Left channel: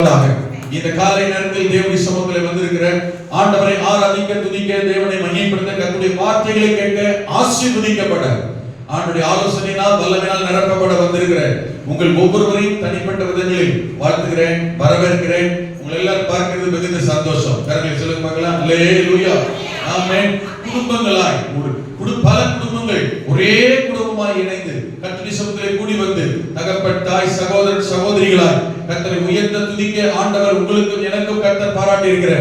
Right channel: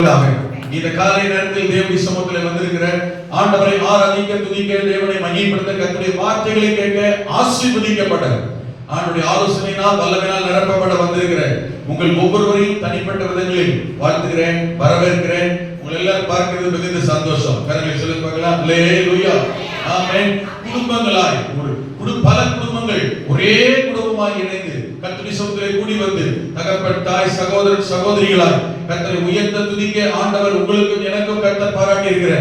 இந்த காலை நேரத்தில் தேவனுடைய சமூகத்தில் வந்திருக்கிற ஆண்டவரை ஆராதிக்க, துதிக்க, தேவனை மகிமைப்படுத்த, கர்த்தருடைய வார்த்தைகளை கேட்க, ஆசீர்வதிக்கப்பட, ஆண்டவருடைய ஆலோசனையினால் வல்லமையினால் நிரப்பப்பட வந்திருக்கிற உங்கள் ஒவ்வொருவரையும் தனிப்பட்ட விதங்களில் வாழ்த்துகிறேன், வரவேற்கிறேன். உங்களை எல்லாரும் பார்க்கிறது மிகுந்த சந்தோஷம். கரங்களை சொல்லுங்க பார்க்கலாம். அல்லேலூயா, ஆமென். குடும்பங்களாய் பல குடும்பங்கள் ஒரே குடும்பமாய் இணைந்து கர்த்தருடைய சமூகத்திலே கூடி வந்து தகப்பன், தாய், சகோதரர், சகோதரிகளாய் கர்த்தரை உயர்த்த, துதிக்க ஆண்டவர் உங்களுக்கும் எனக்கும் கர்த்தர் பாராட்டி இருக்கிற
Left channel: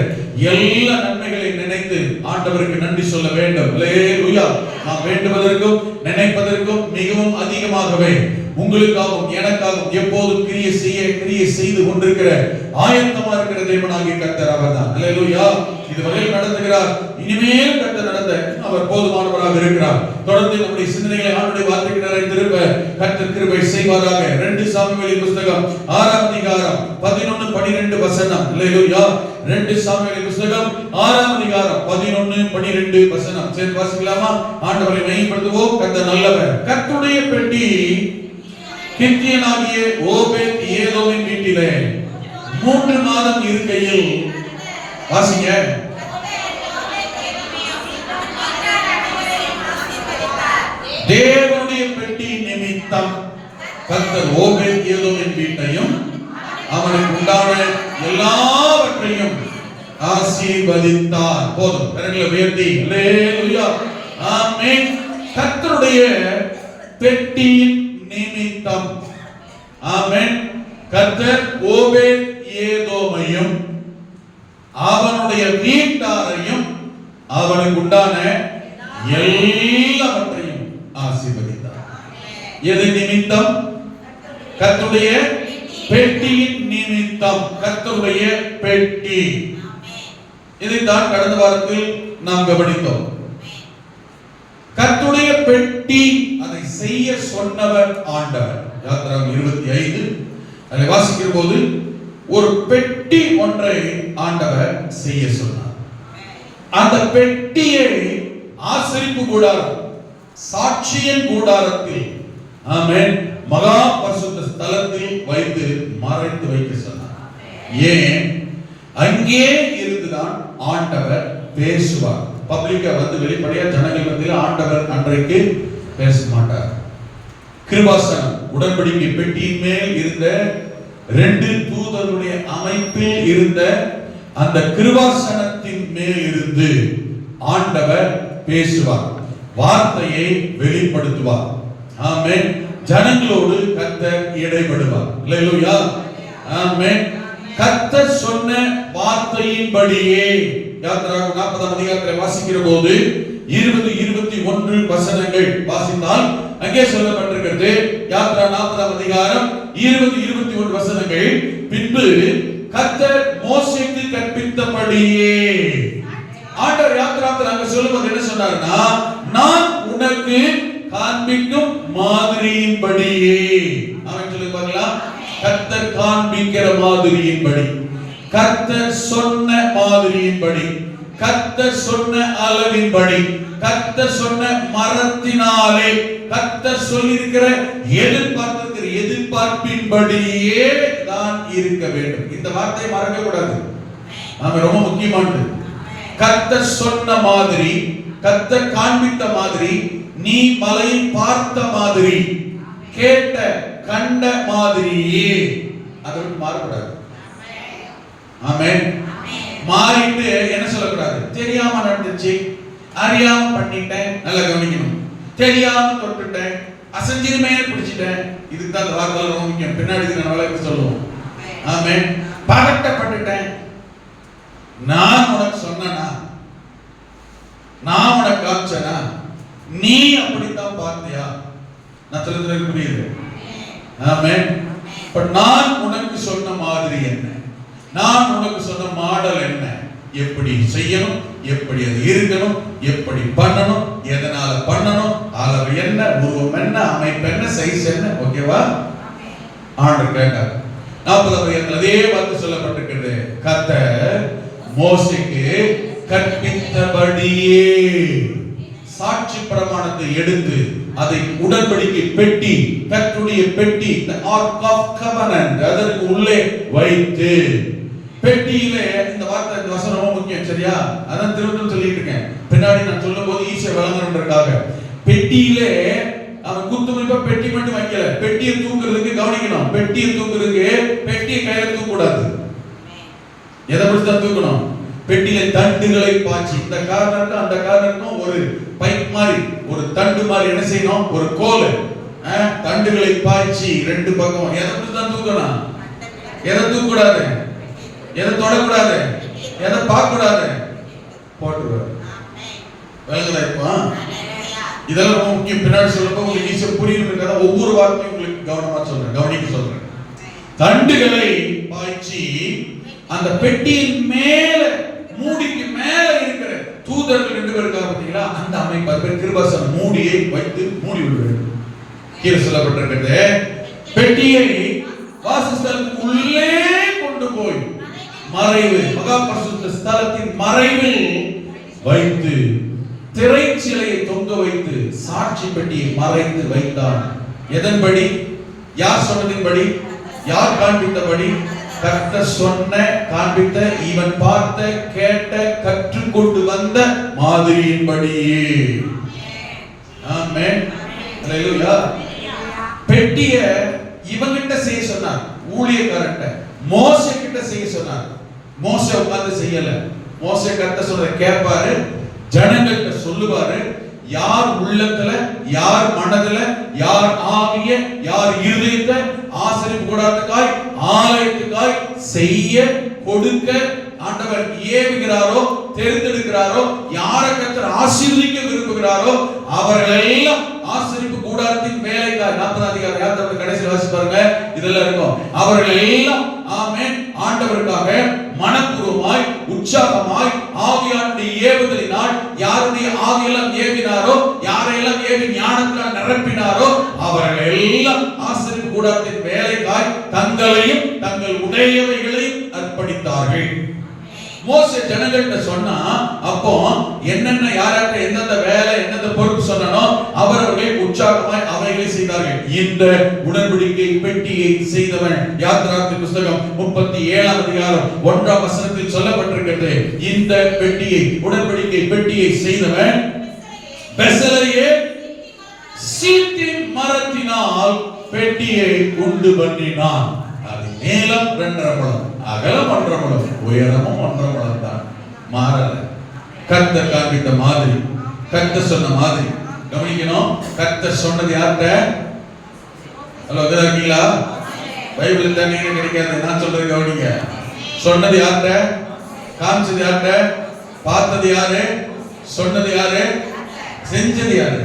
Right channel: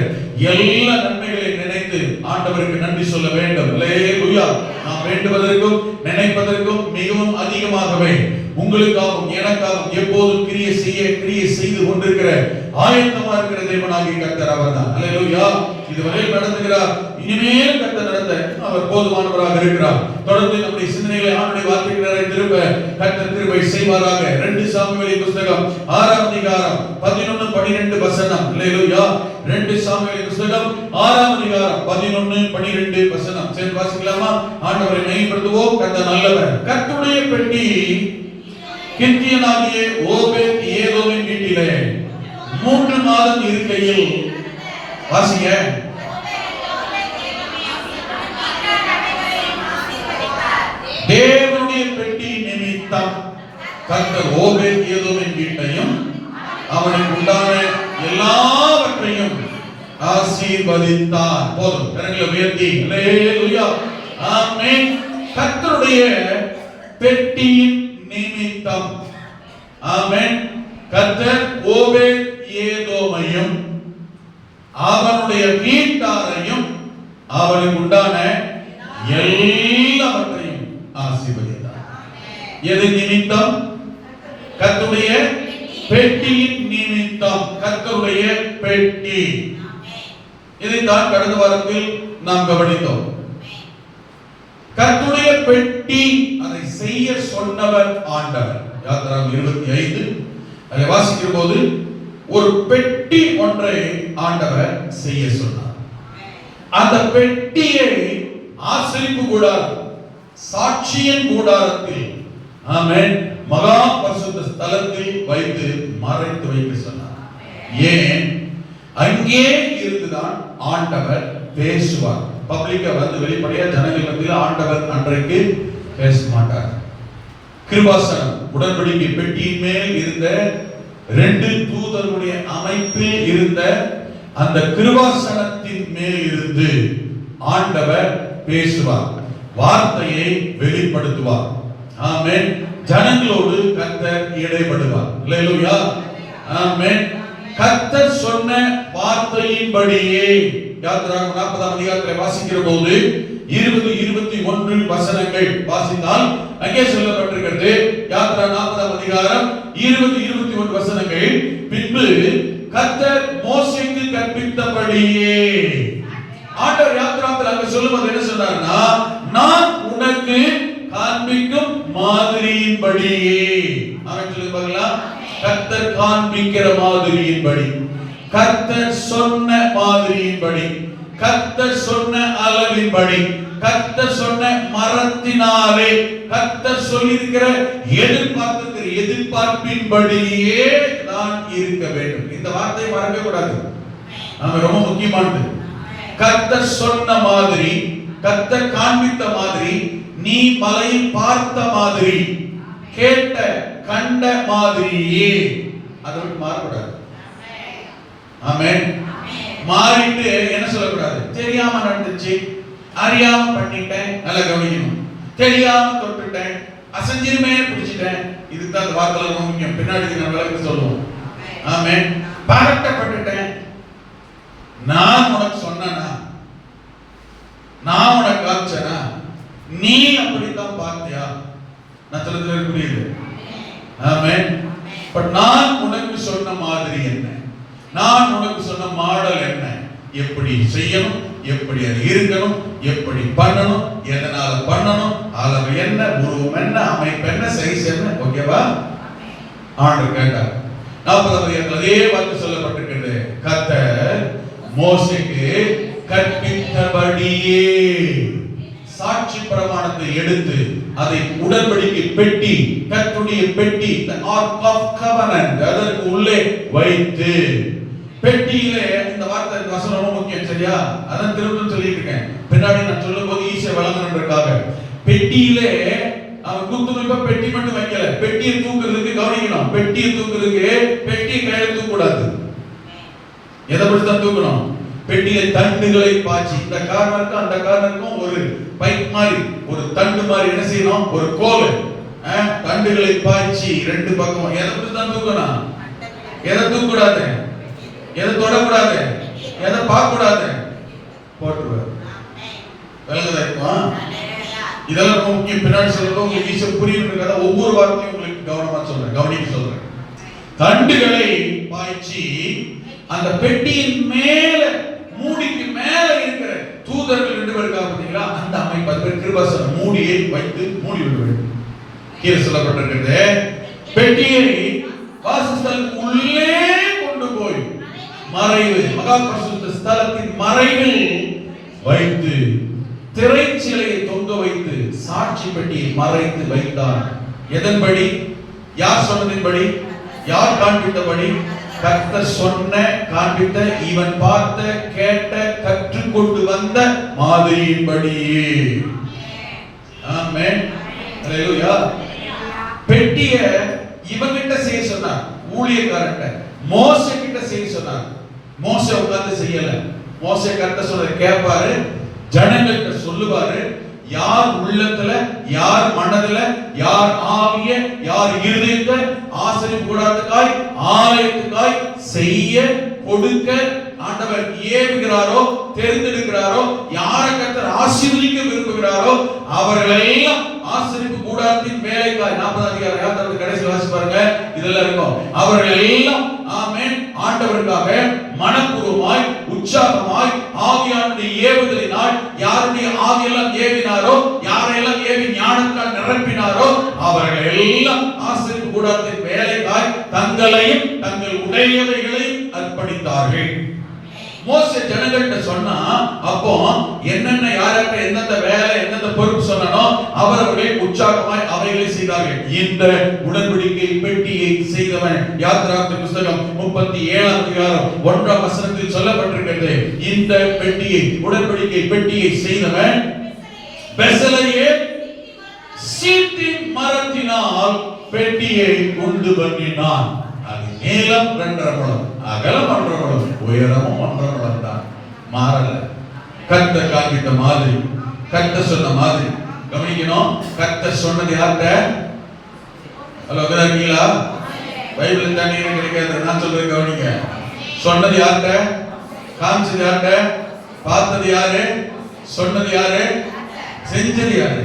எல்லா நன்மைகளை நினைத்து ஆண்டவருக்கு நன்றி சொல்ல வேண்டும். அல்லேலூயா. நாம் வேண்டுவதற்கும் நினைப்பதற்கும் மிகவும் அதிகமாகவே உங்களுக்காகவும் எனக்காகவும் எப்போதும் கிரியை செய்து கொண்டிருக்கிற ஆயத்தமா இருக்கிற தேவனாகிய கர்த்தர் அவர்தான். அல்லேலூயா. இதுவரை நடந்துகிறார், இனிமேல் கர்த்தர் நடத்த அவர் போதுமானவராக இருக்கிறார். தொடர்ந்து நம்முடைய சிந்தனைகளை ஆண்டுடைய வார்த்தைகள் நிறைந்திருப்ப கர்த்தர் கிருபை செய்வாராக. 2 சாமுவேல் புத்தகம் 6ஆம் அதிகாரம் 11-12 வசனம். அல்லேலூயா. 2 சாமுவேல் புத்தகம் 6ஆம் அதிகாரம் 11-12 வசனம். சரி, வாசிக்கலாமா? ஆண்டவரை மகிமைப்படுத்துவோம். கர்த்தர் நல்லவர். கர்த்தருடைய பெட்டி கித்தியனாகிய ஓபேத் ஏதோமின் வீட்டிலே 3 மாதம் இருக்கையில், வாசிங்க, தேவனுடைய பெட்டி நிமித்தம் கர்த்தர் ஓபேத் ஏதோமின் வீட்டையும் அவனுக்கு உண்டான எல்லாவற்றையும் ஆசீர்வதித்தார். போதும், கரங்களை உயர்த்தி அல்லேலூயா, ஆமென். கர்த்தருடைய பெட்டியின் நிமித்தம், ஆமென், கர்த்தர் ஓபேத் ஏதோமையும் அவனுடைய வீட்டாரையும் அவனுக்கு உண்டான எல்லாவற்றையும் ஆசீர்வதித்தார். எது நிமித்தம்? கர்த்தருடைய பெட்டியின் நிமித்தம். கர்த்தருடைய பெட்டி. இதைத்தான் கடந்த வாரத்தில் நாம் கவனித்தோம். கர்த்தருடைய பெட்டி, அதை செய்ய சொன்னவர் ஆண்டவர். யாத்திராகமம் 25 அதை வாசிக்கிற போது ஒரு பெட்டி ஒன்றை ஆண்டவர் செய்ய சொன்னார். அந்த பெட்டியை ஆசரிப்பு கூடாரம், சாட்சியின் கூடாரத்தில், ஆமென், மகா பரிசுத்த ஸ்தலத்தில் வைத்து மறைத்து வைக்க சொன்னார். ஏன்? அங்கே இருந்துதான் ஆண்டவர் பேசுவார். பப்ளிக்கா வந்து வெளிப்படையா ஜனங்கள் மத்தியில் ஆண்டவர் அன்றைக்கு பேச மாட்டார். கிருபாசனம், உடன்படிக்கை பெட்டியின் மேல் இருந்த 2 தூதர்களுடைய அமைப்பில் இருந்த அந்த கிருபாசனத்தின் மேல் இருந்து ஆண்டவர் பேசுவார், வார்த்தையை வெளிப்படுத்துவார். ஆமென். ஜனங்களோடு கர்த்தர் இடைப்படுவார். அல்லேலூயா, ஆமென். கர்த்தர் சொன்ன வார்த்தையின்படியே யாத்திராகமம் 40ஆம் அதிகாரத்தை வாசிக்கிற போது 20-21 வசனங்கள் வாசித்தால் அங்கே சொல்லப்பட்டிருக்கிறது. யாத்திரா 40ஆம் அதிகாரம் 20-21 வசனங்கள். பின்பு கர்த்தர் மோசேக்கு கற்பித்தபடியே, ஆண்டவர் யாத்திராவில் அங்க சொல்லும்போது என்ன சொன்னார்னா, நான் உனக்கு காண்பிக்கும் மாதிரியின்படியே. அவன் சொல்லி பார்க்கலாம். கர்த்தர் காண்பிக்கிற மாதிரியின்படி, கர்த்தர் சொன்ன மாதிரியின்படி, கர்த்தர் சொன்ன அளவின்படி, கர்த்தர் சொன்ன மரத்தினாலே, கர்த்தர் சொல்லியிருக்கிற எதிர்பார்ப்பின்படியே தான் இருக்க வேண்டும். இந்த வார்த்தையை மறக்க கூடாது, நாம ரொம்ப முக்கியமானது. கர்த்தர் சொன்ன மாதிரி, கர்த்தர் காண்பித்த மாதிரி, நீ மலையில் பார்த்த மாதிரி, கேட்ட கண்ட மாதிரியே, அதற்கு மாறக்கூடாது. ஆமென். மாறிட்டு என்ன சொல்லக்கூடாது? தெரியாம நடந்துச்சு, அறியாம பண்ணிட்டேன். நல்லா கவனிக்கணும். தெரியாம தொட்டுட்டேன், அசஞ்சிருமே பிடிச்சிட்டேன். இதுக்கு தான் வார்த்தை ரொம்ப முக்கியம். பின்னாடி நான் விளக்க சொல்லுவோம். ஆமென். பகட்டப்பட்டுட்டேன், நான் உனக்கு சொன்னனா, நான் உனக்கு காமிச்சனா, நீ அப்படித்தான் பார்த்தியா? நான் சொல்றது புரியுது? ஆமென். பட் நான் உனக்கு சொன்ன மாதிரி என்ன, நான் உனக்கு சொன்ன மாடல் என்ன, எப்படி செய்யணும், எப்படி அது இருக்கணும், எப்படி பண்ணணும், எதனால பண்ணணும், அளவு என்ன, உருவம் என்ன, அமைப்பு என்ன, சைஸ் என்ன, ஓகேவா? ஆண்டவர் கேட்டார். 40ஆம் அதிகாரத்தில் அதே வார்த்தை சொல்லப்பட்டிருக்கிறது. கர்த்தர் மோசேக்கு கற்பித்தபடியே சாட்சி பிரமாணத்தை எடுத்து அதை உடன்படிக்கை பெட்டி, கர்த்தருடைய பெட்டி, the ark of covenant, அதற்கு உள்ளே வைத்து, பெட்டியிலே இந்த வார்த்தை இந்த வசனம் ரொம்ப முக்கியம், சரியா? அதான் திரும்ப சொல்லிட்டு இருக்கேன், பின்னாடி நான் சொல்லும்போது ஈஸியா விளங்கணும்ன்றதுக்காக. பெட்டியிலே அவன் குத்துமைப்பா பெட்டி மட்டும் வைக்கல, பெட்டியை தூக்குறதுக்கு கவனிக்கணும். பெட்டியை தூக்குறதுக்கு பெட்டியை கையில தூக்க கூடாது. எதை பற்றி தான் தூக்கணும்? பெட்டியில தண்டுகளை பாய்ச்சி, இந்த கார்னருக்கும் அந்த கார்னருக்கும் ஒரு பைப் மாதிரி, ஒரு தண்டு மாதிரி என்ன செய்யணும்? ஒரு கோல், தண்டுகளை பாய்ச்சி ரெண்டு பக்கம். எதை பற்றி தான் தூக்கணும்? எதை தூக்கூடாது? எதை தொடக்கூடாது? எதை பார்க்க கூடாது? போட்டுக்கூடாது. இதெல்லாம் முக்கியம். பின்னாடி சொல்லப்போ உங்களுக்கு ஈஸியா புரியுதுக்காக ஒவ்வொரு வார்த்தையும் உங்களுக்கு கவனமா சொல்றேன், கவனிக்க சொல்றேன். தண்டுகளை பாய்ச்சி அந்த பெட்டியின் மேல, மூடிக்கு மேல இருக்கிற தூதர்கள் 2 பேர் இருக்காங்க பாத்தீங்களா, அந்த அமைப்பு கிருபாசன மூடியை வைத்து மூடி விடுவார்கள். கீழே சொல்லப்பட்டிருக்கிறது, பெட்டியை வாசஸ்தலத்துக்கு உள்ளே கொண்டு போய் மறைவு, மகா பரிசுத்த ஸ்தலத்தின் மறைவில் வைத்து, திரைச்சிலையை தொங்க வைத்து, சாட்சி பெட்டியை மறைத்து வைத்தார். எதன்படி? யார் சொன்னதின்படி? யார் காண்பித்தபடி? கர்த்தர் சொன்ன, காண்பித்த, இவன் பார்த்த, கேட்ட, கற்றுக்கொண்டு வந்த மாதிரியின்படியே. ஆமென், ஹல்லேலூயா. பெட்டிய இவன்கிட்ட செய்ய சொன்னார், ஊழியக்காரன்ட்ட. மோசே கிட்ட செய்ய சொன்னார். மோசே உட்கார்ந்து செய்யல. மோசே கர்த்தர் சொல்ற கேட்பாரு, ஜனங்கள்கிட்ட சொல்லுவாரு. யார் உள்ளத்துல, யார் மனதுல, யார் ஆவிய, யார் இருதயத்தை ஆசரிப்பு கூடாரத்துக்காய், ஆலயத்துக்காய் செய்ய கொடுக்க ஆண்டவர் ஏவுகிறாரோ, தேர்ந்தெடுக்கிறாரோ, யாரை கர்த்தர் ஆசீர்வதிக்க விரும்புகிறாரோ அவர்கள் எல்லாம் ஆசரிப்பு கூடாரத்தின் வேலைக்காய், 40 அதிகாரம் கடைசி வாசி பாருங்க, இதெல்லாம் இருக்கும். அவர்கள் எல்லாம் ஆமென் ஆண்டவருக்காக மனப்பூர்வமாய், உற்சாகமாய், ஆவியானுடைய ஏவுதலினால், யாருடைய ஆவியெல்லாம் ஏவினாரோ, யாரையெல்லாம் ஏவி ஞானத்தால் நிரப்பினாரோ அவர்கள் எல்லாம் ஆசரிப்பு கூடாரத்தின் வேலைக்காய் தங்களையும் தங்கள் உடையவைகளையும் அர்ப்பணித்தார்கள். மோசே ஜனங்கள்கிட்ட சொன்னா, அப்போ என்னென்ன யாராட்ட எந்தெந்த வேலை, எந்தெந்த பொறுப்பு சொன்னானோ அவரவர்களே உற்சாகமாய் அவைகளை செய்தார்கள். இந்த உடன்படிக்கை பெட்டியை செய்தவன், யாத்திராகமத்தின் புத்தகம் 37ஆம் அதிகாரம் 1ஆம் வசனத்தில் சொல்லப்பட்டிருக்கிறது. இந்த பெட்டியை, உடன்படிக்கை பெட்டியை செய்தவன் பெசலேயேல் சீத்திம் மரத்தினால் பெட்டியை உண்டு பண்ணினான். அது நீளம் 2.5 முழம், அகலம் 1.5 முழம், உயரமும் 1.5 முழம் தான். மாறல. கர்த்தர் காண்பித்த மாதிரி, கர்த்தர் சொன்ன மாதிரி கவனிக்கணும். கர்த்தர் சொன்னது யார்கிட்ட? ஹலோ, இருக்கீங்களா? பைபிள் தண்ணீர் கிடைக்காது, நான் சொல்றது கவனிங்க. சொன்னது யார்கிட்ட? காமிச்சது யார்கிட்ட? பார்த்தது யாரு? சொன்னது யாரு? செஞ்சது யாரு?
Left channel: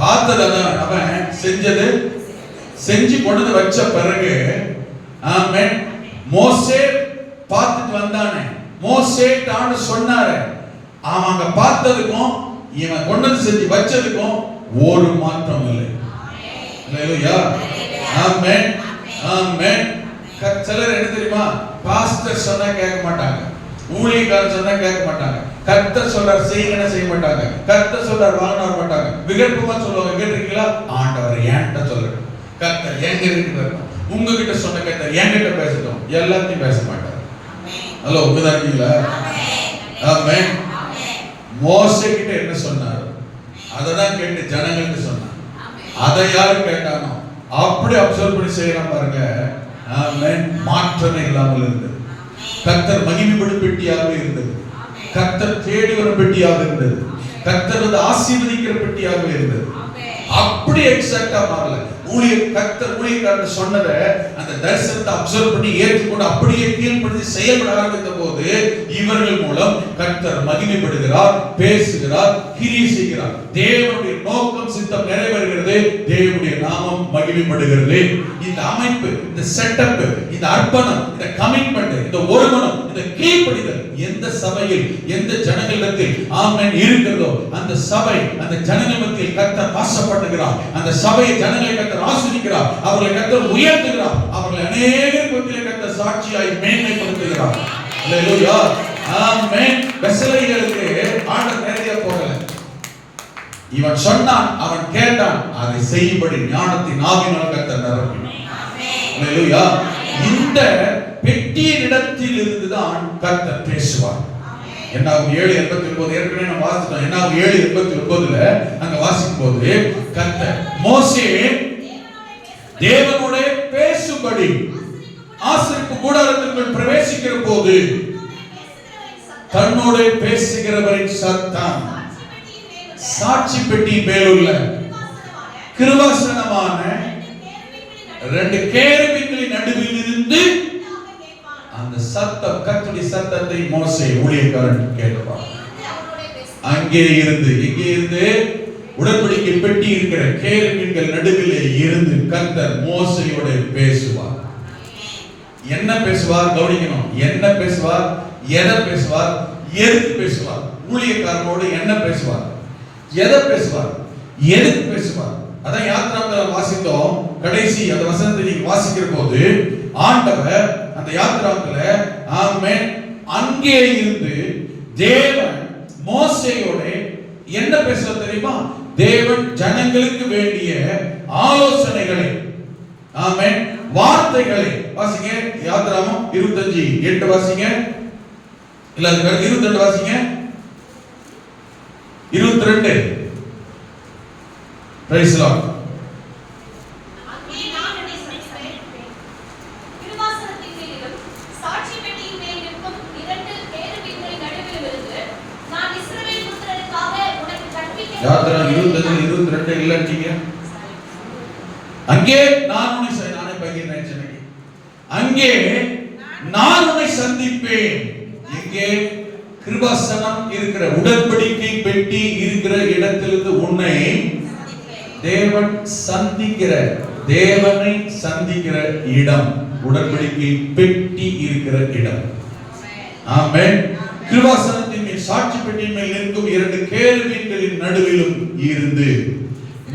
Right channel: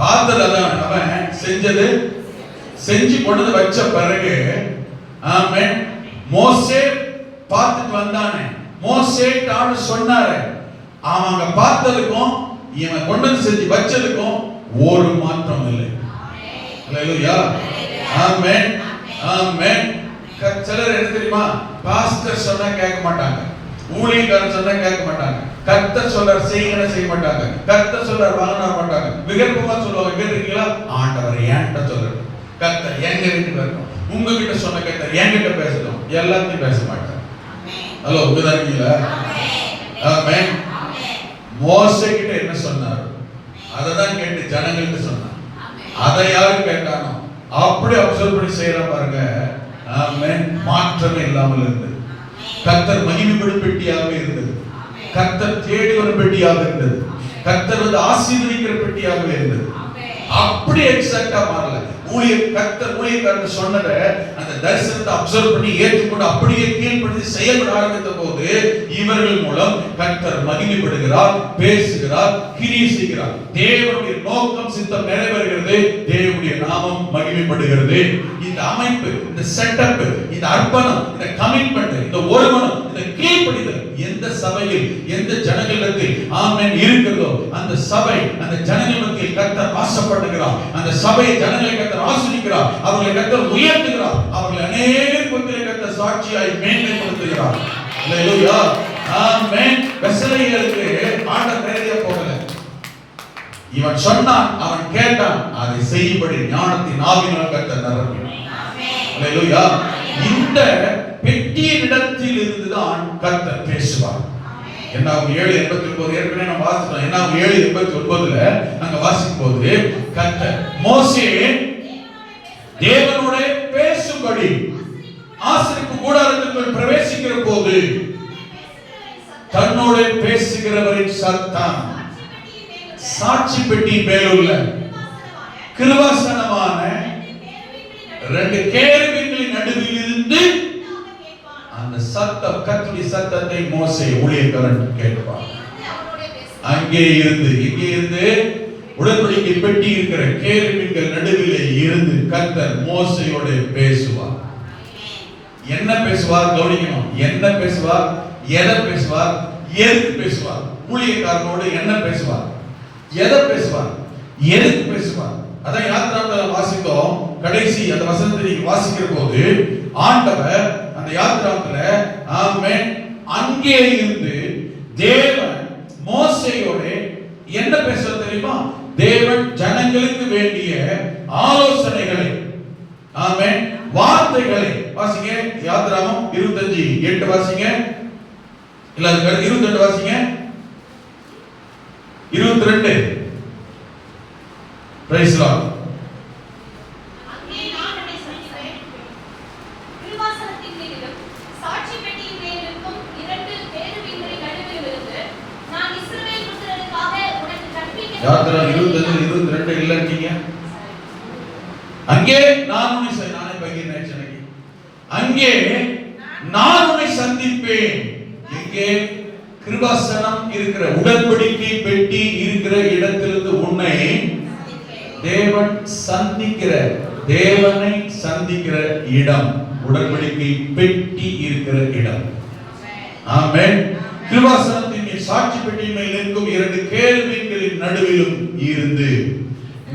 பார்த்தது அதான், அவன் செஞ்சது. செஞ்சு கொண்டு வச்ச பிறகு ஆமென், மோசே பார்த்துட்டு வந்தானே, மோசே தான சொன்னாரு. அவங்க பார்த்ததுக்கும் இவன் கொண்டு செஞ்சு வச்சதுக்கும் ஒரு மாற்றம் இல்லை. ஹல்லேலூயா, ஆமென், ஆமென். சிலர் என்ன தெரியுமா, பாஸ்டர் சொன்னா கேட்க மாட்டாங்க, ஊழியக்காரர் சொன்னா கேட்க மாட்டாங்க, கர்த்தர் சொல்றார் செய்யணும் செய்ய மாட்டாங்க, கர்த்தர் சொல்றார் வாங்க மாட்டாங்க, விகற்பமா சொல்லுவாங்க. கேட்டிருக்கீங்களா? ஆண்டவர் ஏன்ட்ட சொல்றாரு, கர்த்தர் எங்க இருக்கு, உங்ககிட்ட சொன்ன கர்த்தர் என்கிட்ட பேசட்டும், எல்லாத்தையும் பேச மாட்டார். ஹலோ, உங்கதான் இருக்கீங்களா? ஆமென். மோசே கிட்ட என்ன சொன்னார் அததான் கேட்டு ஜனங்களுக்கு சொன்னார். அதை யாரு கேட்டானோ அப்படி அப்சர்வ் பண்ணி செய்யற பாருங்க. ஆமென். மாற்றமே இல்லாமல் இருந்தது. கர்த்தர் மகிமைப்படும் பெட்டியாக இருந்தது. கர்த்தர் தேடி வரும் பெட்டியாக இருந்தது. கர்த்தர் வந்து ஆசீர்வதிக்கிற பெட்டியாக இருந்தது. அப்படி எக்ஸாக்ட்டா மாறல. ஊழியக்காரர் சொன்னத அந்த தரிசனத்தை அப்சர்வ் பண்ணி ஏற்றுக்கொண்டு அப்படியே கீழ்ப்படிந்து செயல்பட ஆரம்பித்த போது இவர்கள் மூலம் கர்த்தர் மகிமைப்படுகிறார், பேசுகிறார், கிரியை செய்கிறார். தேவனுடைய நோக்கம் சித்தம் நிறைவேறுகிறது, தேவனுடைய நாமம் மகிமைப்படுகிறது. இந்த அமைப்பு, இந்த செட்டப், இந்த அர்ப்பணம், இந்த கமிட்மெண்ட், இந்த ஒருமனம், இந்த கீழ்ப்படிதல் எந்த சபையில், எந்த ஜனங்களிடத்தில் ஆமென் இருக்கிறதோ அந்த சபை, அந்த ஜனங்கள் மத்தியில் கர்த்தர் ஆசைப்படுகிறார். அந்த சபை ஜனங்களை கர்த்தர் ஆசீர்வதிக்கிறார், அவர்களை கர்த்தர் உயர்த்துகிறார், அவர்களை அநேகர் மத்தியில் கர்த்தர் சாட்சியாய் மேன்மைப்படுத்துகிறார். ஹல்லேலூயா, ஆமென். பெசலேயேலுக்கு ஆண்டவர் நேரடியாக போகல. இவன் சொன்னான், அவன் கேட்டான், அதை செய்யும்படி ஞானத்தின் ஆவியினால் கர்த்தர் நிரப்பினார். அல்லேலூயா. இந்த பெட்டியின் இடத்தில் இருந்துதான் கர்த்தர் பேசுவார். என்னாகும் 7:89 ஏற்கனவே நம்ம வாசித்தோம். என்னாகும் 7:89ல நாங்க வாசிக்கும் போது கர்த்தர் மோசே தேவனோட பேசும்படி ஆசரிப்பு கூடாரத்திற்குள் பிரவேசிக்கிற போது தன்னோட பேசுகிறவரின் சத்தம் சாட்சி பெட்டி மேலுள்ள கிருபாசனமான 2 கேருபீன்களின் நடுவில் இருந்து அந்த சத்தம், கர்த்தருடைய சத்தத்தை மோசே ஊழியக்காரன் கேட்பான். அங்கே இருந்து உடன்படிக்கை பெட்டி இருக்கிற கேருபீன்கள் நடுவிலே இருந்து கர்த்தர் மோசேயோடு பேசுவார். என்ன பேசுவார்? கவனிக்கணும். என்ன பேசுவார்? எதை பேசுவார்? எதுக்கு பேசுவார்? ஊழியக்காரனோடு என்ன பேசுவார்? எதை பேசுவார்? எதுக்கு பேசுவார்? அதான் யாத்திராமத்தில் வாசித்தோம். கடைசி அந்த வசனத்தை வாசிக்கிற போது ஆண்டவர் அந்த யாத்திராமத்துல ஆமென் அங்கே இருந்து தேவன் மோசேயோட என்ன பேசுவார் தெரியுமா? தேவன் ஜனங்களுக்கு வேண்டிய ஆலோசனைகளை, ஆமென், வார்த்தைகளை வாசிங்க. யாத்திராமம் 25:8 வாசிங்க. இல்ல அது 22 வாசிங்க. 22 பிரைஸ் லார்ட். அங்கே நான் உன்னை சந்திப்பேன். கிருபாசனத்தின் மேலும் சாட்சி பெட்டியின் மேல் இருக்கும் 2 கேருபீன்களின் நடுவில் இருந்து நான் இஸ்ரவேல் புத்திரருக்காக உனக்கு கற்பிக்க. யாத்திராமம் 22 இல்லைங்க. அங்கே நான் உன்னை அங்கே நான் உன்னை சந்திப்பேன். இங்கே கிருபாசனம் இருக்கிற உடன்படிக்கை பெட்டி இருக்கிற இடத்திலிருந்து உன்னை தேவன் சந்திக்கிற, தேவனை சந்திக்கிற இடம் உடன்படிக்கை பெட்டி இருக்கிற இடம். ஆமென். கிருபாசனத்தின் மேல் சாட்சி பெட்டியின் மேல் நிற்கும் 2 கேருபீன்களின் நடுவிலும் இருந்து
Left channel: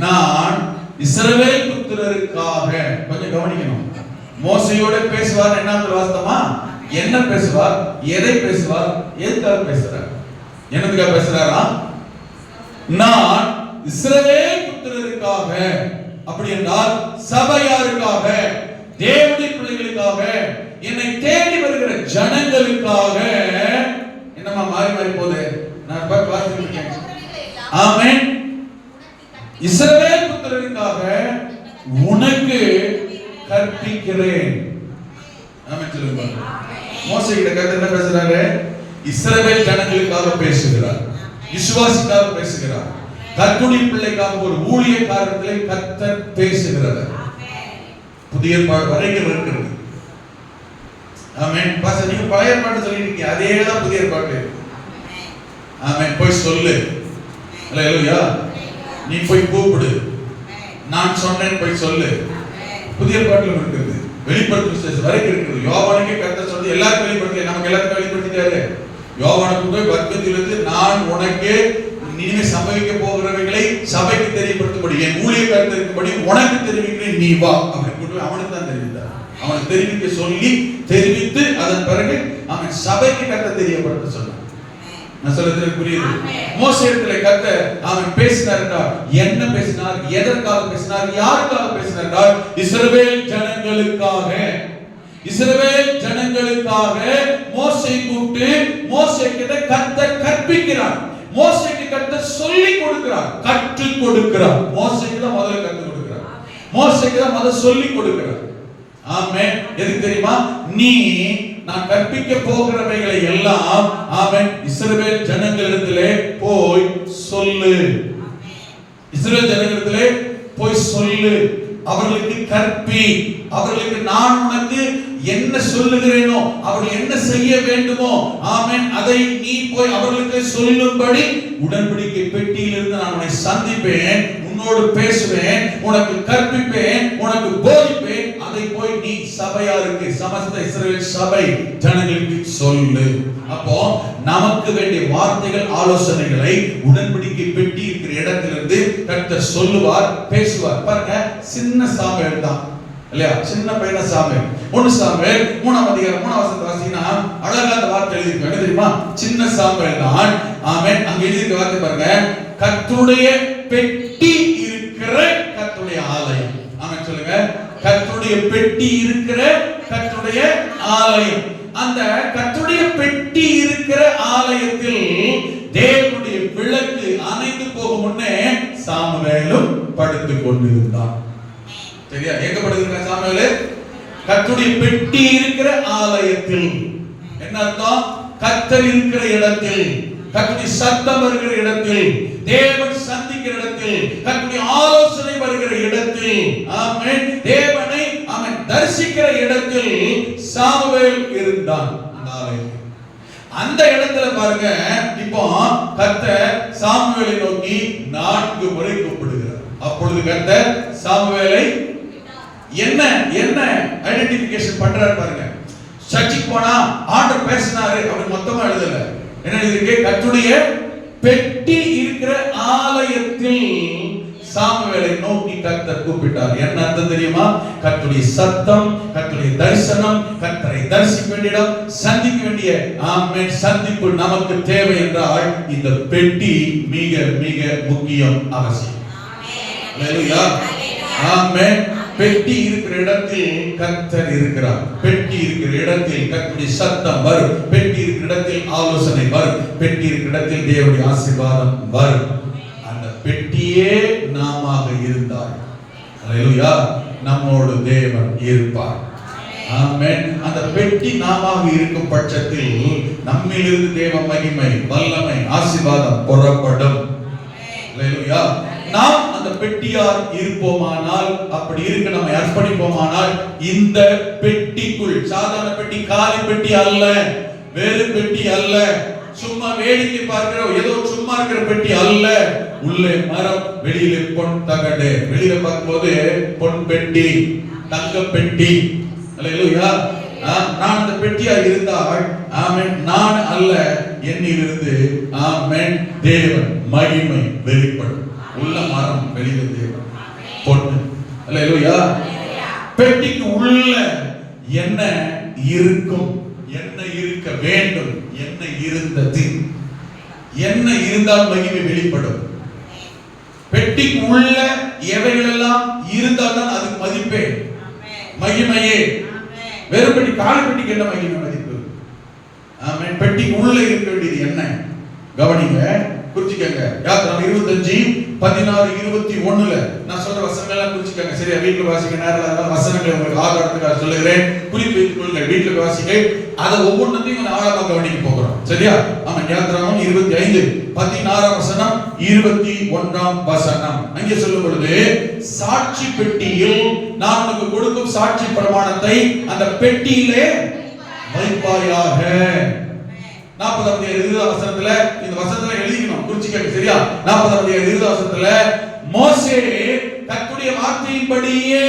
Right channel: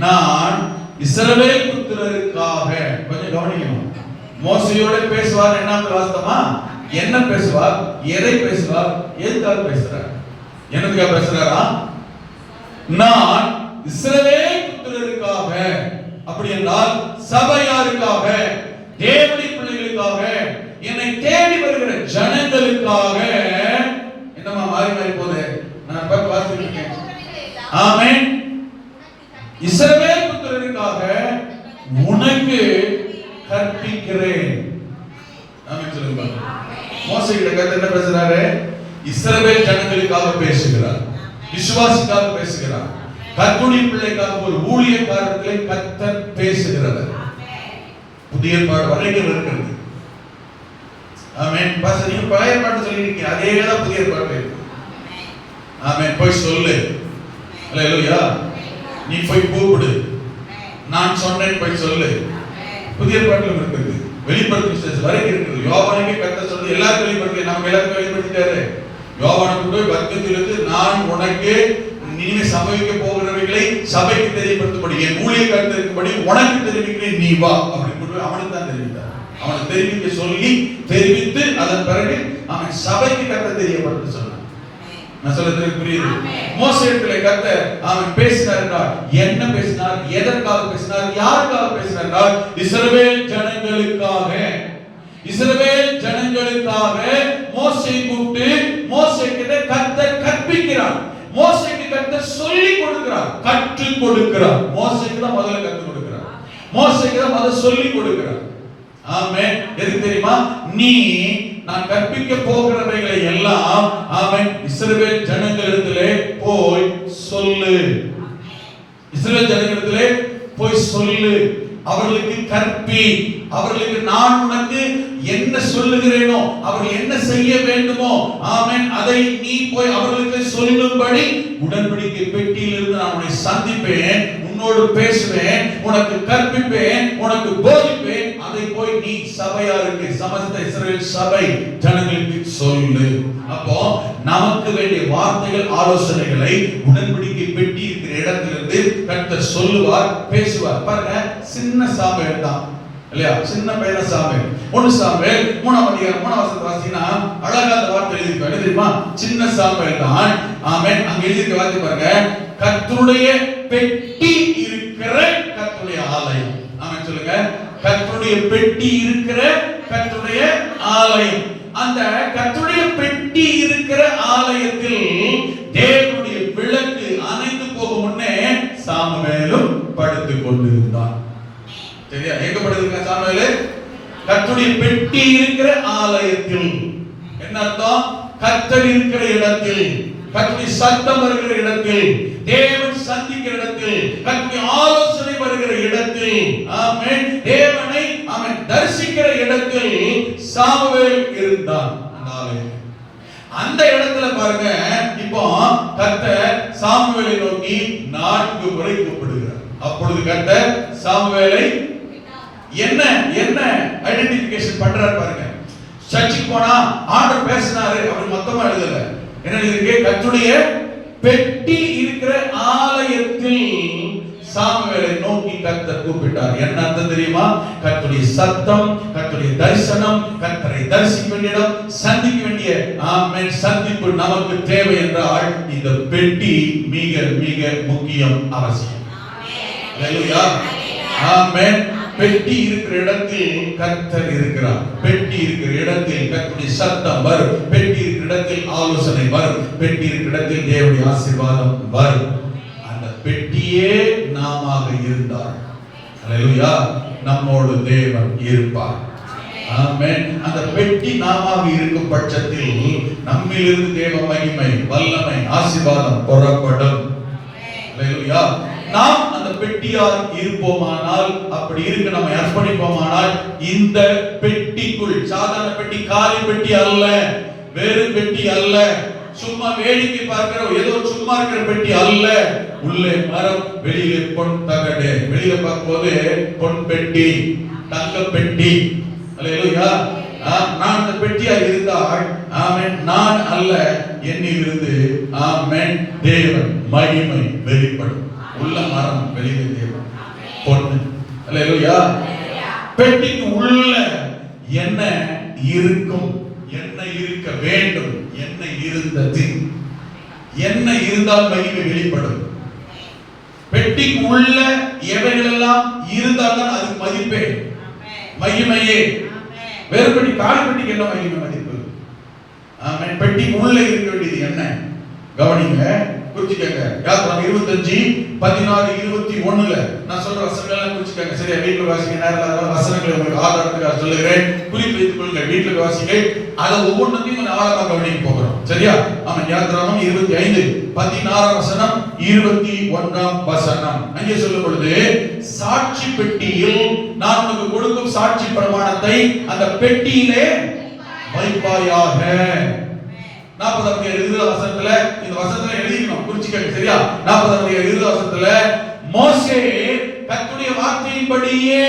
நான் இஸ்ரவேல் புத்திரருக்காக, கொஞ்சம் கவனிக்கணும், மோசேயோட பேசுவார். என்ன வாஸ்தவமா? என்ன பேசுவார்? எதை பேசுவார்? எதுக்காக பேசுறார்? என்னதுக்காக பேசுறாரா? நான் இஸ்ரவேல் புத்திரருக்காக, அப்படி என்றால் சபையாருக்காக, தேவனுடைய பிள்ளைகளுக்காக, என்னை தேடி வருகிற ஜனங்களுக்காக. என்னமா மாறி மாறி போகுது? நான் பார்த்துருக்கேன். ஆமென். இஸ்ரவேல் புத்திரருக்காக உனக்கு கற்பிக்கிறேன். ஆமென் சொல்லுங்க. மோசே கிட்ட கர்த்தர் என்ன பேசுறாரு? இஸ்ரவேல் ஜனங்களுக்காக பேசுகிறார், விசுவாசிக்காக பேசுகிறார், கர்த்தருடைய பிள்ளைக்காக ஒரு ஊழியக்காரர்களை கர்த்தர் பேசுகிறார். புதிய ஏற்பாடு வரைக்கும் இருக்கிறது. ஆமென். பாஸ்டர் நீங்க பழைய ஏற்பாடு சொல்லிருக்கீங்க, அதே தான் புதிய ஏற்பாடு. ஆமென். போய் சொல்லு. அல்லேலூயா. நீ போய் கூப்பிடு, நான் சொன்னேன் போய் சொல்லு. புதிய ஏற்பாட்டில் இருக்குது, வெளிப்படுத்தும் விசேஷம் வரைக்கும் இருக்குது. யோவானுக்கு கர்த்தர் சொல்லி எல்லாரும் வெளிப்படுத்தல, நமக்கு எல்லாரும் வெளிப்படுத்திட்டாரு. யோவானுக்கு போய் வர்க்கத்திலிருந்து நான் உனக்கு நீங்க சபைக்கு போகிறவர்களை சபைக்கு தெரியப்படுத்தும்படி, என் ஊழியக்காரர் இருக்கும்படி உனக்கு தெரிவிக்கிறேன், நீ வா அப்படி கொண்டு அவனுக்கு தான் தெரிவித்தார். அவன் தெரிவிக்க சொல்லி தெரிவித்து அதன் பிறகு அவன் சபைக்கு கர்த்தர் தெரியப்படுத்த சொன்னான். நான் சொல்றது புரியுது? மோசேயிடத்துல கர்த்தர் அவன் பேசினார். என்ன பேசினார்? எதற்காக பேசினார்? யாருக்காக பேசினார்? இஸ்ரவேல் ஜனங்களுக்காக. இஸ்ரவேல் ஜனங்களுக்காக மோசே கூப்பிட்டு மோசேக்கு கர்த்தர் கற்பிக்கிறார். மோசேக்கு கர்த்தர் சொல்லி கொடுக்கிறார், கற்றுக் கொடுக்கிறார். மோசேக்கு தான் முதல்ல கற்றுக் கொடுக்கிறார், மோசேக்கு தான் முதல்ல சொல்லி கொடுக்கிறார். ஆமென். எதுக்கு தெரியுமா? நீ நான் கற்பிக்க போகிறவைகளை எல்லாம் அவன் இஸ்ரவேல் ஜனங்களிடத்திலே போய் சொல்லு. இஸ்ரவேல் ஜனங்களிடத்திலே போய் சொல்லு, அவர்களுக்கு கற்பி. அவர்களுக்கு நான் உனக்கு என்ன சொல்லுகிறேனோ, அவர்கள் என்ன செய்ய வேண்டுமோ, ஆமென், அதை நீ போய் அவர்களுக்கு சொல்லும்படி உடன்படிக்கை பெட்டியிலிருந்து நான் உன்னை சந்திப்பேன், உன்னோடு பேசுவேன், உனக்கு கற்பிப்பேன், உனக்கு போதிப்பேன். அதை போய் நீ சபையாருக்கு, சமஸ்த இஸ்ரவேல் சபை ஜனங்களுக்கு சொல்லு. அப்போ நமக்கு வேண்டிய வார்த்தைகள், ஆலோசனைகளை உடன்படிக்கை பெட்டி இருக்கிற இடத்திலிருந்து கர்த்தர் சொல்லுவார், பேசுவார். பாருங்க, சின்ன சாமுவேல் தான் இல்லையா? சின்ன பையன சாமுவேல். 1 சாமுவேல் 3ஆம் அதிகாரம் 3ஆம் வசனத்தை வாசினா அழகா அந்த வார்த்தை எழுதிருக்கு. என்ன தெரியுமா? சின்ன சாமுவேல் தான். ஆமென். அங்க எழுதிருக்க வார்த்தை பாருங்க, கர்த்தருடைய பெட்டி இருக்கிற கர்த்தருடைய ஆலயம். ஆமென் சொல்லுங்க. கர்த்தருடைய பெட்டி இருக்கிற கர்த்தருடைய ஆலயம். அந்த கர்த்தருடைய பெட்டி இருக்கிற ஆலயத்தில் தேவனுடைய விளக்கு அணைந்து போகும் முன்னே சாமுவேலும் படுத்துக் கொண்டிருந்தான். சரியா? எங்க படுத்திருக்கான் சாமுவேல்? கர்த்தருடைய பெட்டி இருக்கிற ஆலயத்தில். என்ன அர்த்தம்? கர்த்தர் இருக்கிற இடத்தில், கர்த்தருடைய சத்தம் வருகிற இடத்தில், தேவன் சந்திக்கிற இடத்தில், கர்த்தருடைய ஆலோசனை வருகிற இடத்தில், ஆமென், தேவனை ஆமென் தரிசிக்கிற இடத்தில் சாமுவேல் இருந்தான். அந்த இடத்துல பாருங்க, இப்போ கர்த்தர் சாமுவேலை நோக்கி 4 முறை கூப்பிடுகிறார். அப்பொழுது கர்த்தர் சாமுவேலை என்ன என்ன ஐடென்டிஃபிகேஷன் பண்றாரு பாருங்க. சர்ச்சுக்கு போனா ஆண்டவர் பேசினாரு அவர் மொத்தமா எழுதல. என்ன இருக்கு? கர்த்தருடைய பெட்டி இருக்கிற ஆலயத்தில் சாமுவேலை நோக்கி கர்த்தர் கூப்பிட்டார். என்ன அர்த்தம் தெரியுமா? கர்த்தருடைய சத்தம், கர்த்தருடைய தரிசனம், கர்த்தரை தரிசிக்க வேண்டிய இடம், சந்திக்க வேண்டிய ஆமென் சந்திப்பு நமக்கு தேவை என்றால் இந்த பெட்டி மிக மிக முக்கியம், அவசியம். ஹalleluya, ஆமென். பெட்டி இருக்கிற இடத்தில் கர்த்தர் இருக்கிறார். பெட்டி இருக்கிற இடத்தில் கர்த்தருடைய சத்தம் வரும். பெட்டி இருக்கிற இடத்தில் ஆலோசனை வரும். பெட்டி இருக்கிற இடத்தில் தேவனுடைய ஆசீர்வாதம் வரும். அந்த பெட்டியே நாமாக இருந்தார். ஹalleluya, நம்மோடு தேவன் இருப்பார். ஆமென். அந்த பெட்டி நாமாக இருக்கும் பட்சத்தில் நம்மிலிருந்து தேவ மகிமை, வல்லமை, ஆசீர்வாதம் புறப்படும். ஹalleluya. நாம் அந்த பெட்டியார் இருப்போமானால், அப்படி இருக்க நம்ம அர்ப்பணிப்போமானால், இந்த பெட்டிக்குள், சாதாரண பெட்டி, காலி பெட்டி அல்ல, வெறும் பெட்டி அல்ல, சும்மா வேடிக்கை பார்க்கிற ஏதோ சும்மா இருக்கிற பெட்டி அல்ல. உள்ளே மரம், வெளியிலே பொன் தகடு. வெளியில பார்க்கும்போது பொன் பெட்டி, தங்க பெட்டி. ஹalleluya. நான் அந்த பெட்டியா இருந்தால் ஆமென், நான் அல்ல, என்னிலிருந்து ஆமென் தேவன் மகிமை வெளிப்படும். உள்ள மரம், வெளியில தேவன் பொன். ஹalleluya. பெட்டிக்கு உள்ள என்ன இருக்கும், என்ன இருக்க வேண்டும், என்ன இருந்தது, என்ன இருந்தால் மகிமை வெளிப்படும். பெட்டிக்கு உள்ள எவைகளெல்லாம் இருந்தால்தான் அது மதிப்பே, மகிமையே. வேறு பெட்டி, கால் பெட்டிக்கு என்ன மகிமை, மதிப்பு? ஆமென். பெட்டிக்கு உள்ள இருக்க வேண்டியது என்ன? கவனிங்க, குறிச்சிக்கங்க. யாத்திராகமம் 25:16-21ல நான் சொல்ற வசனங்களை குறிச்சிக்கங்க. சரியா? வீட்ல வாசிக்க நேரம் வசனங்களை உங்களுக்கு ஆதாரத்துக்காக சொல்லுகிறேன். குறிப்பு வைத்துக் கொள்ளுங்க. வீட்ல வாசிங்க. அத ஒவ்வொன்றையும் நான் ஆழமா கவனிக்க போகிறோம். சரியா? ஆமென். யாத்திராகமம் 25:16 வசனம், 21 வசனம். அங்கே சொல்லும் பொழுது, சாட்சி பெட்டியில் நான் உனக்கு கொடுக்கும் சாட்சி பிரமாணத்தை அந்த பெட்டியிலே வைப்பாயாக. 40 வசனத்துல இந்த வசனத்துல எழுதிக்கணும், குறிச்சிக்கங்க. சரியா? 40 வசனத்துல மோசே கர்த்தருடைய வார்த்தையின்படியே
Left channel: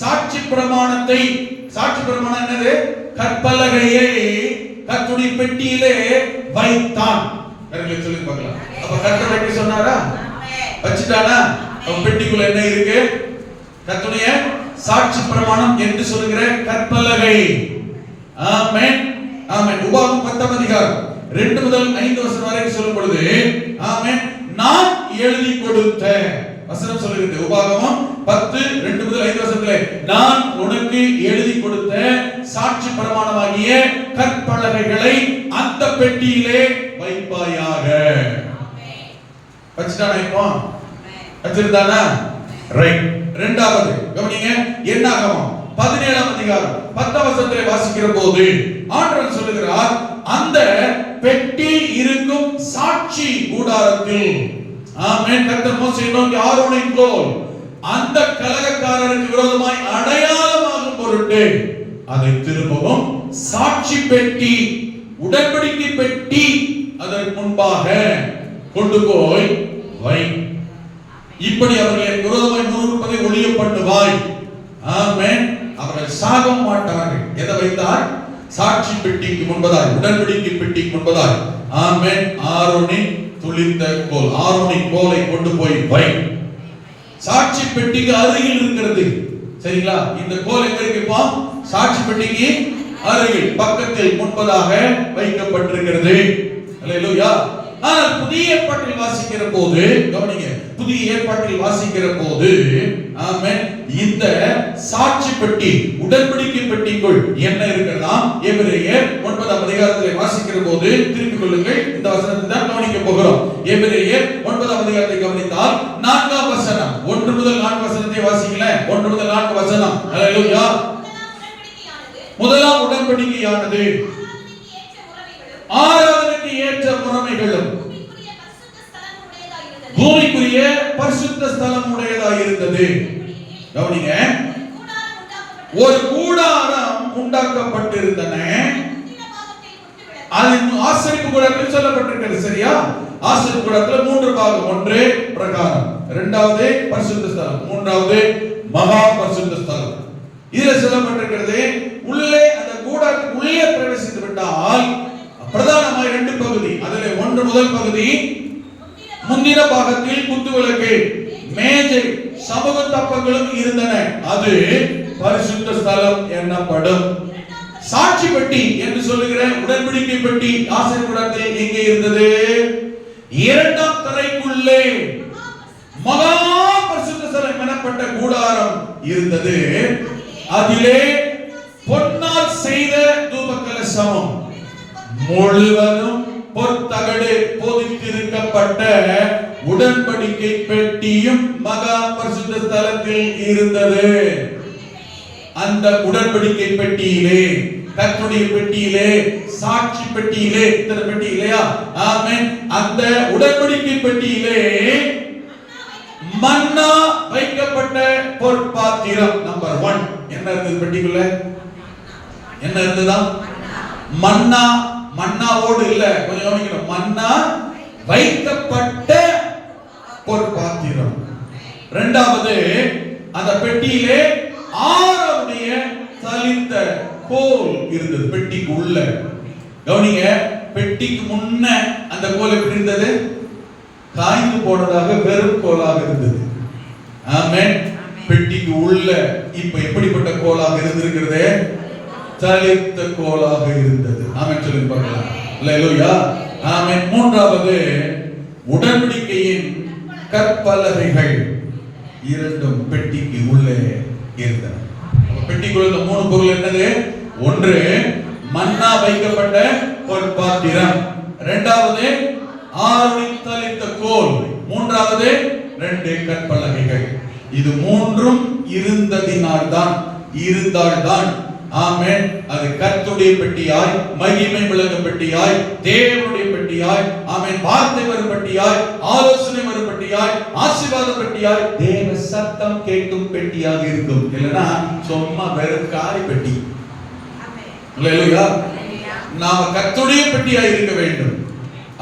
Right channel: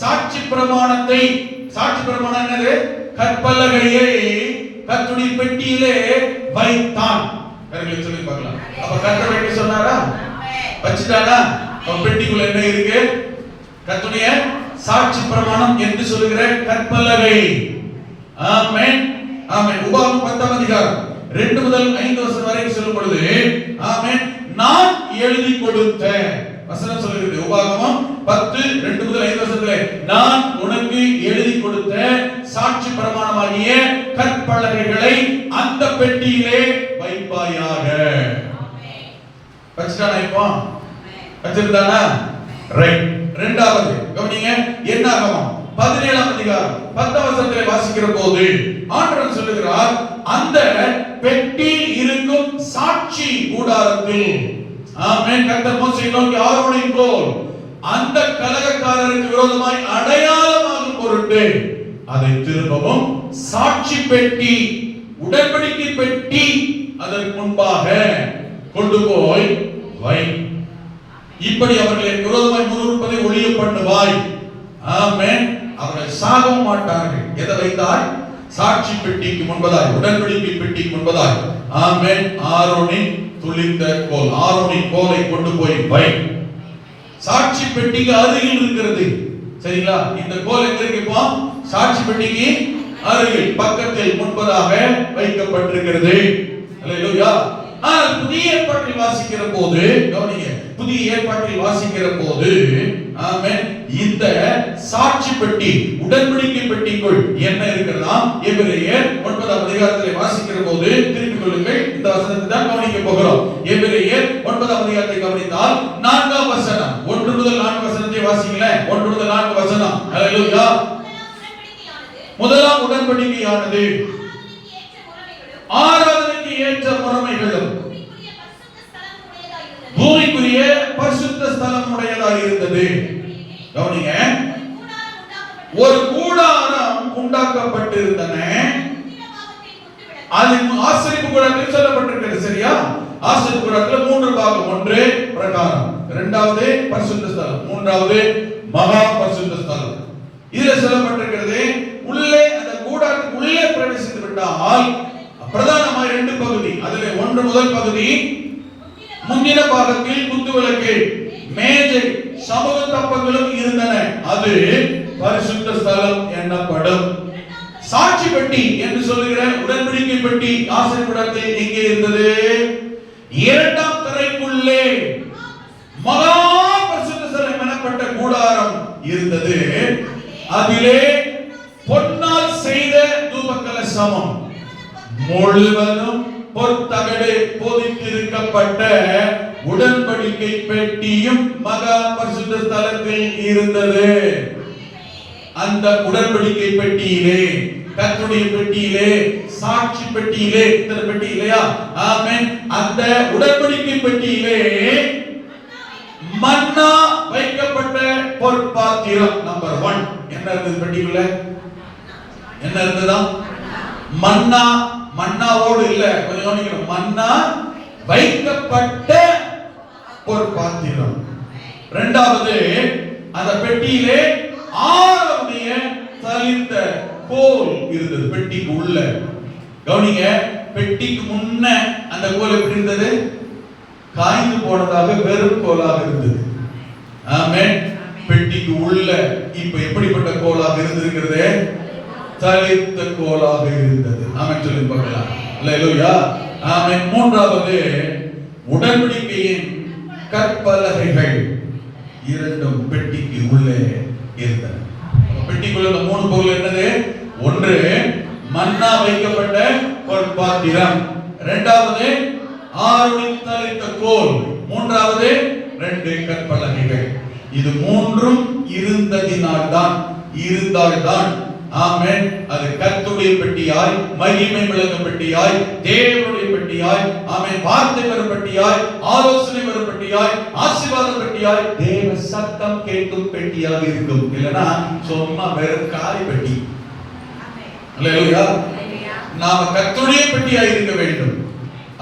சாட்சி பிரமாணத்தை, சாட்சி பிரமாணம் என்னது? கற்பலகையை கர்த்தருடைய பெட்டியிலே வைத்தான். கர்த்தர் சொல்லி பார்க்கலாம். அப்ப கர்த்தர் என்ன சொன்னாரா? வச்சிட்டானா? பெட்டிக்குள்ள என்ன இருக்கு? கர்த்தருடைய சாட்சி பிரமாணம் என்று சொல்கிற கற்பலகை. ஆமென், ஆமென். உபாகமம் 10:2 முதல் 5 வசனம் வரை சொல்லும் பொழுது, ஆமென், நான் எழுதி கொடுத்த வசனம் சொல்லுகிறது. உபாகமம் 10:2 முதல் 5 வசனத்திலே, நான் உனக்கு எழுதி கொடுத்த சாட்சி பிரமாணமாகிய கற்பலகைகளை அந்த பெட்டியிலே வைப்பாயாக. வச்சிட்டானா? இப்போ வச்சிருந்தானா? ரைட். இரண்டாவது கவனிங்க. என்னாகமம் 17:10 வசனத்திலே வாசிக்கிற போது ஆண்டவர் சொல்லுகிறார், அந்த பெட்டி இருக்கும் சாட்சி கூடாரத்தில், ஆமென், கர்த்தர் மோசேயை நோக்கி ஆரோனை போல் அந்த கலகக்காரருக்கு விரோதமாய் அடையாளமாகும் பொருட்டு அதை திரும்பவும் சாட்சி பெட்டி, உடன்படிக்கை பெட்டி அதற்கு முன்பாக கொண்டு போய் வை. இப்படி அவர்களை விரோதமாய் முறுமுறுப்பதை ஒழிய பண்ணுவாய். ஆமென். அவர்கள் சாக மாட்டார்கள். எதை வைத்தார்? சாட்சி பெட்டிக்கு முன்பதாய், உடன்படிக்கை பெட்டிக்கு முன்பதாய், ஆமென், ஆரோனின் துளிர்ந்த கோல், ஆரோனின் கோலை கொண்டு போய் வை. சாட்சி பெட்டிக்கு அருகில் இருக்கிறது. சரிங்களா? இந்த கோல் எங்க இருக்கு? இப்போ சாட்சி பெட்டிக்கு அருகில், பக்கத்தில், முன்பதாக வைக்கப்பட்டிருக்கிறது. ஹalleluya. ஆனால் புதிய ஏற்பாட்டில் வாசிக்கிற போது கவனிங்க, புதிய ஏற்பாட்டில் வாசிக்கிற போது ஆமென், இந்த சாட்சி பெட்டி, உடன்படிக்கை பெட்டிக்குள் என்ன இருக்கிறதா? எபிரேயர் 9ஆம் அதிகாரத்தை வாசிக்கிற போது திருப்பிக் கொள்ளுங்கள், இந்த வசனத்தை தான் கவனிக்க போகிறோம். எபிரேயர் 9ஆம் அதிகாரத்தை கவனித்தால் 4ஆம் வசனம், 1 முதல் 4 வசனத்தை வாசிங்களேன். 1 முதல் 4 வசனம். ஹalleluya. முதலாம் உடன்படிக்கையானது ஆராதனைக்கு ஏற்ற முறைமைகளும் பூமிக்குரிய பரிசுத்த ஸ்தலம் உடையதாக இருந்தது. கவனிங்க, ஒரு கூடாரம் உண்டாக்கப்பட்டிருந்தன. அது ஆசரிப்பு கூடாரத்தில் சொல்லப்பட்டிருக்கிறது. சரியா? ஆசரிப்பு கூடாரத்தில் 3 பாகம். ஒன்று பிரகாரம், இரண்டாவது பரிசுத்த ஸ்தலம், மூன்றாவது மகா பரிசுத்த ஸ்தலம். இதுல சொல்லப்பட்டிருக்கிறது, உள்ளே அந்த கூடாரத்துக்கு உள்ளே பிரவேசித்து விட்டால் பிரதானமாக 2 பகுதி. அதிலே ஒன்று முதல் பகுதி, முந்தின பாகத்தில் குத்துவிளக்கு, மேஜை, சமூக தப்பங்களும் இருந்தன. அது பரிசுத்த ஸ்தலம் எனப்படும். சாட்சி பெட்டி என்று சொல்லுகிற உடன்படிக்கை பெட்டி ஆசரிப்பு கூடாரத்தில் எங்கே இருந்தது? 2ஆம் தரைக்குள்ளே மகா பரிசுத்த ஸ்தலம் எனப்பட்ட கூடாரம் இருந்தது. அதிலே பொன்னால் செய்த தூபகலசமும் முழுவதும் பொற்தகடு பொதித்திருக்கப்பட்ட உடன்படிக்கை பெட்டியும் மகா பரிசுத்த ஸ்தலத்தில் இருந்தது. அந்த உடன்படிக்கை பெட்டியிலே, கர்த்தருடைய பெட்டியிலே, சாட்சி பெட்டியிலே, இந்த பெட்டி இல்லையா? ஆமென். அந்த உடன்படிக்கை பெட்டியிலே மன்னா வைக்கப்பட்ட பொற்பாத்திரம். நம்பர் 1 என்ன இருந்தது பெட்டிக்குள்ள? என்ன இருந்ததா? மன்னா. மன்னாவோடு இல்ல, கொஞ்சம் கவனிக்கணும். மன்னா வைக்கப்பட்ட பொற்பாத்திரம். இரண்டாவது, அந்த பெட்டியிலே ஆரோனுடைய தளிர்த்த கோல் இருந்தது பெட்டிக்கு உள்ள. கவனிங்க, பெட்டிக்கு முன்ன அந்த கோல் எப்படி இருந்தது? காய்ந்து போனதாக வெறும் கோலாக இருந்தது. ஆமென். பெட்டிக்கு உள்ள இப்ப எப்படிப்பட்ட கோலாக இருந்திருக்கிறது? தளிர்த்த கோலாக இருந்தது. ஆமென் சொல்லுங்க பார்க்கலாம். அல்லேலூயா. ஆமென். மூன்றாவது, உடன்படிக்கையின் கற்பலகைகள் இரண்டும் பெட்டிக்கு உள்ளே இருந்தன. பெட்டிக்குள்ள இந்த 3 பொருள் என்னது? ஒன்று மன்னா வைக்கப்பட்ட பொற்பாத்திரம், இரண்டாவது ஆரோனின் தளிர்த்த கோல், மூன்றாவது 2 கற்பலகைகள். இது மூன்றும் இருந்தால்தான் ஆமென், அது கர்த்தருடைய பெட்டியாய், மகிமை விளங்கும் பெட்டியாய், தேவனுடைய பெட்டியாய், ஆமென், வார்த்தை வரும் பெட்டியாய், ஆலோசனை வரும் பெட்டியாய், ஆசீர்வாத பெட்டியாய், தேவ சத்தம் கேட்கும் பெட்டியாக இருக்கும். இல்லனா சும்மா வெறும் காலி பெட்டி. அல்லேலூயா. நாம கர்த்தருடைய பெட்டியாய் இருக்க வேண்டும்.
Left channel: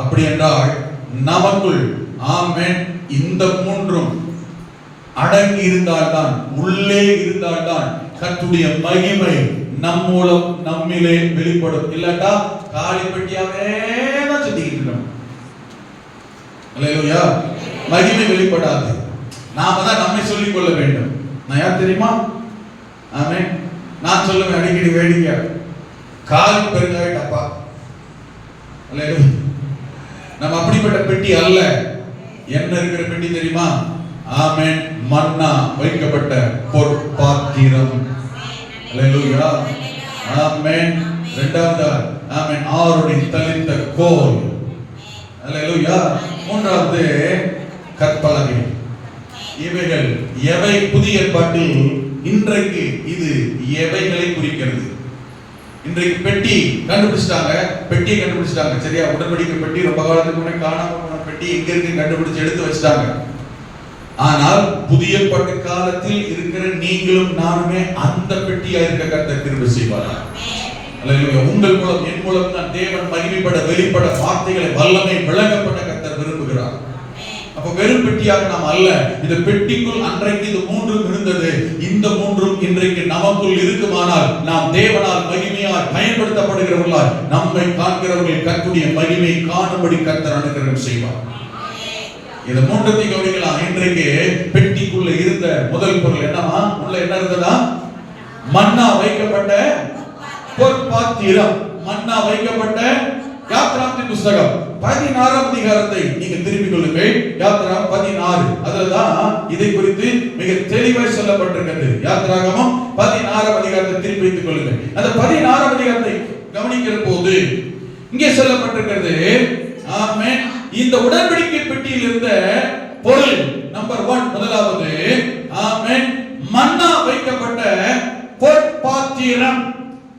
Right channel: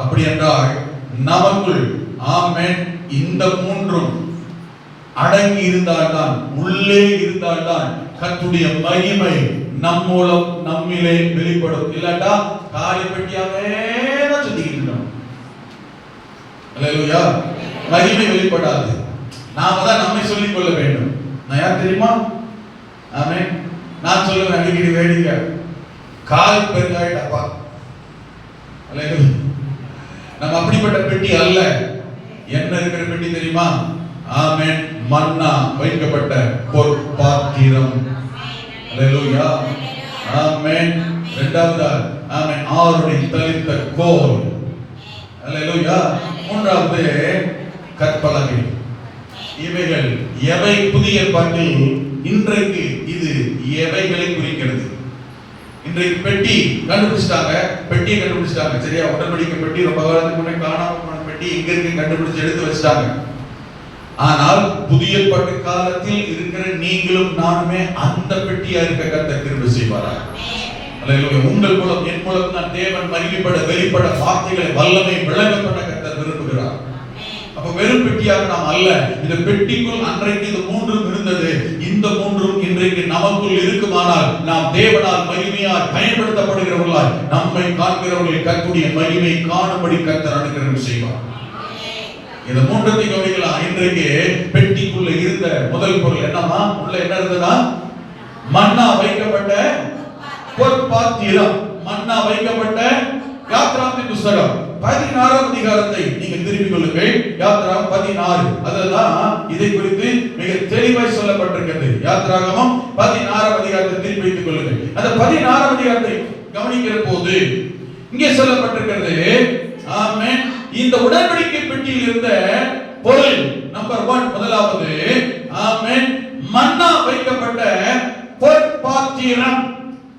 அப்படி என்றால் நமக்குள் ஆமென் இந்த மூன்றும் அடங்கி இருந்தால்தான், உள்ளே இருந்தால்தான் கர்த்தருடைய மகிமை நம் மூலம் நம்மிலே வெளிப்படும். இல்லட்டா காலி பெட்டியாவே சுத்திட்டு இருக்கோம். அல்லேலூயா. மகிமை வெளிப்படாது. நாம தான் நம்மை சொல்லிக் கொள்ள வேண்டும். நான் யார் தெரியுமா? ஆமென். நான் சொல்லுவேன் அடிக்கடி வேடிக்கை, காலி பெருங்காய டப்பா. அல்லேலூயா. நம்ம அப்படிப்பட்ட பெட்டி அல்ல. என்ன இருக்கிற பெட்டி தெரியுமா? ஆமென், மன்னா வைக்கப்பட்ட பொற்பாத்திரம். அல்லேலூயா. ஆமென். இரண்டாவது ஆமென், ஆரோனின் தளிர்த்த கோல். அல்லேலூயா. மூன்றாவது கற்பலகை. இவைகள் எவை? புதிய ஏற்பாட்டில் இன்றைக்கு இது எவைகளை குறிக்கிறது? இன்றைக்கு பெட்டி கண்டுபிடிச்சிட்டாங்க, பெட்டியை கண்டுபிடிச்சிட்டாங்க. சரியா? உடன்படிக்கை பெட்டி ரொம்ப காலத்துக்கு முன்னாடி காணாம போன பெட்டி இங்க இருக்கு, கண்டுபிடிச்சு எடுத்து வச்சிட்டாங்க. ஆனால் புதிய ஏற்பாட்டு காலத்தில் இருக்கிற நீங்களும் நானுமே அந்த பெட்டியா இருக்க கர்த்தர் கிருபை செய்வார். அல்லேலூயா. உங்கள் மூலம், என் மூலம் தான் தேவன் மகிமைப்பட, வெளிப்பட, வார்த்தைகளை வல்லமை விளங்கப்பட கர்த்தர் விரும்புகிறார். அப்ப வெறும் பெட்டியாக நாம் அல்ல. இந்த பெட்டிக்குள் அன்றைக்கு இது மூன்றும் இருந்தது. இந்த மூன்றும் இன்றைக்கு நமக்குள் இருக்குமானால் நாம் தேவனால் மகிமையால் பயன்படுத்தப்படுகிறவர்களால் நம்மை காண்கிறவர்கள் கர்த்தருடைய மகிமை காணும்படி கர்த்தர் அனுகிரகம் செய்வார். இந்த மூன்றத்தை கவனிக்கலாம். இன்றைக்கு பெட்டிக்குள்ள இருந்த முதல் பொருள் என்னமா? உள்ள என்ன இருந்ததா? மன்னா வைக்கப்பட்ட பொற்பாத்திரம். மன்னா வைக்கப்பட்ட யாத்ராகமத்தின் புத்தகம் 16ஆம் அதிகாரத்தை நீங்க திருப்பிக் கொள்ளுங்கள். யாத்ராகமம் 16. அதுதான் இதை குறித்து மிக தெளிவாய் சொல்லப்பட்டிருக்கிறது. யாத்ராகமம் 16ஆம் அதிகாரத்தை திருப்பி வைத்துக் கொள்ளுங்கள். அந்த 16ஆம் அதிகாரத்தை கவனிக்கிற போது இங்கே சொல்லப்பட்டிருக்கிறது, ஆமென், இந்த உடன்படிக்கை பெட்டியில் இருந்த பொருள் நம்பர் 1, முதலாவது, ஆமென், மன்னா வைக்கப்பட்ட பொற்பாத்திரம்.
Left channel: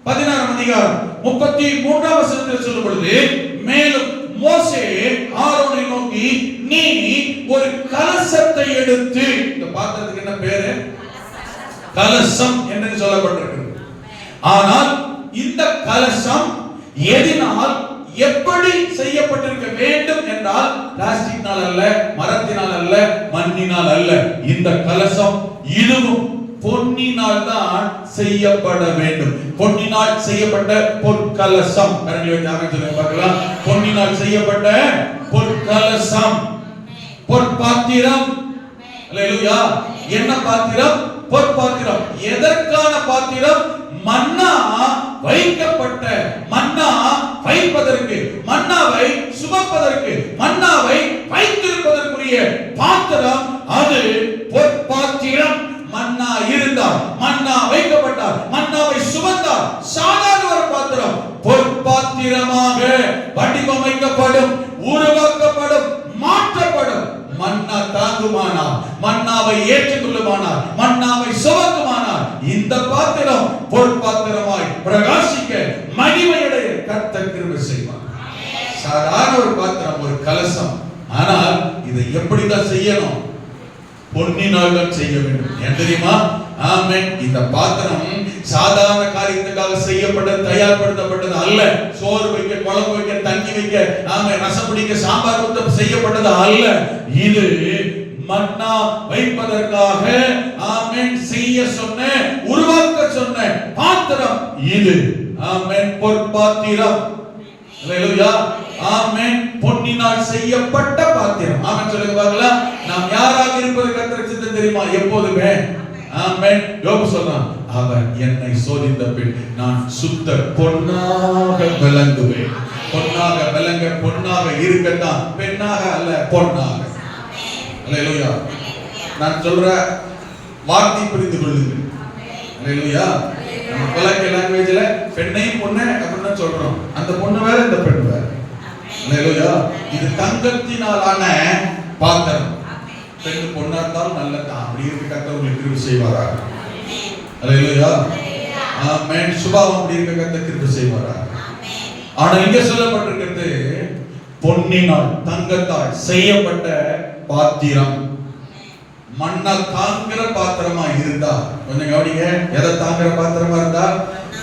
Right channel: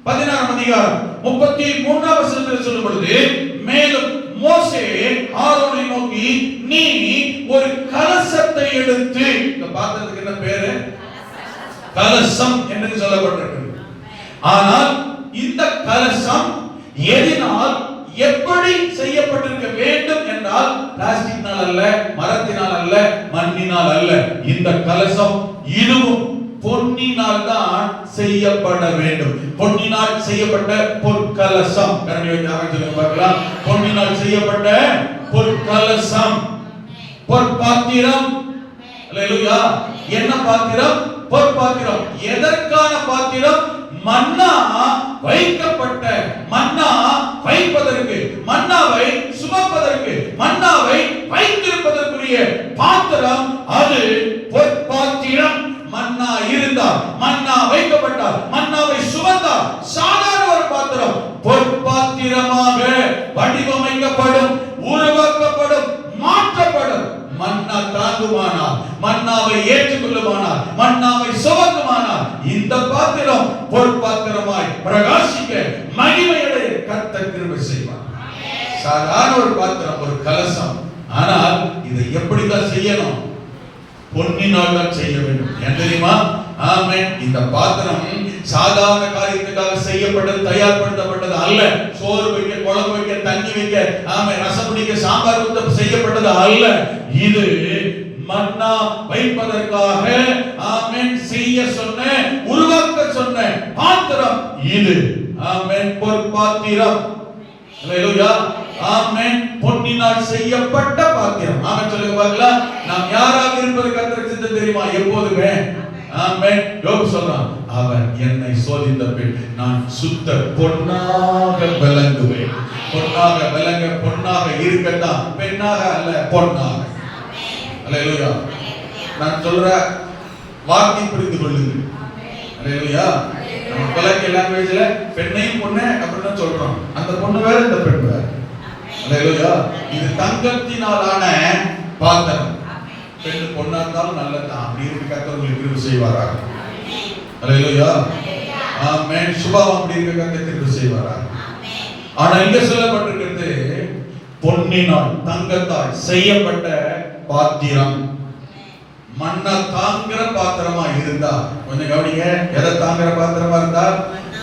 16ஆம் அதிகாரம் 33ஆம் வசனத்தில் சொல்லும் பொழுது, மேலும் மோசே ஆரோனை நோக்கி, நீ ஒரு கலசத்தை எடுத்து, இந்த பாத்திரத்துக்கு என்ன பேரு? கலசம் என்று சொல்லப்பட்டிருக்கிறது. ஆனால் இந்த கலசம் எதினால் எப்படி செய்யப்பட்டிருக்க வேண்டும் என்றால், பிளாஸ்டிக்னால் அல்ல, மரத்தினால் அல்ல, மண்ணினால் அல்ல. இந்த கலசம் இதுவும் பொன்னினால் தான் செய்யப்பட வேண்டும். பொன்னினால் செய்யப்பட்ட பொற்கலசம். பார்க்கலாம், பொன்னினால் செய்யப்பட்ட பொற்கலசம், பொற்பாத்திரம். அல்லேலூயா. என்ன பாத்திரம்? பொற்பாத்திரம். எதற்கான பாத்திரம்? மன்னா வைக்கப்பட்ட, மன்னா வைப்பதற்கு, மன்னாவை சுமப்பதற்கு, மன்னாவை வைத்திருப்பதற்குரிய பாத்திரம் அது பொற்பாத்திரம். மன்னா இருந்தால், மன்னா வைக்கப்பட்டால், மன்னாவை சுமந்தால் சாதாரண ஒரு பாத்திரம் பொற்பாத்திரமாக வடிவமைக்கப்படும், உருவாக்கப்படும், மாற்றப்படும். மன்னா தாங்குமானால், மன்னாவை ஏற்றுக்கொள்ளுமானால், மன்னாவை சுமக்குமானால், இந்த பாத்திரம் பொற்பாத்திரமாய் பிரகாசிக்க மகிமையுடைய கர்த்தர் கிருபை செய்வார். சாதாரண ஒரு பாத்திரம், ஒரு கலசம். ஆனால் இதை எப்படிதான் செய்யணும்? பொன்னினால் தான் செய்ய வேண்டும். ஏன் தெரியுமா? ஆமென். இந்த பாத்திரம் சாதாரண காரியத்துக்காக செய்யப்பட்டது, தயார்படுத்தப்பட்டது அல்ல. சோறு வைக்க, குழம்பு வைக்க, தண்ணி வைக்க, ஆமென், ரசம் குடிக்க, சாம்பார் ஊத்த செய்யப்பட்டது அல்ல. இது மன்னா வைப்பதற்காக, ஆமென், செய்ய சொன்ன, உருவாக்க சொன்ன பாத்திரம் இது. ஆமென், பொற்பாத்திரம். அல்லேலூயா. ஆமென். பொன்னினால் செய்யப்பட்ட பாத்திரம். ஆமென் சொல்லுங்க பார்க்கலாம். நாம் யாராக இருப்பது கர்த்தருக்கு சித்தம் தெரியுமா? எப்போதுமே. ஆமென். யோபு சொல்றான், அவன் என்னை சோதித்த பின் நான் சுத்த பொன்னாக விளங்குவேன். பொன்னாக விளங்க, பொன்னாக இருக்கத்தான், பெண்ணாக அல்ல, பொன்னாக. அல்லேலூயா. நான் சொல்ற வார்த்தை புரிந்து கொள்ளுங்கள். அல்லேலூயா. நம்ம கலக்க லாங்குவேஜ்ல பெண்ணையும் பொண்ணை அப்படின்னு சொல்றோம். அந்த பொண்ணு வேற, இந்த பெண் வேற. அல்லேலூயா. இது தங்கத்தினாலான பாத்திரம். பெண்ணு பொண்ணா இருந்தாலும் நல்லதான். அப்படி இருக்க கர்த்தர் உங்களுக்கு கிருபை செய்வாராக. அல்லேலூயா. ஆமென். சுபாவம் அப்படி இருக்க கர்த்தர் கிருபை செய்வாராக. ஆனா இங்க சொல்லப்பட்டிருக்கிறது பொன்னினால், தங்கத்தால் செய்யப்பட்ட பாத்திரம். மண்ணை தாங்குற பாத்திரமா இருந்தா, கொஞ்சம் கவனிங்க, எதை தாங்குற பாத்திரமா இருந்தா?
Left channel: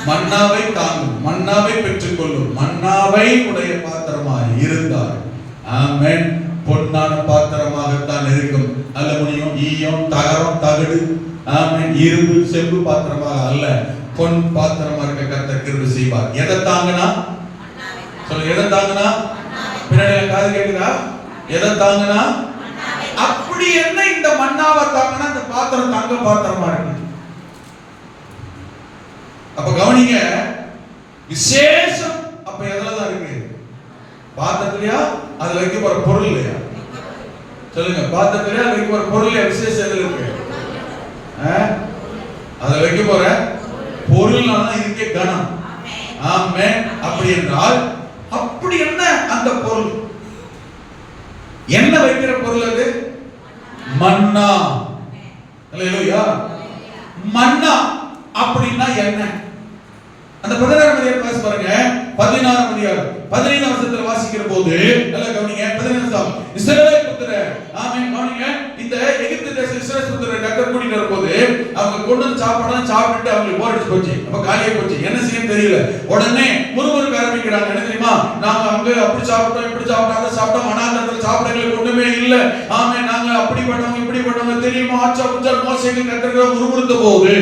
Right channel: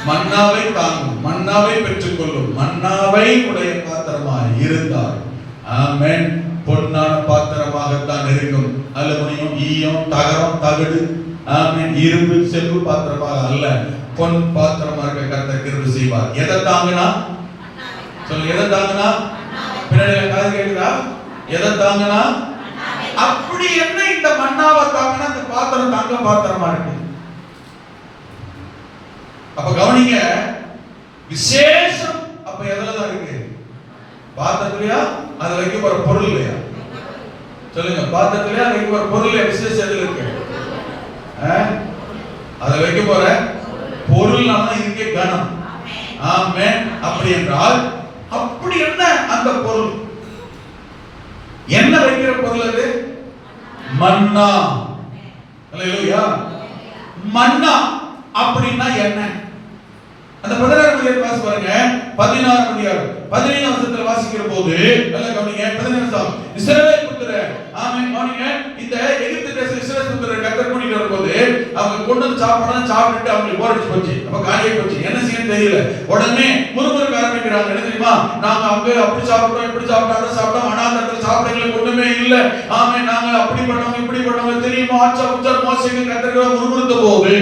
மன்னாவை தாங்கும், மன்னாவை பெற்றுக்கொள்ளும், மன்னாவை உடைய பாத்திரமா இருந்தால், ஆமென், பொன்னான பாத்திரமாகத்தான் இருக்கும். அலுமினியம், ஈயம், தகரம், தகடு, ஆமென், இரும்பு, செம்பு பாத்திரமாக அல்ல, பொன் பாத்திரமா இருக்க கர்த்தர் கிருபை செய்வார். எதை தாங்கினா? சொல்ல, எதை தாங்கினா? பின்னாடி காது கேட்குதா? எதை தாங்கினா? அப்படி என்ன இந்த மன்னாவை தாங்கினா அந்த பாத்திரம் தங்க பாத்திரமா இருக்கு. அப்ப கவனிங்க, விசேஷம் அப்ப எதுலதான் இருக்கு? பாத்திரத்திலயா? அது வைக்க போற பொருள் இல்லையா? சொல்லுங்க, பாத்திரத்திலயா வைக்க போற பொருள் இல்லையா? விசேஷம் எதுல இருக்கு? அதை வைக்க போற பொருள்னால இதுக்கே கணம். ஆமென். அப்படி என்றால் அப்படி என்ன அந்த பொருள்? என்ன வைக்கிற பொருள் அது? மன்னா. அல்லேலூயா. மன்னா அப்படின்னா என்ன? அந்த 16ஆம் அதிகாரம் வாசி பாருங்க. 16ஆம் அதிகாரம் 15ஆம் வசனத்துல வாசிக்கிற போது நல்லா கவனிங்க. 15ஆம் வசனம், இஸ்ரவேல் புத்திரர், ஆமென், கவனிங்க, இந்த எகிப்து தேச இஸ்ரவேல் புத்திரர் கர்த்தர் கூட்டிட்டு வரும்போது அவங்க கொண்டு வந்து சாப்பிட்டுட்டு அவங்களுக்கு போர் அடிச்சு போச்சு. அப்ப காலியா போச்சு. என்ன செய்யணும் தெரியல. உடனே முறுமுறுக்க ஆரம்பிக்கிறாங்க. என்ன தெரியுமா? நாங்க அங்க அப்படி சாப்பிட்டோம், இப்படி சாப்பிட்டோம், அதை சாப்பிட்டோம், அனாதரத்துல சாப்பிட்டவங்களுக்கு ஒண்ணுமே இல்ல. ஆமென், நாங்க அப்படி பண்ணோம், இப்படி பண்ணோம் தெரியுமா? ஆச்சா உச்சர் மோசேக்கு கர்த்தர் முறுமுறுத்த போது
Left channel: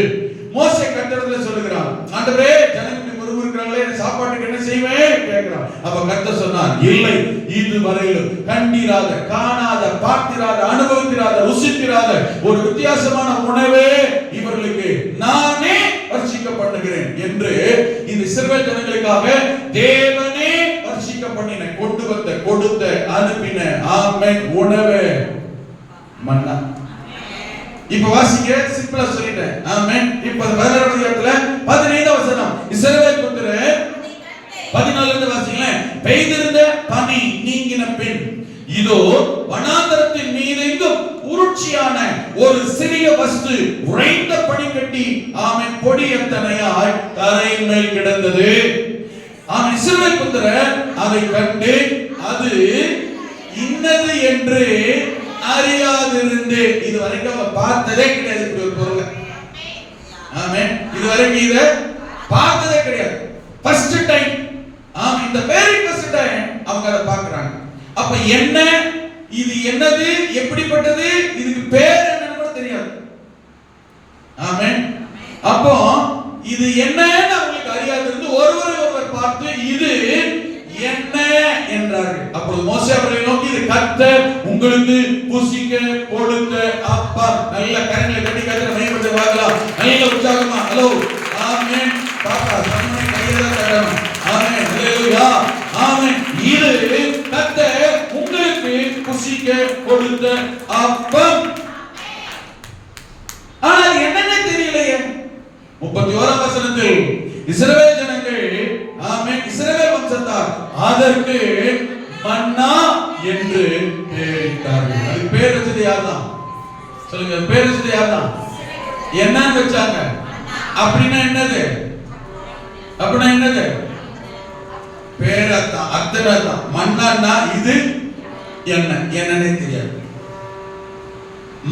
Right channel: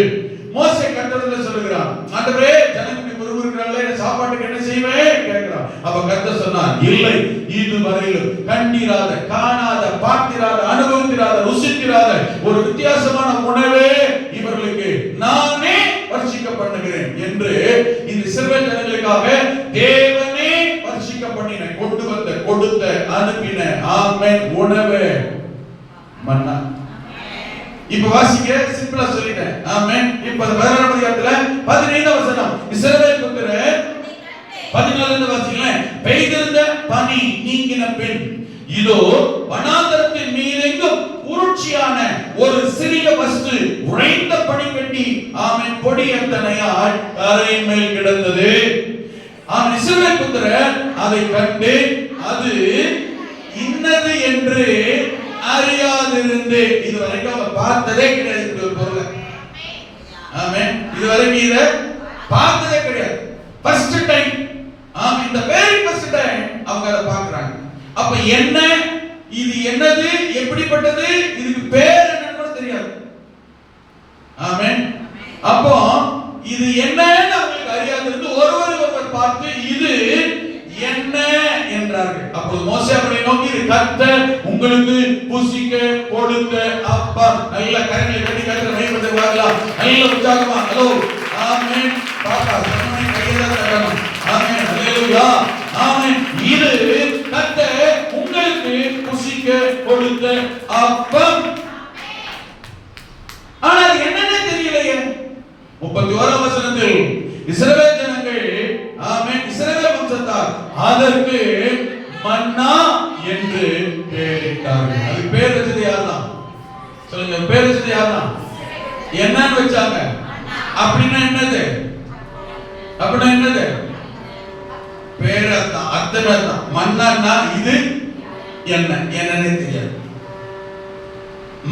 மோசே கர்த்தரிடத்துல சொல்லுகிறான், ஆண்டவரே, ஜனங்க முறுமுறுக்கிறாங்களே, சாப்பாட்டுக்கு என்ன செய்வேன் கேட்கிறான். அப்ப கர்த்தர் சொன்னார், இல்லை, இதுவரையிலும் கண்டிராத, காணாத, பார்த்திராத, அனுபவித்திராத, ருசித்திராத ஒரு வித்தியாசமான உணவே இவர்களுக்கு நானே வர்ஷிக்க பண்ணுகிறேன் என்று இந்த இஸ்ரவேல் ஜனங்களுக்காக தேவனே வர்ஷிக்க பண்ணின, கொண்டு வந்த, கொடுத்த அனுப்பின ஆமென் உணவு மன்னா. இப்ப வாசிங்க, சிம்பிளா சொல்லிட்டேன். ஆமென். இப்ப 16ஆம் அதிகாரத்துல 15ஆம் வசனம், இஸ்ரவேல் புத்திரர் 14ல இருந்து வாசிங்களேன். பெய்திருந்த பனி நீங்கின பின் இதோ வனாந்தரத்தின் மீதெங்கும் உருட்சியான ஒரு சிறிய வஸ்து உறைந்த பனிக்கட்டி ஆமென் பொடி எத்தனையாய் தரையின் மேல் கிடந்தது. ஆமென். இஸ்ரவேல் புத்திரர் அதை கண்டு அது இன்னது என்று அறியாதிருந்து, இதுவரைக்கும் அவங்க பார்த்ததே கிடையாது பொருள். ஆமென். இதுவரைக்கும் இத பார்த்ததே கிடையாது. ஃபர்ஸ்ட் டைம், இந்த வெரி ஃபர்ஸ்ட் டைம் அவங்க அத பார்க்கறாங்க. அப்ப என்ன, இது என்னது, எப்படிப்பட்டது, இதுக்கு பேர் என்னன்னு கூட தெரியாது. ஆமென். அப்போ இது என்னன்னு அவங்களுக்கு அறியாதிருந்து ஒருவர் பார்த்து இது என்ன என்றார்கள். அப்பொழுது மோசே அவர்களை நோக்கி, இது கர்த்தர் உங்களுக்கு புசிக்க கொடுத்த அப்பா. நல்ல கரங்களை கட்டி கர்த்தரை மையப்பட்டு வாங்கலாம். நல்ல உற்சாகமா ஹலோ ஆமென். பாப்பா சொன்னே கையில தரணும். ஆமென். ஹalleluya. ஆமென். இது கர்த்தர் உங்களுக்கு புசிக்க கொடுத்த அப்பம். ஆனா அது என்னன்னே தெரியலையே. 31ஆம் வசனத்தில் இஸ்ரவேல் ஜனங்கள் ஆமென் இஸ்ரவேல் வம்சத்தார் அதற்கு மன்னா என்று பெயரிட்டார்கள். அது பேர் வச்சது யார்தான் சொல்லுங்க? பேர் வச்சது யார்தான்? என்னன்னு வச்சாங்க? அப்படின்னா என்னது? அப்படின்னா என்னது? பேரதான், அர்த்தம். மன்னான்னா இது என்ன, என்னன்னே தெரியாது.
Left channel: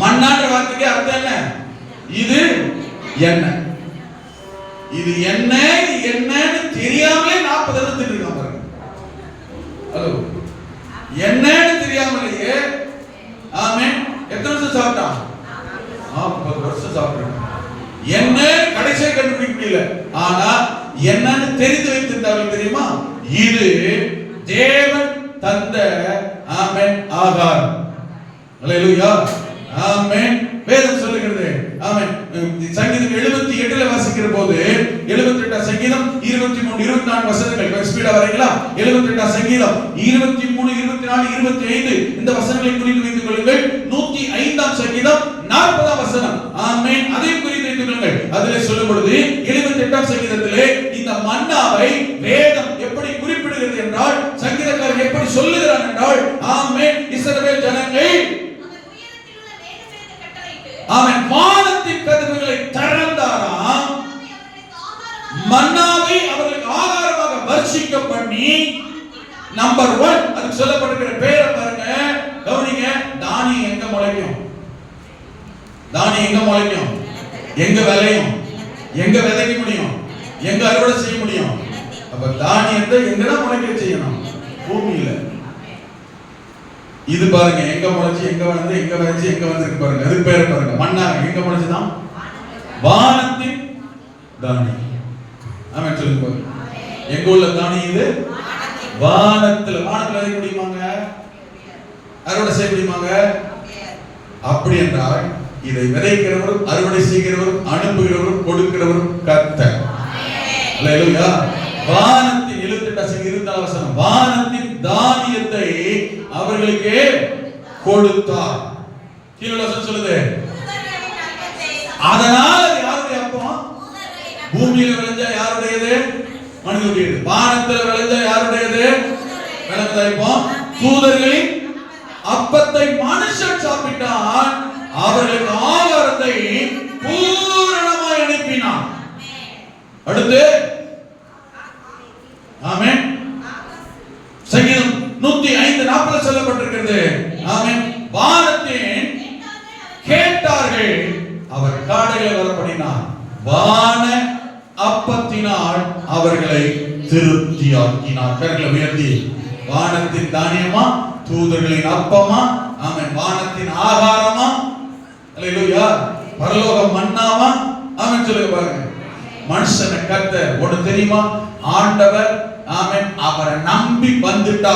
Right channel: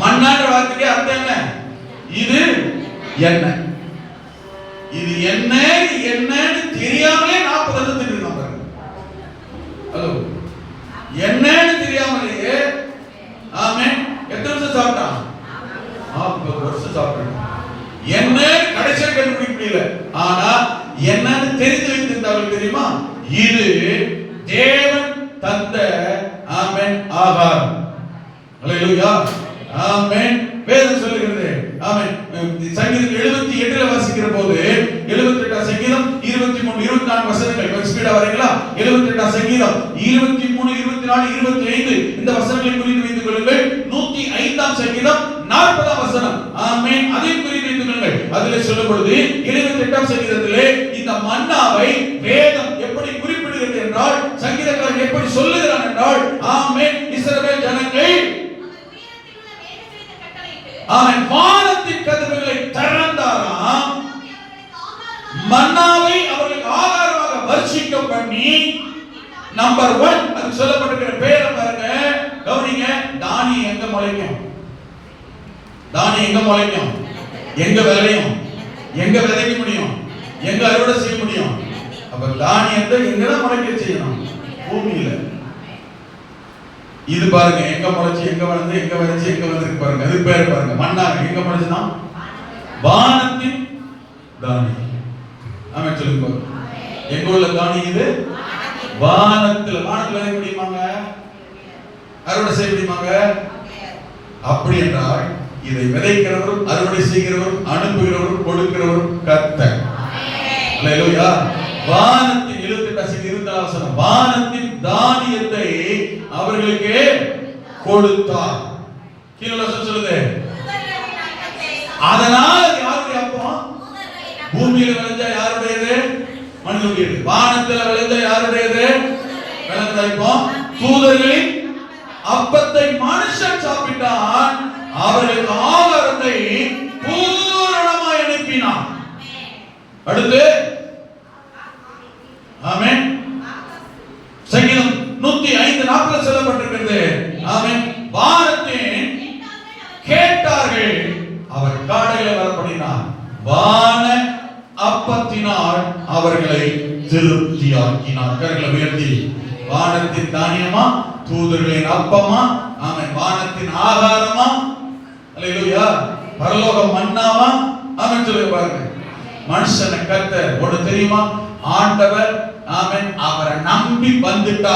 மன்னான்ற வார்த்தைக்கு அர்த்தம் என்ன? இது என்ன, இது என்ன, என்னன்னு தெரியாமலே 40 வருஷம் திட்டிருக்கான் பாருங்க. ஹலோ, என்னன்னு தெரியாமலேயே ஆமென் எத்தனை வருஷம் சாப்பிட்டான்? 40 வருஷம் சாப்பிட்டான். என்ன கடைசியா கண்டுபிடிக்க முடியல. ஆனா என்னன்னு தெரிந்து வைத்திருந்தார்கள் தெரியுமா? இது தேவன் தந்த ஆமென் ஆகாரம். ஹalleluya. ஆமென். வேதம் சொல்லுகிறது. ஆமென். சங்கீதம் 78ல வாசிக்கிற போது 78ஆம் சங்கீதம் 23 24 வசனங்கள் ஸ்பீடா வரீங்களா? 78ஆம் சங்கீதம் 23 24 25 இந்த வசனங்களை குறித்து வைத்துக் கொள்ளுங்கள். 105ஆம் சங்கீதம் 40ஆம் வசனம் ஆமென் அதை குறித்து வைத்துக் கொள்ளுங்கள். அதிலே சொல்லும் பொழுது 78ஆம் சங்கீதத்திலே இந்த மன்னாவை வேதம் எப்படி குறிப்பிடுகிறது என்றால், சங்கீதக்காரன் எப்படி சொல்லுகிறான் என்றால், ஆமென் இஸ்ரவேல் ஜனங்கள் அவன் வானத்தின் கதவுகளை திறந்தாராம், மன்னாவை அவர்களுக்கு ஆகாரமாக வர்ஷிக்க பண்ணி. நம்பர் 1 அது சொல்லப்பட்டிருக்கிற பேரை பாருங்க, கவனிங்க. தானியம் எங்க முளைக்கும்? தானியம் எங்க முளைக்கும்? எங்க விளையும்? எங்க விதைக்க முடியும்? எங்க அறுவடை செய்ய முடியும்? அப்ப தானியத்தை எங்கதான் முளைக்க செய்யணும்? பூமியில. இது பாருங்க எங்க முளைச்சு, எங்க வந்து, எங்க விளைச்சு, எங்க வந்து பாருங்க. அது பேர் பாருங்க, மண்ணா எங்க முளைச்சுதான்? வானத்தின் தானியம். ஆமென் சொல்லுங்க. எங்க உள்ள தானியம் இது? வானத்துல. வானத்துல விதைக்க முடியுமாங்க? அறுவடை செய்ய முடியுமாங்க? அப்படி என்றால் இதை விதைக்கிறவரும் அறுவடை செய்கிறவரும் அனுப்புகிறவரும் கொடுக்கிறவரும் கர்த்தர். ஹalleluya. வானத்தின் 78 வசனம், வானத்தின் தானியத்தை அவர்களுக்கு கொடுத்தார். கீழே வசனம் சொல்லுது, அதனால யாருடைய அப்பம்? பூமியில விளைஞ்சா யாருடையது? மனிதனுடையது. வானத்துல விளைஞ்சா யாருடையது? விளைஞ்சா தூதர்களின் அப்பத்தை மனுஷன் சாப்பிட்டான், அவர்களுக்கு ஆகாரத்தை பூரணமாய் அனுப்பினான். அடுத்து ஆமென் சங்கீதம் 105:40 சொல்லப்பட்டிருக்கிறது. ஆமென். வானத்தின் கேட்டார்கள், அவர் காடைகளை வரப்படினார், வான அப்பத்தினால் அவர்களை திருப்தியாக்கினார். கரங்களை உயர்த்தி, வானத்தின் தானியமா, தூதர்களின் அப்பமா, ஆமென் வானத்தின் ஆகாரமா, ஹalleluya, பரலோக மன்னாவா, ஆமென் சொல்லுங்க பாருங்க. மனுஷனை கர்த்தர் ஒன்று தெரியுமா? ஆண்டவர் ஆமென் அவரை நம்பி வந்துட்டா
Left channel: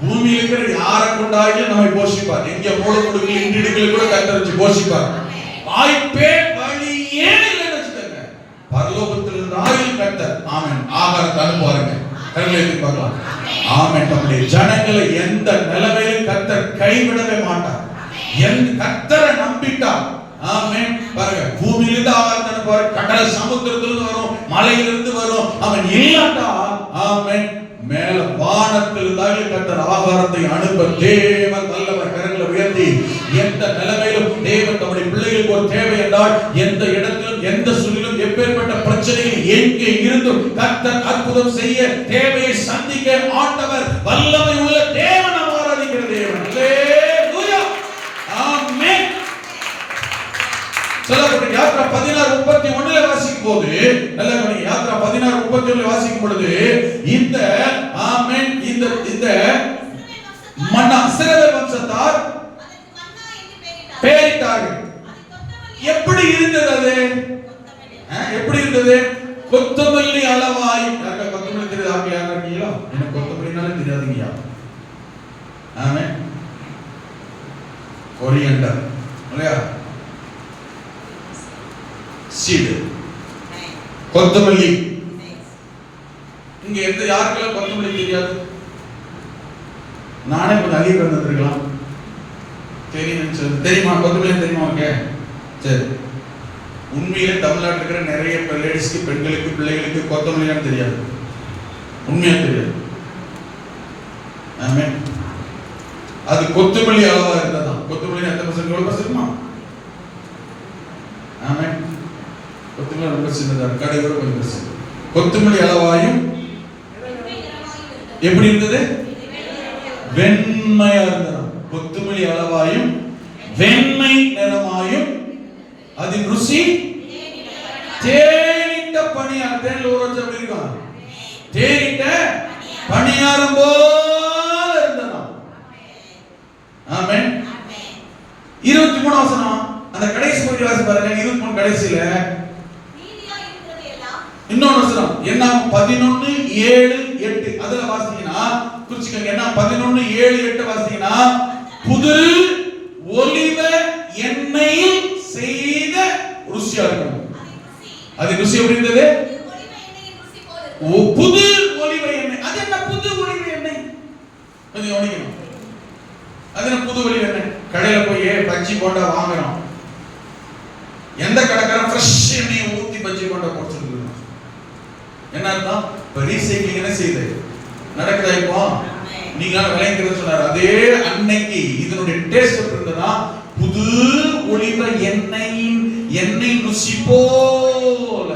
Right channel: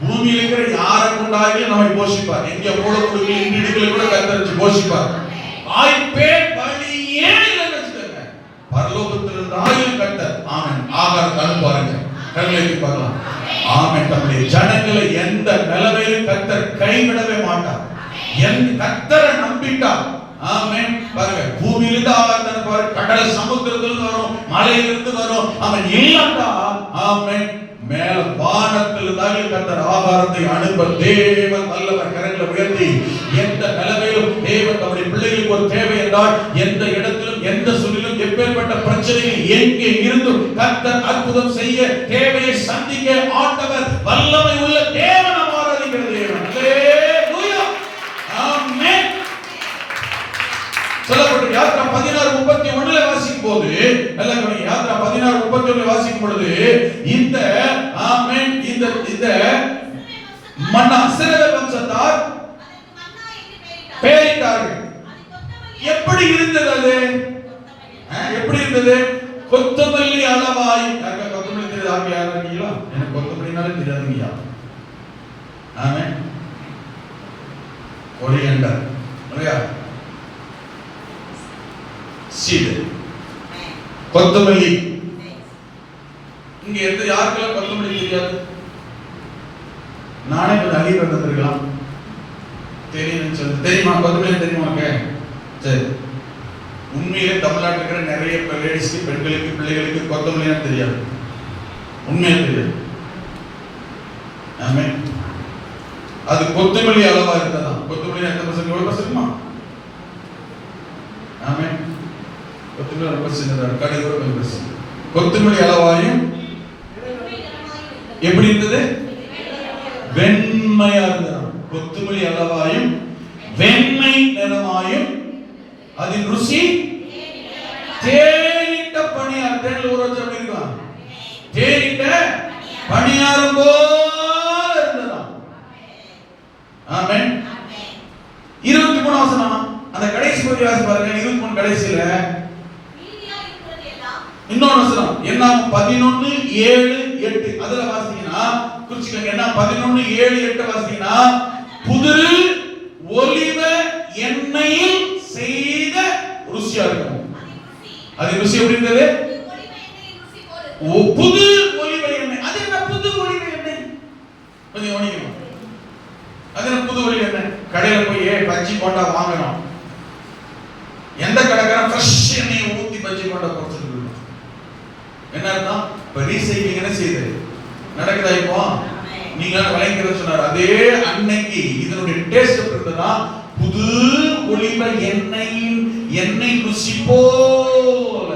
பூமியில இருக்கிற யாரை கொண்டாயிலும் நம்மை போஷிப்பார். எங்க மூட முடுக்கி இடிடுகளை கூட கர்த்தர் வச்சு போஷிப்பார். வாய்ப்பே வழியே இல்லைன்னு வச்சுக்கோங்க. பரலோகத்திலிருந்து ஆயில் கர்த்தர் ஆமென் ஆகாரத்தை அனுப்புவாருங்க. கண்களை பார்க்கலாம். ஆமென். நம்முடைய ஜனங்களை எந்த நிலைமையிலும் கர்த்தர் கைவிடவே மாட்டார். கர்த்தரை நம்பிட்டா ஆமென். பாருங்க, பூமியிலிருந்து ஆகாரத்தை பாருங்க, கடல் சமுத்திரத்திலிருந்து வரும், மலையிலிருந்து வரும். அவன் இல்லாட்டா ஆமென், மேல வானத்திலிருந்து கர்த்தர் ஆகாரத்தை அனுப்ப தேவன் வல்லவர். கரங்களை உயர்த்தி எந்த நிலைமையிலும் தேவன் தம்முடைய பிள்ளைகளுக்கு ஒரு தேவை என்றால் எந்த இடத்திலும் எந்த சூழலிலும் எப்பேற்பட்ட பிரச்சனையில் எங்கே இருந்தும் கர்த்தர் அற்புதம் செய்ய தேவையை சந்திக்க ஆண்டவர் வல்லமை உள்ள தேவன். ஆராதிக்கிற தேவன். அல்லேலூயா. ஆமென். சொல்லப்பட்ட யாத்ரா 16:31 வாசிக்கும் போது நல்ல கவனி. யாத்ரா 16:31 வாசிக்கும் பொழுது இந்த ஆமென் இந்த மன்னா இஸ்ரவேல் வம்சத்தார் பேரிட்டார்கள். எப்படி இருந்தது அது? எப்படி இருந்தது? கொத்தமல்லி அளவாய். கொத்தமல்லி தெரியுது? ஆங்கிலம் இருக்கீங்களா? எனக்கு கொத்தமல்லினாலே தெரியாதுங்கய்யா. ஆமென். கொரியண்டர் இல்லையா? சீடு, கொத்தமல்லி. இங்க எந்த யாருக்கெல்லாம் கொத்தமல்லி தெரியாது? நானே கொஞ்சம் அதிகம் இருந்திருக்கலாம். தெரியுமா? கொத்தமல்லி தெரியுமாங்க? சரி, உண்மையிலே தமிழ்நாட்டில் இருக்கிற நிறைய லேடிஸ்க்கு, பெண்களுக்கு, பிள்ளைகளுக்கு கொத்தமல்லி தெரியாது. உண்மையா தெரியாது. ஆமென். அது கொத்தமல்லி அளவா இருந்தாதான். கொத்தமல்லி எத்தனை பர்சன்ட்? எவ்வளவு பர்சன்ட்மா? ஆமென். கொத்தமல்லி ரொம்ப சின்னதா, கடுகு ரொம்ப பெருசு. கொத்தமல்லி அளவாயும் எப்படி இருந்தது? வெண்மையா இருந்தது. கொத்தமல்லி அளவாயும் வெண்மை நிறமாயும் அதின் ருசி தேனிட்ட பணியார். தேனில் ஊற வச்ச இருக்கும். தேனிட்ட பணியாரும் போல இருந்ததாம். ஆமென். 23 வசனம் அந்த கடைசி பகுதி வாசி பாருங்க. 23 கடைசியில இன்னொரு வசனம் என்ன? 11:7-8 அதுல வாசிங்கன்னா குறிச்சுக்கங்க. என்ன? 11:7-8 வாசிங்கன்னா புது ஒலிவ எண்ணெயில் செய்த ருசியா இருக்கும். அது ருசி எப்படி இருந்தது? புது ஒலிவ எண்ணெய். அது என்ன புது ஒலிவ எண்ணெய்? கொஞ்சம் கவனிக்கணும். அது என்ன புது ஒலிவ எண்ணெய்? கடையில போய் பஜ்ஜி போண்டா வாங்கணும். எந்த கடைக்காரன் ஃப்ரெஷ் எண்ணெயை ஊத்தி பஜ்ஜி போண்டா போட்டு என்ன அர்த்தம்? ரீசைக்ளிங் என்ன செய்யுது? நடக்குதா? இப்போ நீங்க விளைக்கிறத சொன்னார். அதே அன்னைக்கு இதனுடைய டேஸ்ட் எப்படி இருந்ததுன்னா புது ஒலிவ எண்ணெய் ருசி போல.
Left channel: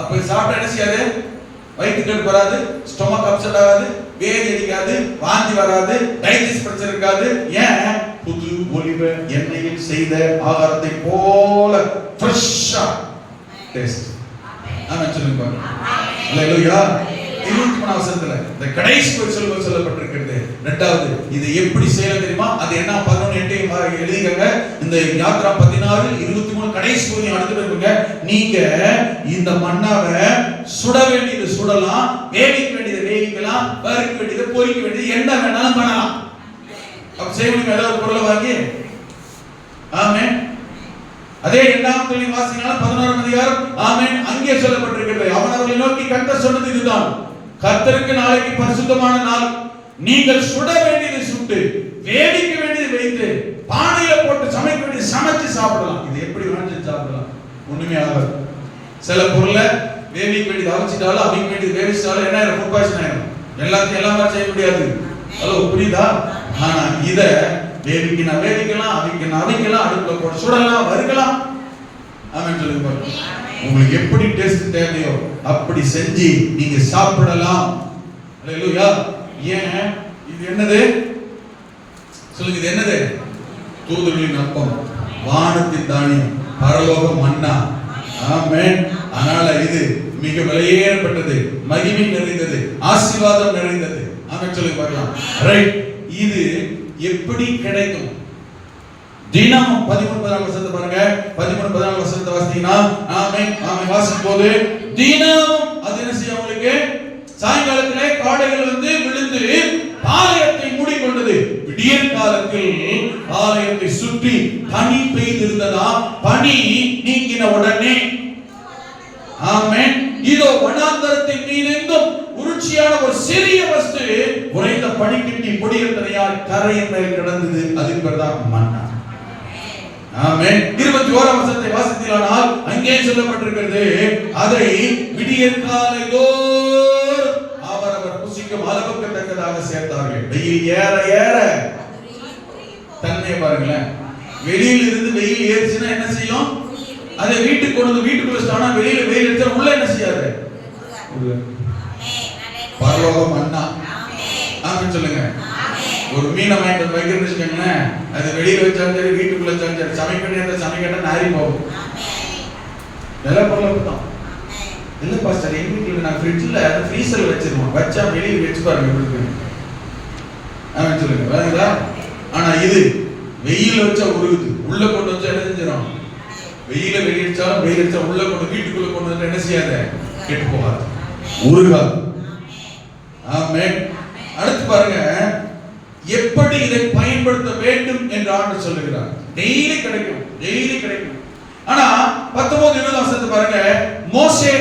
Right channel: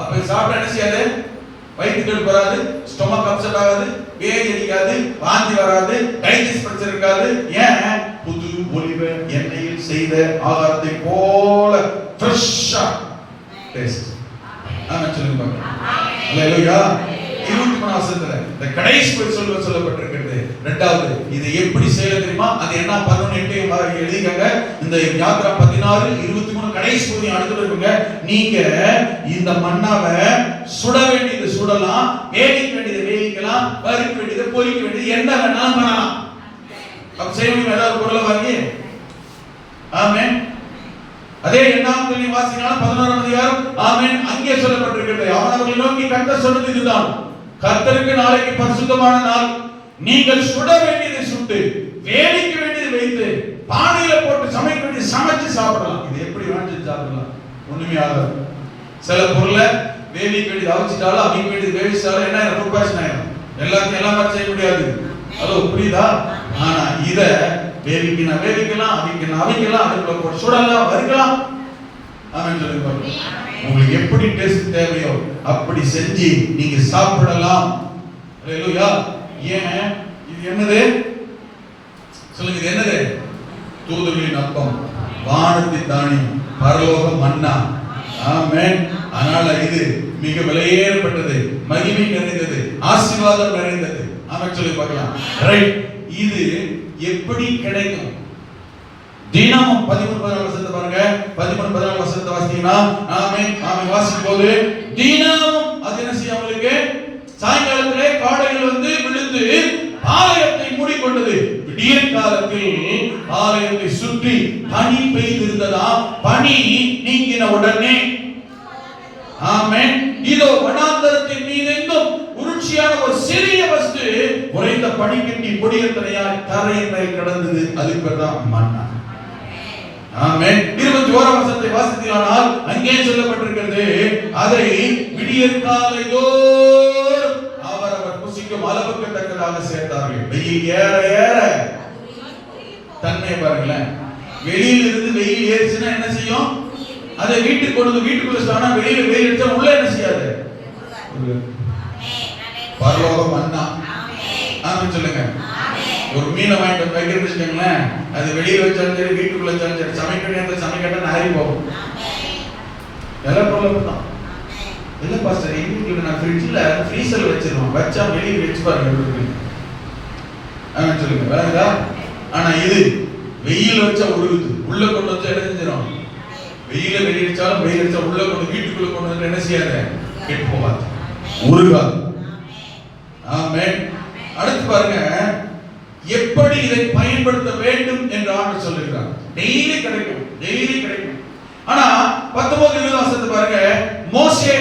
அப்ப சாப்பிட்டா என்ன செய்யாது? வயிற்றுக்கு வராது, ஸ்டொமக் அப்செட் ஆகாது, வேதி அடிக்காது, வாந்தி வராது, டைஜஸ்ட் பிரச்சனை இருக்காது. ஏன்? புது ஒலிவ எண்ணெயில் செய்த ஆகாரத்தை போல ஃப்ரெஷ்ஷா டேஸ்ட். ஆமென் சொல்லுங்க பாருங்க. அல்லேலூயா. 23 வசனத்துல இந்த கடைசி சொல்லப்பட்டிருக்கிறது. இரண்டாவது இது எப்படி செய்ய தெரியுமா? அது என்ன? 11:8 எழுதிக்கங்க. இந்த யாத்ரா 16:23 கடைசி பகுதி அடுத்து இருக்குங்க. நீங்க இந்த மன்னாவை சுட வேண்டியது சுடலாம், வேவிக்க வேண்டியது வேவிக்கலாம், வறுக்க வேண்டியது பொரிக்க வேண்டியது என்ன வேணாலும் பண்ணலாம். அப்ப செய்ய முடியும் ஏதாவது ஒரு பொருளை வாங்கி. ஆமென். அதே 8ஆம் வாசிக்கலாம் 11ஆம் அதிகாரம். ஆமென். அங்கே சொல்லப்பட்டிருக்கிறது. அவனை நோக்கி கர்த்தர் சொன்னது இதுதான். கர்த்தருக்கு நாளைக்கு பரிசுத்தமான நாள். நீங்கள் சுட வேண்டியதை சுட்டு, வேவிக்க வேண்டியதை வைத்து, பானையில போட்டு சமைக்க வேண்டியது சமைச்சு சாப்பிடலாம். இது எப்படி வேணாலும் சாப்பிடலாம். ஒண்ணுமே ஆகாது. சில பொருளை வேவிக்க வேண்டியது அவிச்சிட்டாலும், அவிக்க வேண்டியது வேவிச்சிட்டாலும் என்ன ஆயிரும்? ஃபுட் பாய்சன் ஆயிரும். எல்லாத்தையும் எல்லாமே செய்ய முடியாது. அது புரியுதா? ஆனா இத வேவிக்கலாம், அவிக்கலாம், அடுப்புல போட்டு சுடலாம், வறுக்கலாம். ஆமென் சொல்லுங்க பாருங்க. உங்களுக்கு எப்படி டேஸ்ட் தேவையோ அப்படி செஞ்சு நீங்க சாப்பிடலாம். அல்லேலூயா. ஏன்? இது என்னது? சொல்லுங்க. இது என்னது? தூதர்களின் அப்பம், வானத்தின் தானியம், பரலோக மன்னா. ஆமென். அதனால இது மிக விலையேறப்பட்டது, மகிமை நிறைந்தது, ஆசீர்வாதம் நிறைந்தது. ஆமென் சொல்லுங்க பார்க்கலாம். ரைட். இது எப்படி கிடைக்கும்? தினமும் 13-14 வசனத்தை பாருங்க. 13-14 வசனத்தை வாசித்தீங்கன்னா ஆமென் வாசிக்கும் போது தினமும் அது என்ன செய்யும்? உங்களுக்கு சாயங்காலத்திலே காடைகள் வந்து விழுந்து பாளையத்தை மூடிக்கொண்டது. விடியற் காலத்தில் பாளையத்தை சுற்றி பனி பெய்திருந்ததா? பனி நீங்கின உடனே ஆமென் இதோ வனாந்தரத்தின் மீதெங்கும் உருட்சியான ஒரு சிறிய வஸ்து பனிக்கட்டி பொடியத்தனையால் கரையின் மேல் கிடந்தது. அது பேர்தான் மன்னா. ஆமென். 21ஆம் வசனத்தை வாசித்தீர்களானால் அங்கே சொல்லப்பட்டிருக்கிறது, அதை விடியற்காலைதோ அவரவர் புசிக்கும் அளவுக்கு தக்கதாக சேர்த்தார்கள். வெயில் ஏற ஏற தன்னை பாருங்களேன், வெளியில இருந்து வெயில் ஏறிச்சுன்னா என்ன செய்யும்? அதை வீட்டுக்கு கொண்டு வந்து வீட்டுக்குள்ள வச்சிட்டோம்னா வெளியில வெயில் அடிச்சா உள்ள என்ன செய்யாது? பரலோக மன்னா. ஆமென் சொல்லுங்க. ஒரு மீனை வாங்கிட்டு வந்து வைக்கிறேன்னு வச்சுக்கோங்களேன், அது வெளியில வச்சாலும் சரி வீட்டுக்குள்ள வச்சாலும் சரி சமைக்கணும் சமைக்கட்டா நாரி போகும். நல்ல பொருள் தான். இல்ல பாஸ்டர், எங்க வீட்டுல நான் ஃப்ரிட்ஜ்ல ஃப்ரீசர்ல வச்சிருவோம், வச்சா வெளியே வச்சு பாருங்க. ஆமென் சொல்லுங்க. பாருங்களா? ஆனா இது வெயில வச்சா உருகுது, உள்ள கொண்டு வச்சா என்ன செஞ்சிடும்? வெயில வெளியடிச்சாலும் வெயில் அடிச்சா உள்ள கொண்டு வீட்டுக்குள்ள கொண்டு வந்து என்ன செய்யாத? கெட்டு போகாது, உருகாது. ஆமென். அடுத்து பாருங்க, எப்படி இதை பயன்படுத்த வேண்டும் என்று ஆண்டவர் சொல்லுகிறார். டெய்லி கிடைக்கும், டெய்லி கிடைக்கும். ஆனா 19-20 வசனத்தை பாருங்க, மோசே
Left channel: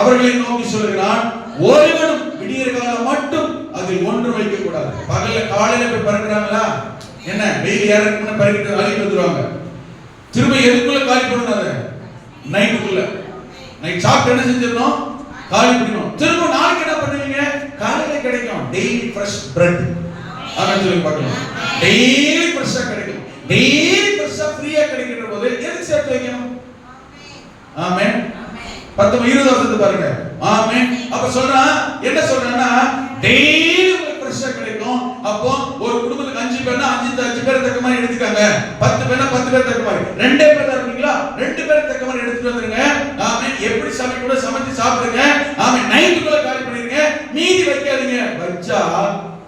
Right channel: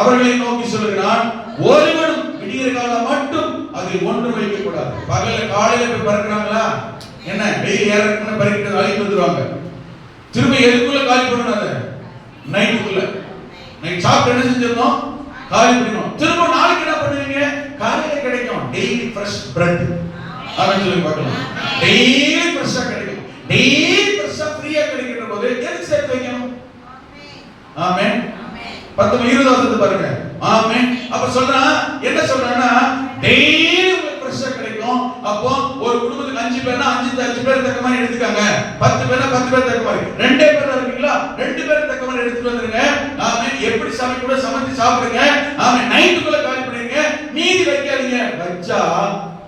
அவர்களை நோக்கி சொல்லுகிறான், ஒருவனும் விடியற் காலம் மட்டும் அதில் ஒன்று வைக்க கூடாது. பகல்ல காலையில போய் பறக்குறாங்களா, என்ன வெயில் ஏறக்குன்னு பறக்கிட்டு வேலைக்கு வந்துருவாங்க. திரும்ப எதுக்குள்ள காலி பண்ணணும்? அதை நைட்டுக்குள்ள. நைட் சாப்பிட்டு என்ன செஞ்சிடணும்? காலி பண்ணணும். திரும்ப நாளைக்கு என்ன பண்ணுவீங்க? காலையில கிடைக்கும் டெய்லி ஃப்ரெஷ் பிரெட். அத சொல்லி பார்க்கலாம். டெய்லி ஃப்ரெஷ்ஷா கிடைக்கும், டெய்லி ஃப்ரெஷ்ஷா ஃப்ரீயா கிடைக்கிற போது எதுக்கு சேர்த்து வைக்கணும்? ஆமென். 19-20 வசனத்தை பாருங்க. ஆமென். அப்ப சொல்றா என்ன சொல்றானா, டெய்லி உங்களுக்கு ஃப்ரெஷ்ஷா கிடைக்கும். அப்போ ஒரு குடும்பத்துக்கு 5 பேர்னா 5 பேர் தக்க மாதிரி எடுத்துக்காங்க, 10 பேர்னா 10 பேர் தக்க மாதிரி, 2 பேர் இருக்கீங்களா 2 பேர் தக்க மாதிரி எடுத்துட்டு வந்துருங்க. ஆமென். எப்படி சமைக்க சமைச்சு சாப்பிடுங்க. ஆமென். நைட்டுக்குள்ள காலி பண்ணிருங்க, மீதி வைக்காதீங்க. வச்சா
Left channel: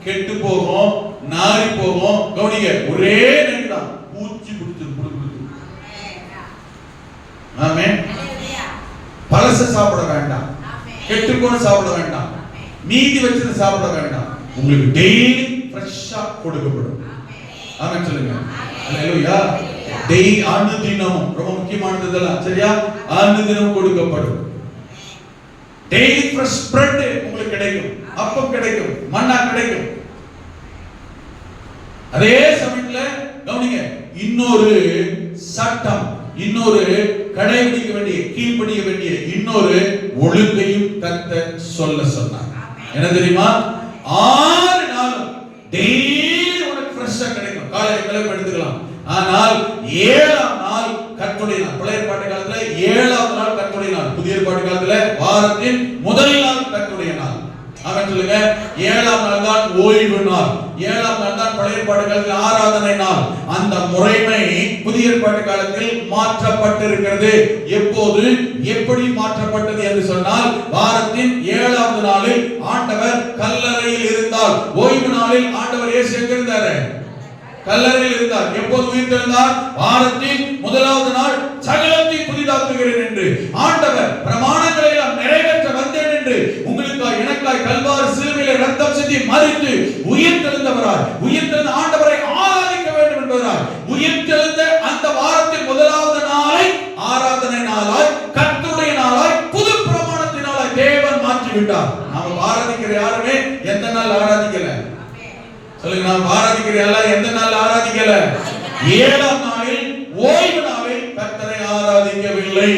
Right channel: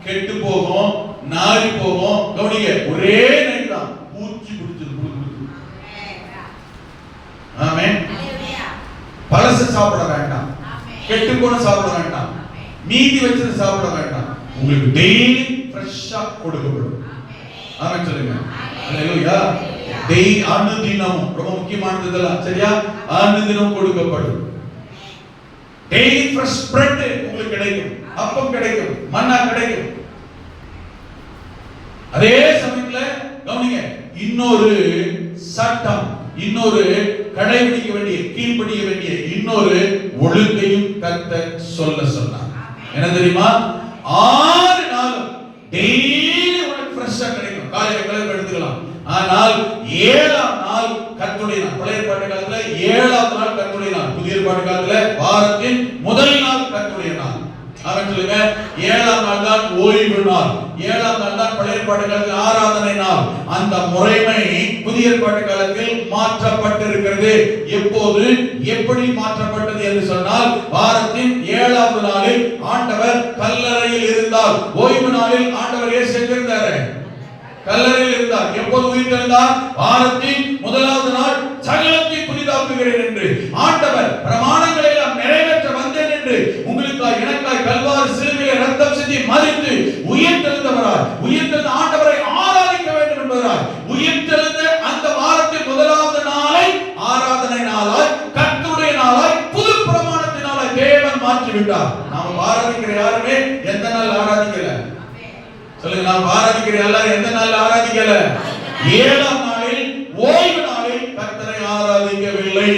கெட்டு போகும், நாரி போகும். கவனிங்க, ஒரே நைட் தான் பூச்சி பிடிச்சிருக்கு. ஆமென். பழச சாப்பிட வேண்டாம், கெட்டு போன சாப்பிட வேண்டாம், மீதி வச்சது சாப்பிட வேண்டாம். உங்களுக்கு டெய்லி ஃப்ரெஷ்ஷா கொடுக்கப்படும். ஆமென் சொல்லுங்க. ஹalleluya. டெய்லி அனுதினம் ரொம்ப முக்கியமானது இதெல்லாம், சரியா? அனுதினம் கொடுக்கப்படும். டெய்லி ஃப்ரெஷ் பிரெட் உங்களுக்கு கிடைக்கும், அப்பம் கிடைக்கும், மன்னா கிடைக்கும். அதே சமயத்துல கவனிங்க, இன்னொரு சட்டம், இன்னொரு கடைபிடிக்க வேண்டிய கீழ்ப்படிய வேண்டிய இன்னொரு ஒழுங்கையும் கர்த்தர் சொன்னார். என்ன தெரியுமா? 6 நாள் டெய்லி உங்களுக்கு ஃப்ரெஷ்ஷா கிடைக்கும், காலையில கிளம்பி எடுத்துக்கலாம். ஆனால் 7ஆம் நாள் கர்த்தருடைய நாள். பழைய ஏற்பாட்டு காலத்துல 7ஆவது நாள் கர்த்தருடைய நாள், புதிய ஏற்பாட்டு காலத்துல வாரத்தின் முதல் நாள் கர்த்தருடைய நாள். ஆமென் சொல்லுங்க. 7ஆம் நாள் தான் ஓய்வு நாள், 7ஆம் நாள் தான் பழைய ஏற்பாட்டு காலத்தில் ஆராதனை நாள். அந்த முறைமை புதிய ஏற்பாட்டு காலத்தில் மாற்றப்பட்டிருக்கிறது. எப்போது எப்படி மாற்றப்பட்டது என்று சொன்னால், வாரத்தின் 7ஆவது நாளில் ஆண்டவர் கல்லறையில் இருந்தார். ஓய்வு நாளில் ஆண்டவர் இயேசு எங்க இருந்தார்? கல்லறையில் இருந்தார். எப்போது உயிர்த்தெழுந்தார்? வாரத்தின் முதலாவது நாள் சகலத்தை புதிதாக்குகிறேன் என்று ஆண்டவர் பிரமாணங்களை எல்லாம் நிறைவேற்ற வந்தேன் என்று உங்களுக்காய் எனக்காய் கல்வாரி சிலுவையிலே ரத்தம் சிந்தி மரித்து உயிர்த்தெழுந்தவராய், உயிர்த்தெழுந்த ஆண்டவரை ஆராதிக்க வேண்டும் என்பவராய், உயிர்த்தெழுந்த அந்த வாரத்தின் முதலாவது நாளை ஆராதனை நாளாய், கர்த்தருடைய நாளாய், புது பிரமாணத்தினாலாய் தேவன் மாற்றி விட்டார். நாம் ஆராதிக்கிற யாருமே எந்த நாள் ஆராதிக்கல? சொல்லுங்க, நாம் ஆராதிக்கிற எல்லாரும் எந்த நாள் ஆராதிக்கல? 7ஆம் நாளில் ஓய்வு நாளில் கர்த்தரை ஆராதிக்கவில்லை.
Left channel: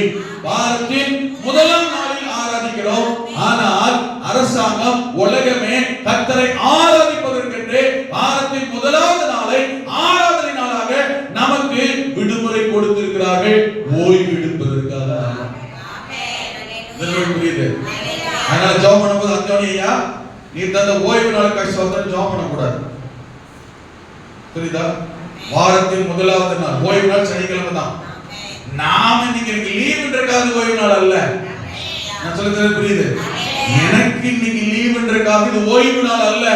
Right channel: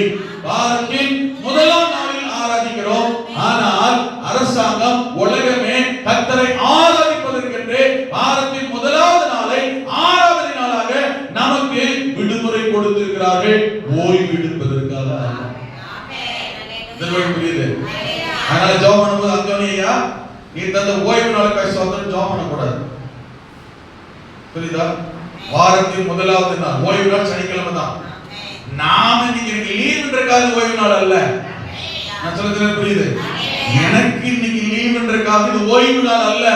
வாரத்தின் முதலாம் நாளில் ஆராதிக்கிறோம். ஆனால் அரசாங்கம் உலகமே கர்த்தரை ஆராதிப்பதற்கென்று வாரத்தின் முதலாவது நாளை ஆராதனை நாளாக நமக்கு விடுமுறை கொடுத்திருக்கிறார்கள், ஓய்வு எடுப்பதற்காக. புரியுது? அதனால ஜெபம் பண்ணும்போது அந்தோனியா, நீ தந்த ஓய்வு நாளுக்காக சோதனை ஜெபம் பண்ணக்கூடாது. புரியுதா? வாரத்தின் முதலாவது நாள் ஓய்வு நாள் சனிக்கிழமை தான். நாம இன்னைக்கு லீவ்ன்றக்காக ஓய்வு நாள் அல்ல. நான் சொல்றது புரியுது? எனக்கு இன்னைக்கு லீவ்ன்றக்காக இது ஓய்வு நாள் அல்ல.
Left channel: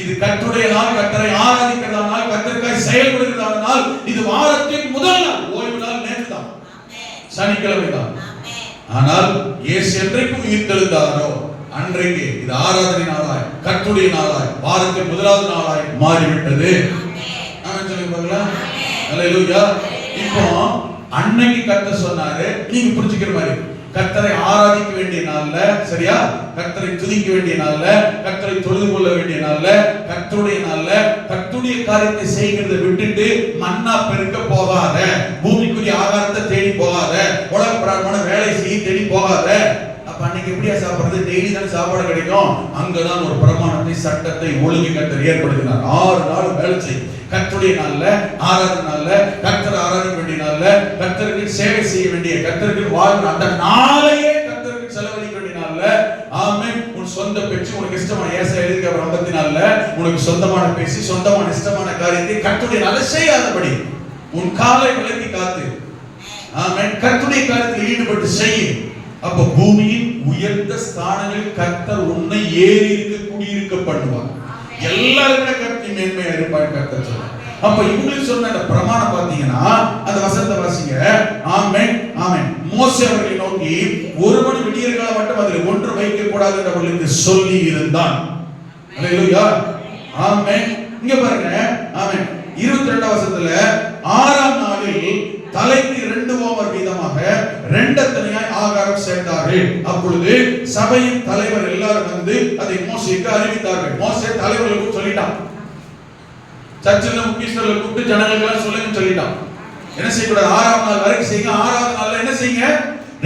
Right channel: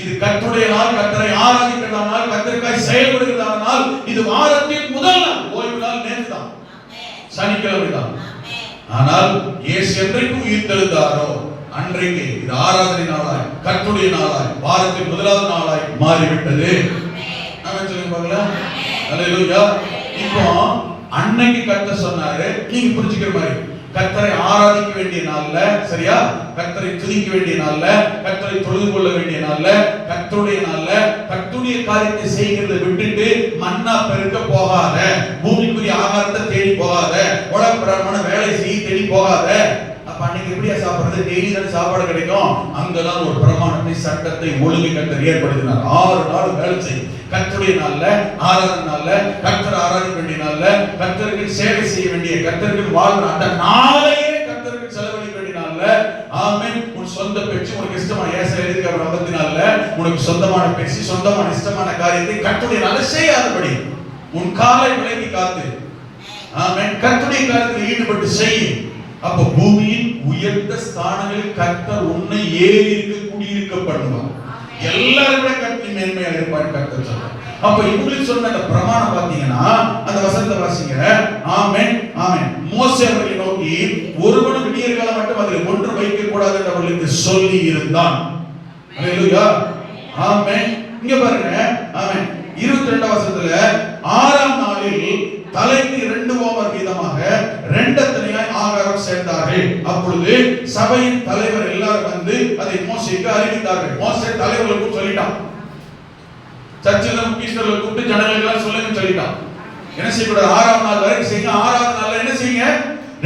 இது கர்த்தருடைய நாள், கர்த்தரை ஆராதிக்கிற நாள், கர்த்தருக்காய் செயல்படுகிற நாள். இது வாரத்தின் முதல் நாள். ஓய்வு நாள் நேற்று தான், சனிக்கிழமை தான். ஆனால் இயேசு என்றைக்கு உயிர்த்தெழுந்தாரோ அன்றைக்கு இது ஆராதனை நாளாய், கர்த்தருடைய நாளாய், வாரத்தின் முதலாவது நாளாய் மாறிவிட்டது. ஹalleluya. இப்போ அன்னைக்கு கர்த்தர் சொன்னாரு, நீங்க புரிஞ்சுக்கிற மாதிரி கர்த்தரை ஆராதிக்க வேண்டிய நாள்ல, சரியா, கர்த்தரை துதிக்க வேண்டிய நாள்ல, கர்த்தரை தொழுது கொள்ள வேண்டிய நாள்ல, கர்த்தருடைய நாள்ல கர்த்தருடைய காரியத்தை செய்கிறதை விட்டுட்டு மன்னா பெருக்க போகாத, பூமிக்குரிய ஆகாரத்தை தேடி போகாத, உலக பிரகாரமான வேலை செய்ய தேடி போகாத. அப்ப அன்னைக்கு எப்படியா சாப்பிடுறது? டெய்லி தான் சாப்பாடு கிடைக்கும். அங்கதான் ஒரு பிரமாணத்தை, சட்டத்தை, ஒழுங்கை கர்த்தர் ஏற்படுத்தினார். 6 நாள் வேலை செய்யும். கர்த்தருடைய நாள்ல, ஆராதனை நாள்ல, கர்த்தரை ஆராதிக்க வேண்டிய நாள்ல, கர்த்தருக்கு சேவை செய்ய வேண்டிய, கர்த்தருக்கு வாழ்ற அந்த நாளையே கர்த்தருக்கு செலவழிக்க வேண்டிய நாள்ல, ஆமென், உன் சொந்த பேச்சு, உனக்கு இஷ்டமான ஏசாயா எழுதியிருக்கிற 54 உனக்கு சொந்தமான பேசி, சொந்தமான இஷ்டமான காரியத்தை கர்த்தருடைய நாள்ல செய்யாதபடி உன் காலை விலக்கி காத்து, ஆமென், கர்த்தருடைய காரியத்தில் ஈடுபட்டு செய். அப்ப பூமியின் உயர்ந்த ஸ்தானங்களில் கர்த்தர் உன்னை ஏறி இருக்க குடியிருக்க பண்ணுவார். எல்லாரும் கர்த்தர் மேன்மையா இருப்பார் கர்த்தர் சொல்றார். அப்ப இவங்களுக்கு சொன்ன அந்த பிரமாணம் பாத்தீங்கன்னா அந்த வசனத்தை வாசிங்க. ஆமென், ஆமென். மோசே அவர்களை நோக்கி ஒருவன் விடியற்காலம் மட்டும் அதில் ஒன்று வைக்க கூடாது என்று அவர்களுக்கு சொல்லி இருந்தான். அல்லேலூயா, ஆமென். இங்க பாருங்க, ஆமென். 22 வசனத்துல 6ஆம் நாளில் தலைக்கு 2 ஓமர் வீதமாக 2 தனியாய் ஆகாரம் சேர்த்தார்கள். அப்பொழுது சபையின் தலைவர் எல்லாரும் வந்து அதை மோசேக்கு அறிவித்தார்கள். மோசே தலைவர்களுக்கு சொல்லிட்டான், சர்ச்சில் முக்கியஸ்தர்களை கூப்பிட்டு ஜனங்களுக்கு சொல்லுங்க சொல்லிட்டான். என்ன செய்யக்கூடாது? 6ஆம் நாள் வரைக்கும் செய்யுங்க. 6ஆவது நாள்ல என்ன செய்யுங்க?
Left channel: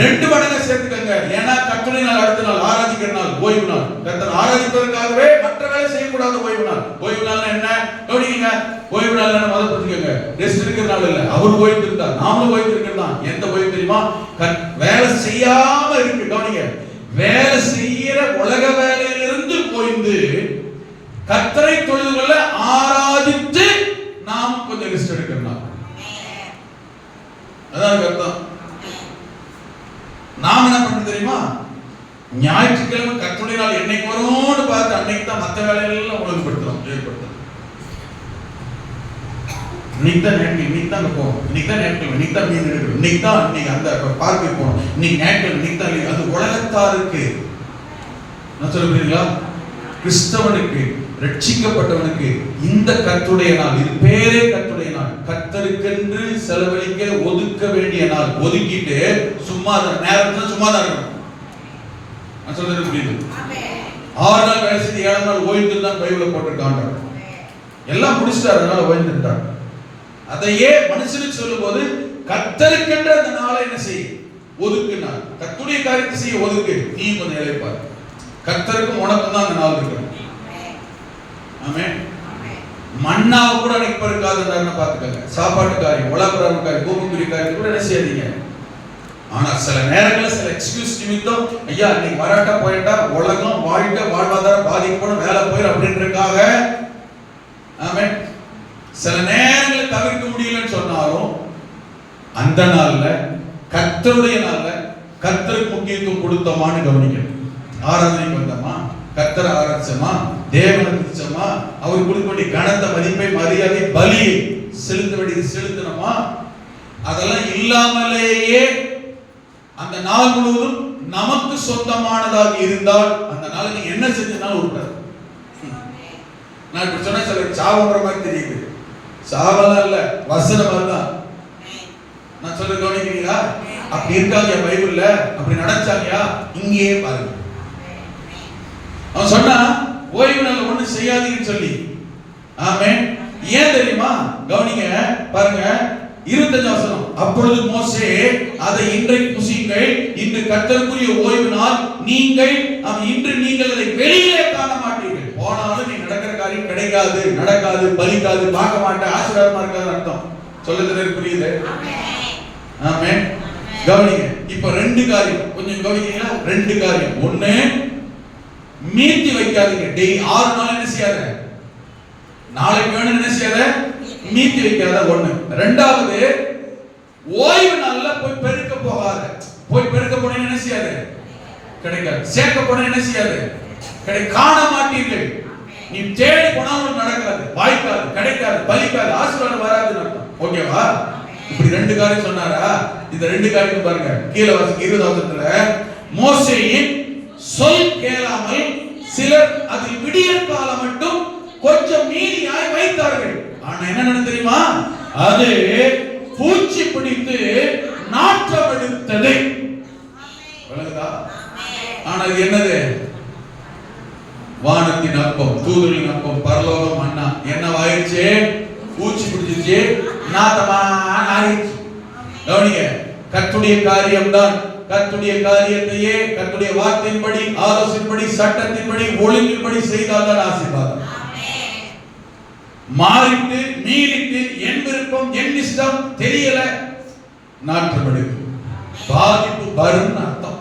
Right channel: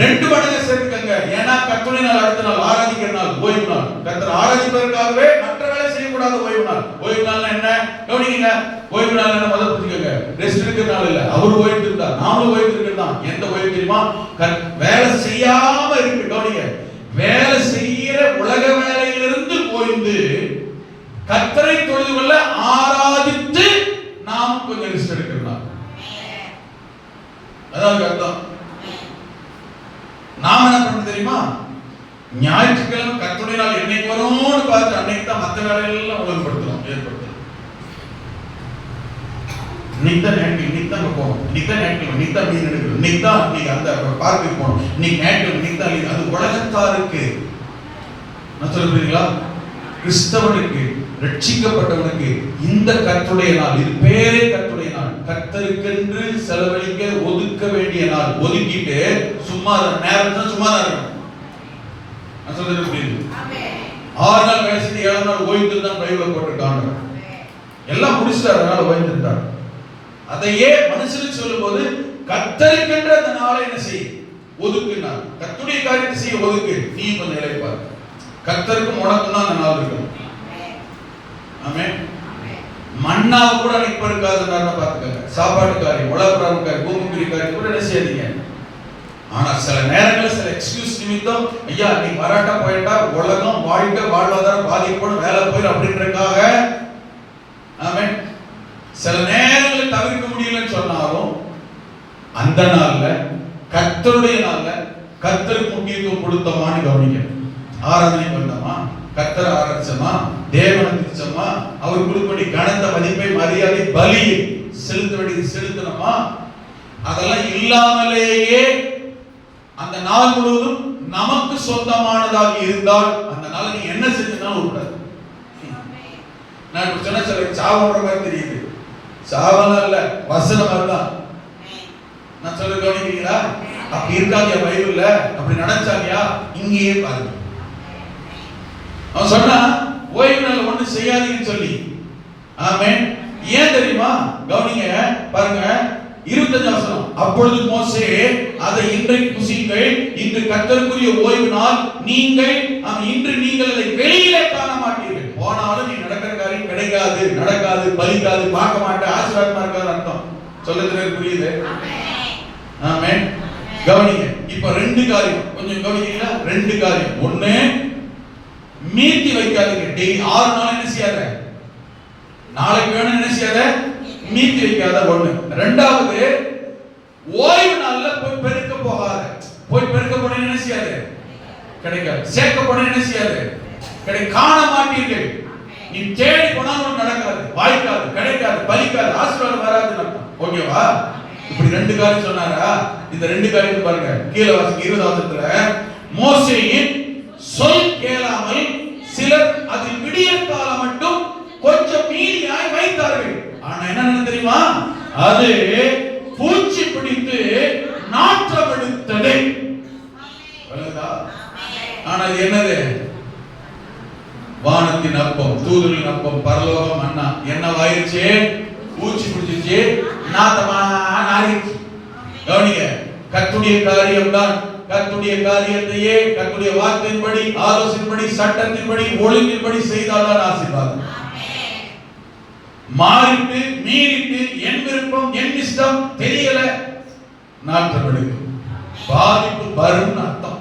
2 மடங்கு சேர்த்துக்கங்க. ஏன்னா கர்த்தருடைய நாள் அடுத்த நாள் ஆராதிக்கிற நாள், ஓய்வு நாள். கர்த்தர் ஆராதிப்பதற்காகவே மற்ற வேலை செய்யக்கூடாது. ஓய்வு நாள். ஓய்வு நாள் என்ன கவனிங்க. ஓய்வு நாள் என்ன முதல்ல புரிஞ்சுக்கங்க. ரெஸ்ட் இருக்கிற நாள் இல்ல. அவர் ஓய்வு இருந்தார், நாமளும் ஓய்வு இருக்கிறதா. எந்த ஓய்வு தெரியுமா? வேலை செய்யாம இருக்கு. கவனிங்க, வேலை செய்யற உலக வேலையிலிருந்து ஓய்ந்து கர்த்தரை தொழுது கொள்ள ஆராதித்து நாம் கொஞ்சம் ரெஸ்ட் எடுக்கலாம். அதான் அர்த்தம். நாம் என்ன பண்ண தெரியுமா? ஞாயிற்றுக்கிழமை கர்த்தருடைய நாள் என்னைக்கு வரும்னு பார்த்து அன்னைக்கு தான் மற்ற வேலைகளெல்லாம் ஒழுங்குபடுத்தலாம், ஏற்படுத்தலாம். இன்னைக்கு தான் போகணும், இன்னைக்கு தான் நேட்கள், இன்னைக்கு தான் மீன் எடுக்கணும், இன்னைக்கு தான் நீங்க அந்த பார்க்குக்கு போகணும், இன்னைக்கு நேட்கள், இன்னைக்கு தான். அது உலகத்தாருக்கு. நான் சொல்லுறீங்களா? கிறிஸ்தவனுக்கு, ரட்சிக்கப்பட்டவனுக்கு இந்த கர்த்தருடைய நாள், இது பேரே கர்த்தருடைய நாள், கர்த்தருக்கென்று செலவழிக்க ஒதுக்க வேண்டிய நாள். ஒதுக்கிட்டு சும்மா நேரத்துல சும்மா தான் இருக்கணும். நான் சொல்றது புரியுது? 6 நாள் வேலை செஞ்சு 7ஆம் நாள் ஓய்வு தான் பைபிள்ல போட்டிருக்காங்க. எல்லாம் முடிச்சுட்டு அதனால ஓய்வு இருந்தாங்க. அதையே மனுஷனுக்கு சொல்லும்போது கர்த்தருக்கென்று அந்த நாளை என்ன செய்ய ஒதுக்குனார். கர்த்தருடைய காரியத்தை செய்ய ஒதுக்கு. நீ கொஞ்சம் இளைப்பார். கர்த்தருக்கும் உனக்கும் தான் அந்த நாள் இருக்கணும். ஆமென். மன்னாவை கூட அன்னைக்கு இருக்காதுன்னு பார்த்துக்கங்க. சாப்பாட்டு காரியம், உலகப்பிரகார காரியம், பூமிக்குரிய காரியம் கூட என்ன செய்யாதீங்க. ஆனா சில நேரங்களில் சில எக்ஸ்கியூஸ் நிமித்தம், ஐயா நீ வராட்டா போயிட்டா உலகம் வாழ்க்கை வாழ்வாதாரம் பாதிக்கப்படும், வேலை போயிடும் அப்படின்றதுக்காக, ஆமென், சில நேரங்களில் தவிர்க்க முடியலன்னு சொன்னாலும் அந்த நாள்ல கர்த்தருடைய நாள்ல கர்த்தருக்கு முக்கியத்துவம் கொடுத்தோமான்னு கவனிக்கணும். ஆராதனைக்கு வந்தோமா, கர்த்தரை ஆராதிச்சோமா, தேவனை துதிச்சோமா, அவர் கொடுக்கக்கூடிய கனத்த மதிப்பை, மரியாதை, பலி செலுத்த வேண்டியது செலுத்தணுமா, அதெல்லாம் இல்லாமலேயே அந்த நாள் முழுவதும் நமக்கு சொந்தமானதாக இருந்தால் அந்த நாள் நீ என்ன செஞ்சாலும் விட்டாது. நான் இப்ப சொன்ன சில சாவற மாதிரி தெரியுது. சாவலாம் இல்ல, வசனம் அதுதான். நான் சொல்றது கவனிக்கிறீங்களா? அப்படி இருக்காங்க பைபிள்ல, அப்படி நடச்சாங்கயா? இங்கேயே பாருங்க. அவன் சொன்னா ஓய்வு நாள் ஒண்ணு செய்யாதீங்கன்னு சொல்லி. ஆமென். ஏன் தெரியுமா? கவனிங்க, பாருங்க 25 வசனம். அப்பொழுது மோசே, அதை இன்றைக்கு புசியுங்கள், இன்று கர்த்தருக்குரிய ஓய்வு நாள், நீங்கள் இன்று நீங்கள் அதை வெளியிலே காண மாட்டீர்கள். போனாலும் நீ நடக்கிற காரியம் கிடைக்காது, நடக்காது, பலிக்காது, பார்க்க மாட்டேன், ஆசீர்வாதமா இருக்காது அர்த்தம். சொல்லுறது புரியுது? ஆமென். கவனிங்க, இப்ப 2 காரியம் கொஞ்சம் கவனிக்கீங்களா? 2 காரியம். ஒண்ணு, மீட்டி வைக்காதீங்க. டெய்லி 6 நாள் என்ன செய்யாத, நாளைக்கு வேணும் என்ன செய்யாத, மீட்டி வைக்காத. ஒண்ணு. ரெண்டாவது, ஓய்வு நாள்ல போய் பெருக்க போகாத. போய் பெருக்க போனா என்ன செய்யாது, கிடைக்காது. சேர்க்க போனா என்ன செய்யாது, காண மாட்டீர்கள். நீ தேடி போனாலும் நடக்காது, வாய்க்காது, கிடைக்காது, பலிக்காது, ஆசீர்வாதம் வராதுன்னு அர்த்தம். ஓகேவா? இப்படி 2 காரியம் சொன்னாரா? இந்த 2 காரியம் பாருங்க, கீழே வாசிக்க 20 வசனத்துல, மோசேயின் சொல் கேளாமல் சிலர் அதில் விடியற் காலம் மட்டும் கொஞ்சம் மீதியாய் வைத்தார்கள். ஆனா என்ன தெரியுமா? அது பூச்சி பிடித்து நாற்றம் எடுத்தது. வானத்தின் அப்பம், தூதரின் அப்பம், பரலோகம் மன்னா என்னவாயிருச்சு? பூச்சி பிடிச்சிருச்சு, நாத்தமா நாரிச்சு. கவனிங்க, கர்த்தருடைய காரியம்தான். கர்த்தருடைய காரியத்தையே கர்த்தருடைய வார்த்தையின்படி, ஆலோசனையின்படி, சட்டத்தின்படி, ஒழுங்கின்படி செய்தால்தான் ஆசீர்வாதம். மாறிட்டு மீறிட்டு என் விருப்பம் என் இஷ்டம் தெரியல, நாட்டம் எடுக்கும், பாதிப்பு வரும் அர்த்தம்.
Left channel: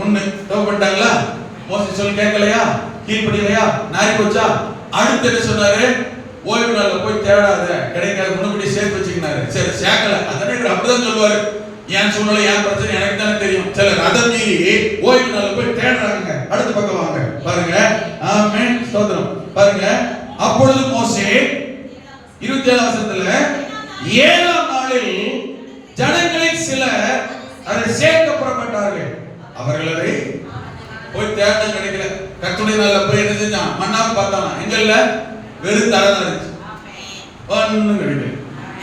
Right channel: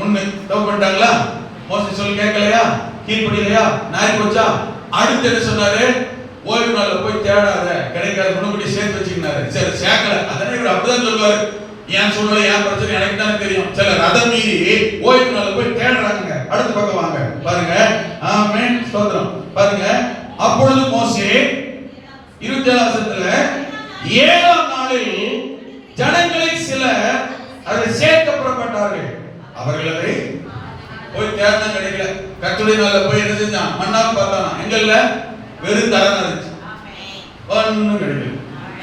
ஒண்ணு தோப்பட்டாங்களா, மோசே சொல்லி கேட்கலையா, கீழ்படியலையா, நாரி போச்சா? அடுத்து என்ன சொன்னாரு? ஓய்வு நாள்ல போய் தேடாத, கிடைக்காத முன்னுக்கூட்டி சேர்த்து வச்சுக்கினாரு. சரி, சேர்க்கல, அதனை இவர் அப்படிதான் சொல்லுவாரு. என் சூழ்நிலை, என் பிரச்சனை எனக்கு தானே தெரியும். சிலர் அதை மீறி ஓய்வு நாள்ல போய் தேடுறாங்க. அடுத்த பக்கம் வாங்க பாருங்க. ஆமென், ஸ்தோத்திரம். பாருங்க, அப்பொழுது மோசே 27 வசனத்துல 7ஆம் நாளில் ஜனங்களில் சிலர் அதை சேர்க்க புறப்பட்டார்கள். அவர்களை போய் தேட கிடைக்கல. கர்த்தருடைய நாள்ல போய் என்ன செஞ்சான்? மன்னாவை பார்த்தானா? எங்க இல்ல, வெறும் தலை இருந்துச்சு, ஒண்ணும் கிடைக்கல,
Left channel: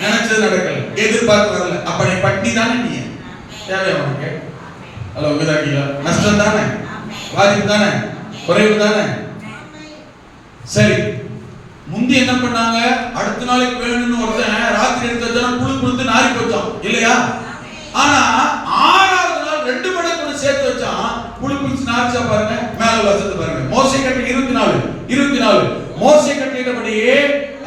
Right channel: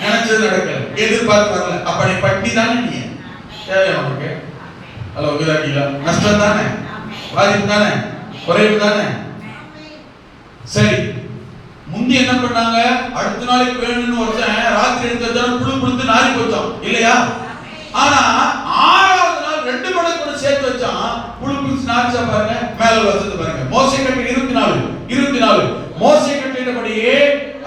நினைச்சது நடக்கல, எதிர்பார்த்து வரல. அப்ப நீ பட்டி தானே, நீ தேவையா உனக்கு? அல்ல உங்களாக்கியா? நஷ்டம் தானே, பாதிப்பு தானே, குறைவு தானே. சரி, முந்தி என்ன பண்ணாங்க? அடுத்த நாளைக்கு வேணும்னு ஒருத்தன் ராத்திரி எடுத்து வச்சாலும் புழு புழுத்து நாரி போச்சான் இல்லையா? ஆனா 6ஆவது நாள் 2 மடங்கு சேர்த்து வச்சான், புழு புழுத்து நாரிச்சா பாருங்க. மேல வசனத்தை பாருங்க. மோசே கட்டளை 24 மோசே கட்டளையின்படியே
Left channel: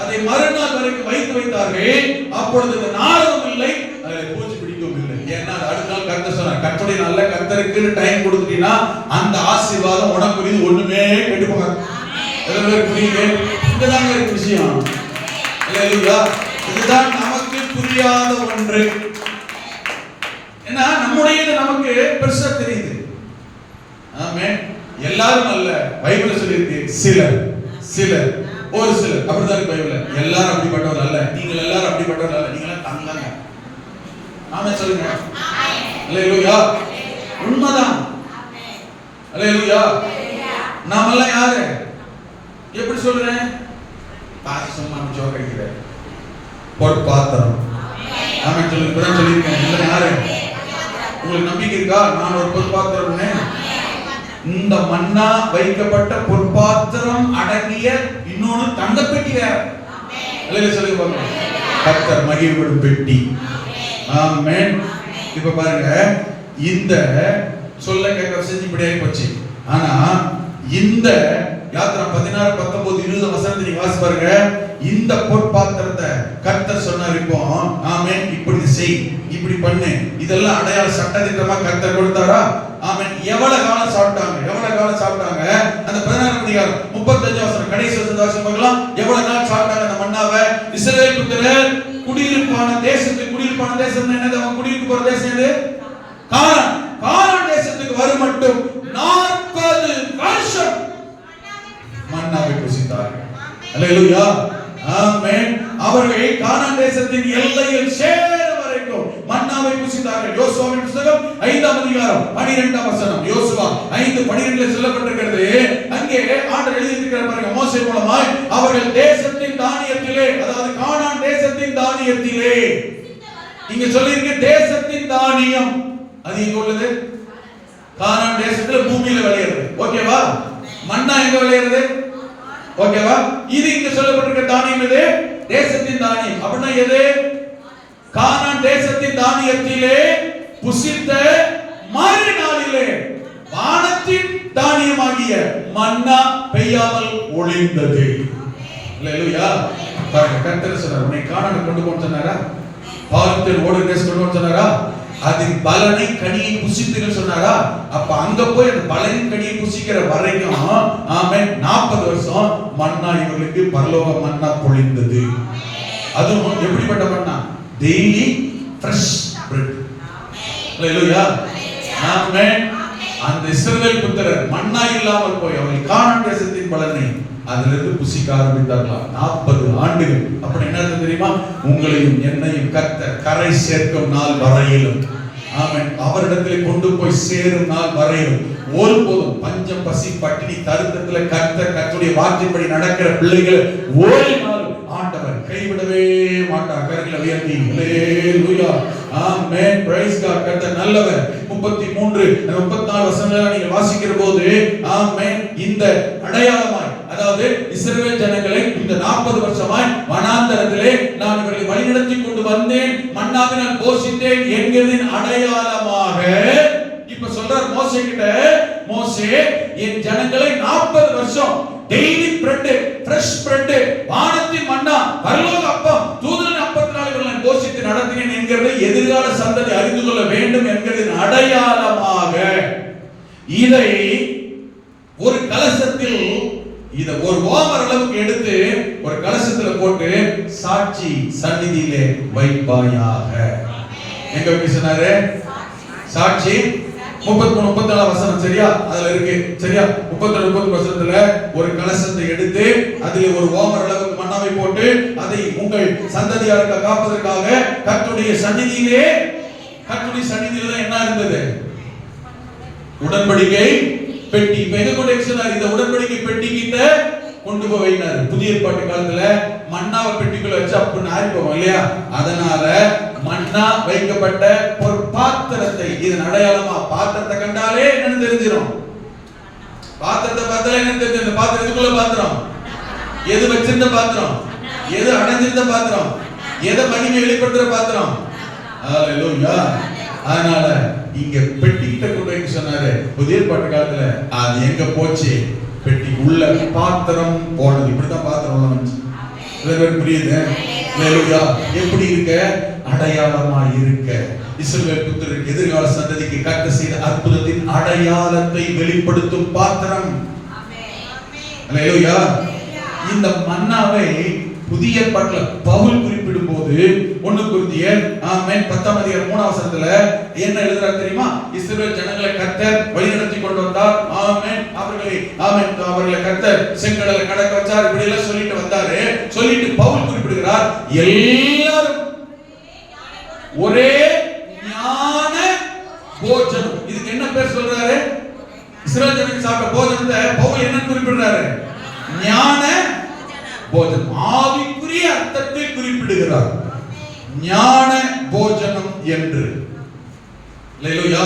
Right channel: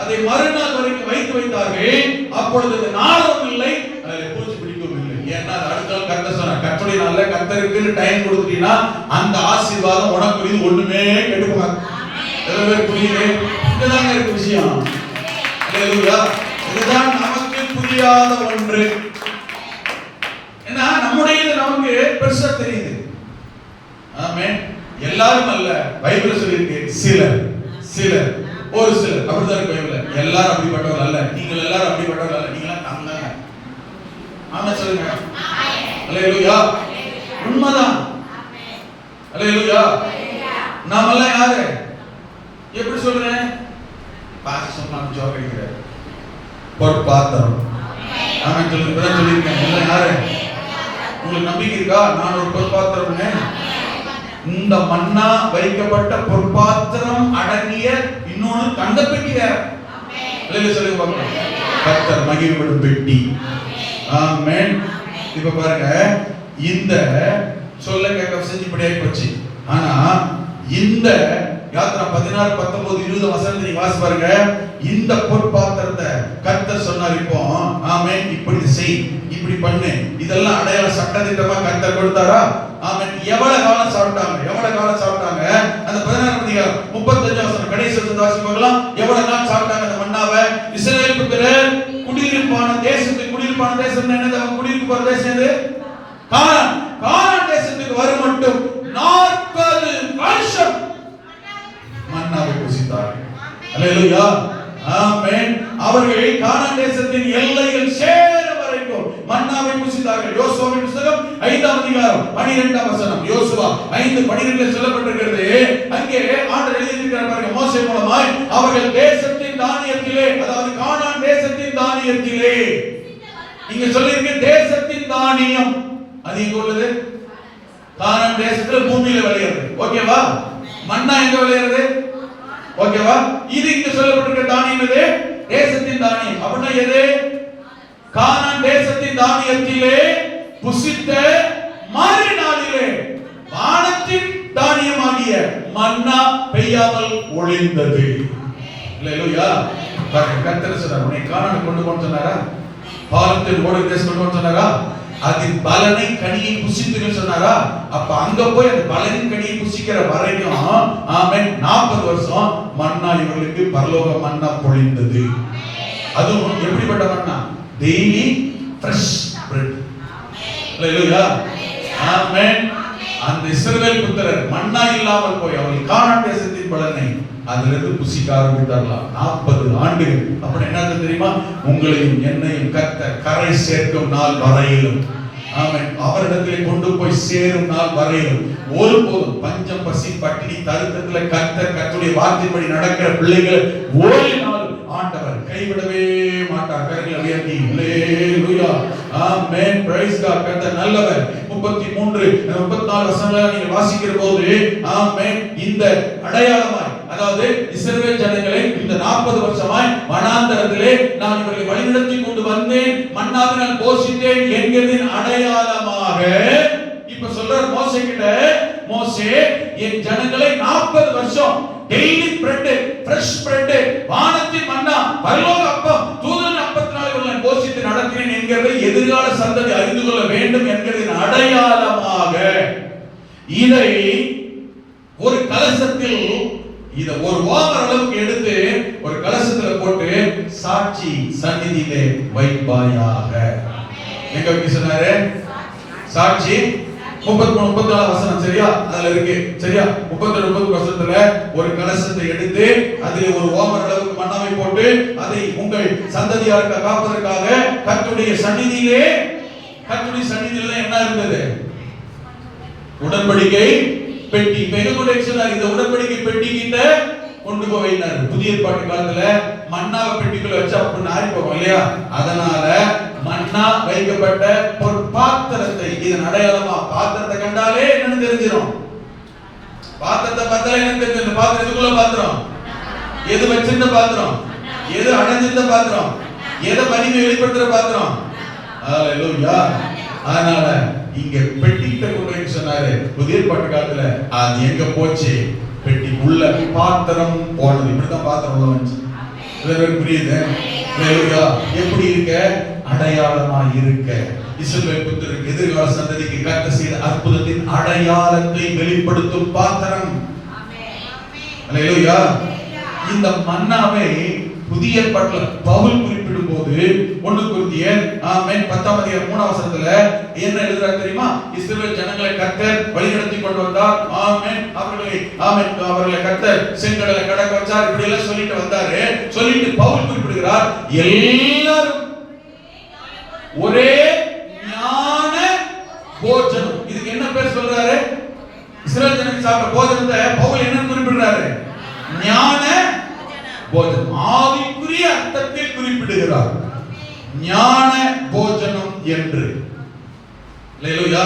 அதை மறுநாள் வரைக்கும் வைத்தார்கள். அப்பொழுது இந்த நாளும் இல்லை, அதில் பூச்சி பிடிக்கவும் இல்லை. ஏன்னா அடுத்த நாள் கர்த்தர் சொன்னார், கர்த்தருடைய நாள்ல கர்த்தருக்கு டைம் கொடுத்தீங்கன்னா அந்த ஆசீர்வாதம் உனக்கு ஒண்ணுமே கெட்டு போகாது. புரியுது? இதுதான் இருக்கு விஷயம். இதுதான் நமக்கு புரியாத ஒன்று. ஏன்னா நம்முடைய நமக்கு பெருசா தெரியுது. ஆமென். எல்லாரும் அல்ல, பைபிள் சொல்லிருக்கு சிலர் ஒரு சிலர் அப்படிதான் இருக்கு பைபிள்ல. எல்லாரும் அப்படிப்பட்டவர்கள் அல்ல, நீங்கள் எல்லாரும் அப்படிப்பட்டவர்கள் அல்ல, நீங்க எல்லாம் தங்கங்க. ஆமென் சொல்லுங்க. அல்லேலூயா. உண்மைதான். அல்லேலூயா. நாமெல்லாம் யாரு? எப்படி சொல்றேன்? பாஸ் சொன்னாங்க ஜோக்கடிக்கிற பொற்பாத்திரம். ஆமென் சொல்லுங்க. பிரதர் சொல்லிருக்கேன். நீங்க யாரு? உங்களுக்கு நம்பிக்கை இருக்கா? நான் ஒரு பொற்பாத்திரம்னு. இந்த மன்னா வைக்கப்பட்ட பொற்பாத்திரம் அடங்கிய இன்னொரு தங்கப்பெட்டி வேற. அல்லேலூயா சொல்லுங்க. கர்த்தர் மகிமைப்படும் பெட்டி. ஆமென். இப்ப பாருங்க, இந்த சொல்ல கேட்க செஞ்சுபடியாகி போச்சு. ஆனா இந்த யாத்ரா 16, 19, 20 வசனத்தை நீங்க வாசி பாருங்க. இந்த பொற்பாத்திரத்தை கர்த்தர் சொன்னார். இப்போ ஆமென், இப்படி செய், இப்படி பண்ணு, இதெல்லாம் அடையாள சட்டதிட்டமா கர்த்தர் கொடுத்தாரா? ஆமென். எவ்வளவு காலம் சாப்பிட்டாங்க? அந்த 16ஆம் அதிகாரம் 35 வசனம் கடைசி வசனத்தை வாசி பார்க்கலாம். எவ்வளவு நாள் சாப்பிட்டாங்க அந்த மன்னாவை? இஸ்ரவேல் புத்திரர் குடியிருப்பான தேசம் என்னது? அவங்க குடியிருப்பு போற தேசம் எது? கானான் தேசத்துக்கு வரும் மட்டும் 40 வருஷம் மன்னாவை புசித்தார்கள். அல்லேலூயா. ஆமென். அவர்கள் கானான் தேசத்தின் எல்லையில் சேரும் வரைக்கும் மன்னாவை புசித்தார்கள். யோசுவாவின் புத்தகம் 5ஆம் அதிகாரம் 12ஆம் வசனம். யோசுவா 5:12 சொல்லப்பட்டிருக்கிறது. அங்கே ஆண்டவர் எழுதியிருக்கிறார் பாருங்க. மோசே மூலமாய் அவர்கள் தேசத்தின் தானியத்திலே, அதாவது கானான் தேசத்தின் தானியத்திலே, இங்க சொல்லிருக்கு தேசத்தின் தானியம். அது எங்க உள்ளது? கானான் தேசத்துல பூமியில விளையிறது. ஓகேவா? மன்னா எங்க விளையிறது? ஓகேவா? இது இங்க சொல்லப்பட்டிருக்கிற தானியம் இது தேசத்தின் தானியம். அப்படின்னா எது? கானான் தேசத்தின் தானியத்திலே புசித்த மறுநாளிலே வானத்தின் தானியமாகிய மன்னா பெய்யாமல் ஒளிந்தது. அல்லேலூயா. கர்த்தர் சொன்னார், உன்னை கானானுக்கு கொண்டு போன்னு சொன்னாரா? பாலத்தில் ஓடுகிற தேசம் கொண்டு போன்னு சொன்னாரா? அதின் பலனை கனியை புசித்துன்னு சொன்னாரா? அப்ப அங்க போய் அந்த பலனின் கனியை புசிக்கிற வரைக்கும் ஆமென் 40 வருஷம் மன்னா இவங்களுக்கு பரலோக மன்னா பொழிந்தது. அதுவும் எப்படிப்பட்ட மன்னா? Daily fresh bread. அல்லேலூயா. ஆமென். அந்த இஸ்ரவேல் புத்திரர் மன்னா இல்லாமல் போய் அவர்கள் கானான் தேசத்தின் பலனை அதிலிருந்து புசிக்க ஆரம்பித்தார்களாம் 40 ஆண்டுகள். அப்படி என்ன தெரியுமா? உங்களையும் என்னையும் கர்த்தர் கரை சேர்க்கும் நாள் வரையிலும், ஆமென், அவரிடத்திலே கொண்டு போய் சேரும் நாள் வரையிலும் ஒருபோதும் பஞ்சம், பசி, பட்டினி, தரித்திரத்தில் கர்த்தருடைய வார்த்தைப்படி நடக்கிற பிள்ளைகள் ஒரு நாள் ஆண்டவர் கைவிடவே மாட்டார். கரங்களை உயர்த்தி அல்லேலூயா. ஆமென். Price God. கர்த்தர் நல்லவர். 33 33-34 வசனங்களை நீங்க வாசிக்கிற போது ஆமென், இந்த அடையாளமாய், அதாவது இஸ்ரவேல் ஜனங்களை இந்த 40 வருஷமாய் வனாந்தரத்திலே நான் இவர்களை வழிநடத்தி கொண்டு வந்தேன், மன்னாவினால் போஷித்தேன் என்கிறதின் அடையாளமாக இப்ப சொல்றார் மோசே கிட்ட, மோசே என் ஜனங்களை 40 வருஷம் டெய்லி பிரெட், ஃப்ரெஷ் பிரெட், வானத்தின் மன்னா, பரலோக அப்பம், தூதன் அப்பத்தினால் இவர்களை போஷித்து நடத்தினேன் என்கிறதை எதிர்கால சந்ததி அறிந்து கொள்ள வேண்டும் என்கிறதின் அடையாளமாக இதை ஒரு கலசத்தில், இத ஒரு ஓமர் அளவுக்கு எடுத்து ஒரு கலசத்துல போட்டு சாட்சி சந்நிதியிலே வைப்பாயாக. எங்க போய் சொன்னாரு? சாட்சி 33-34 வசனம், சரியா? அதுல இருக்கு, சரியா? 32-30 வசனத்துல ஒரு கலசத்தை எடுத்து அதில் ஒரு ஓமர் அளவுக்கு மன்னாவை போட்டு அதை உங்கள் சந்ததியாருக்கு காப்பதற்காக கர்த்தருடைய சந்நிதியிலே, கர்த்தருடைய சந்நிதியில என்ன இருந்தது? உடன்படிக்கை பெட்டி. இந்த உடன்படிக்கை பெட்டி கிட்ட கொண்டு போயினார். புதிய ஏற்பாட்டு காலத்துல மன்னாவை பெட்டிக்குள்ள வச்சு அப்படி நாரி போவோம் இல்லையா? அதனால மன்னா வைக்கப்பட்ட ஒரு பாத்திரத்தை, இதன் அடையாளமா பாத்திரத்தை கண்டாலே என்னன்னு தெரிஞ்சிடும். பாத்திரத்தை பார்த்தாலே என்ன தெரியும்? இந்த பாத்திரம் எதுக்குள்ள பாத்திரம்? எது வச்சிருந்த பாத்திரம்? எது அடைஞ்சிருந்த பாத்திரம்? எதை மகிமை வெளிப்படுத்துற பாத்திரம்? ஹalleluya. அதனால இங்க பெட்டி கிட்ட கொண்டு போய் சொன்னாரு. புதிய ஏற்பாட்டு காலத்துல அது எங்க போச்சு? பெட்டி உள்ள பாத்திரம் போனது. இப்படிதான் பாத்திரம் வந்துச்சு. புரியுது? ஹalleluya. எப்படி இருக்க? அடையாளமா இருக்க. இஸ்ரவேல் புத்திரருக்கு எதிர்கால சந்ததிக்கு கர்த்தர் செய்த அற்புதத்தின் அடையாளத்தை வெளிப்படுத்தும் பாத்திரம். ஹalleluya. இந்த மன்னாவை புதிய ஏற்பாட்டுல பவுல் குறிப்பிடும் போது 1 கொரிந்தியர் 10-3 வசனத்துல என்ன எழுதுறார் தெரியுமா? இஸ்ரவேல் ஜனங்களை கர்த்தர் வழிநடத்தி கொண்டு வந்தார். அவர்களை கர்த்தர் செங்கடலை கடக்க வச்சார். இப்படி எல்லாம் சொல்லிட்டு வந்தாரு. சொல்லிட்டு பவுல் குறிப்பிடுகிறார், எல்லாரும் ஒரே ஞான போஜனம். இதுக்கு என்ன பேர் சொல்றாரு? இஸ்ரவேல் ஜனங்கள் சாப்பிட்ட போஜனத்தை பவுல் என்ன குறிப்பிடுறாரு? ஞான போஜனம். ஆவிக்குரிய அர்த்தத்தை குறிப்பிடுகிறார். ஞான போஜனம் என்று. ஹalleluya.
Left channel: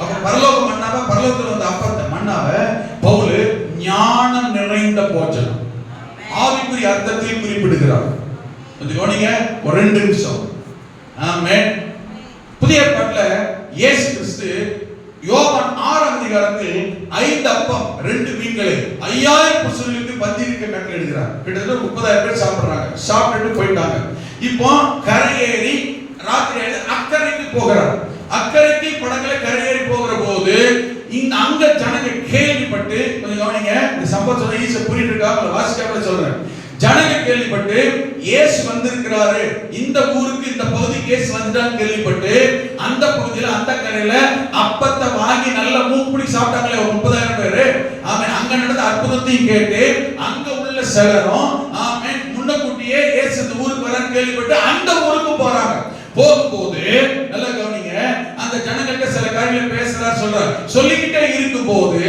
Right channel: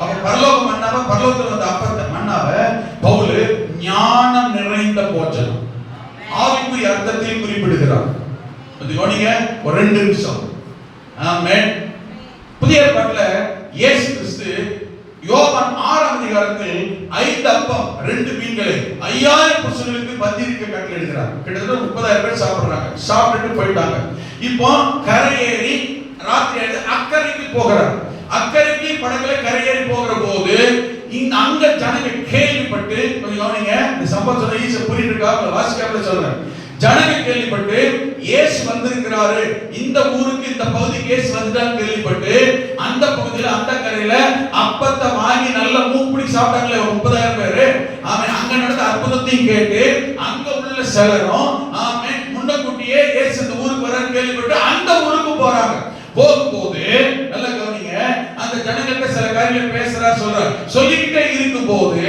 அப்ப பரலோக மன்னாவை, பரலோகத்துல வந்த அப்பத்தை மன்னாவை பவுல் ஞானம் நிறைந்த போஜனம், ஆவிக்குரிய அர்த்தத்தை குறிப்பிடுகிறார். கொஞ்சம் கவனிங்க ஒரு 2 நிமிஷம். ஆமென். புதிய ஏற்பாட்டுல இயேசு கிறிஸ்து யோவான் 6ஆம் அதிகாரத்தில் 5 அப்பம் 2 மீன்களை 5000 புருஷர்களுக்கு பந்தியிருக்க கட்டளையிடுகிறார். கிட்டத்தட்ட 30,000 பேர் சாப்பிடுறாங்க. சாப்பிட்டு போயிட்டாங்க. இப்போ கரையேறி ராத்திரி அக்கறைக்கு போகிறார். அக்கறைக்கு படகுல கரையேறி போகிற போது அங்க ஜனங்க கேள்விப்பட்டு, கொஞ்சம் கவனிங்க, இந்த சம்பவம் சொன்ன ஈச புரியுது இருக்கா? வாசிக்காம சொல்றேன். ஜனங்க கேள்விப்பட்டு இயேசு வந்திருக்கிறாரு, இந்த ஊருக்கு இந்த பகுதிக்கு இயேசு வந்துட்டான்னு கேள்விப்பட்டு அந்த பகுதியில அந்த கரையில அப்பத்தை வாங்கி நல்ல மூக்குப்பிடி சாப்பிட்டாங்களே ஒரு 30,000 பேரு. அவன் அங்க நடந்த அற்புதத்தையும் கேட்டு அங்க உள்ள சிலரும் ஆமென் முன்னக்கூட்டியே இயேசு இந்த ஊருக்கு வரன்னு கேள்விப்பட்டு அந்த ஊருக்கு போறாங்க. போகும்போது நல்ல கவனிங்க, அந்த ஜனங்களுக்கு சில காரியங்கள் பேசுறார், சொல்றார். சொல்லிக்கிட்டே இருக்கும் போது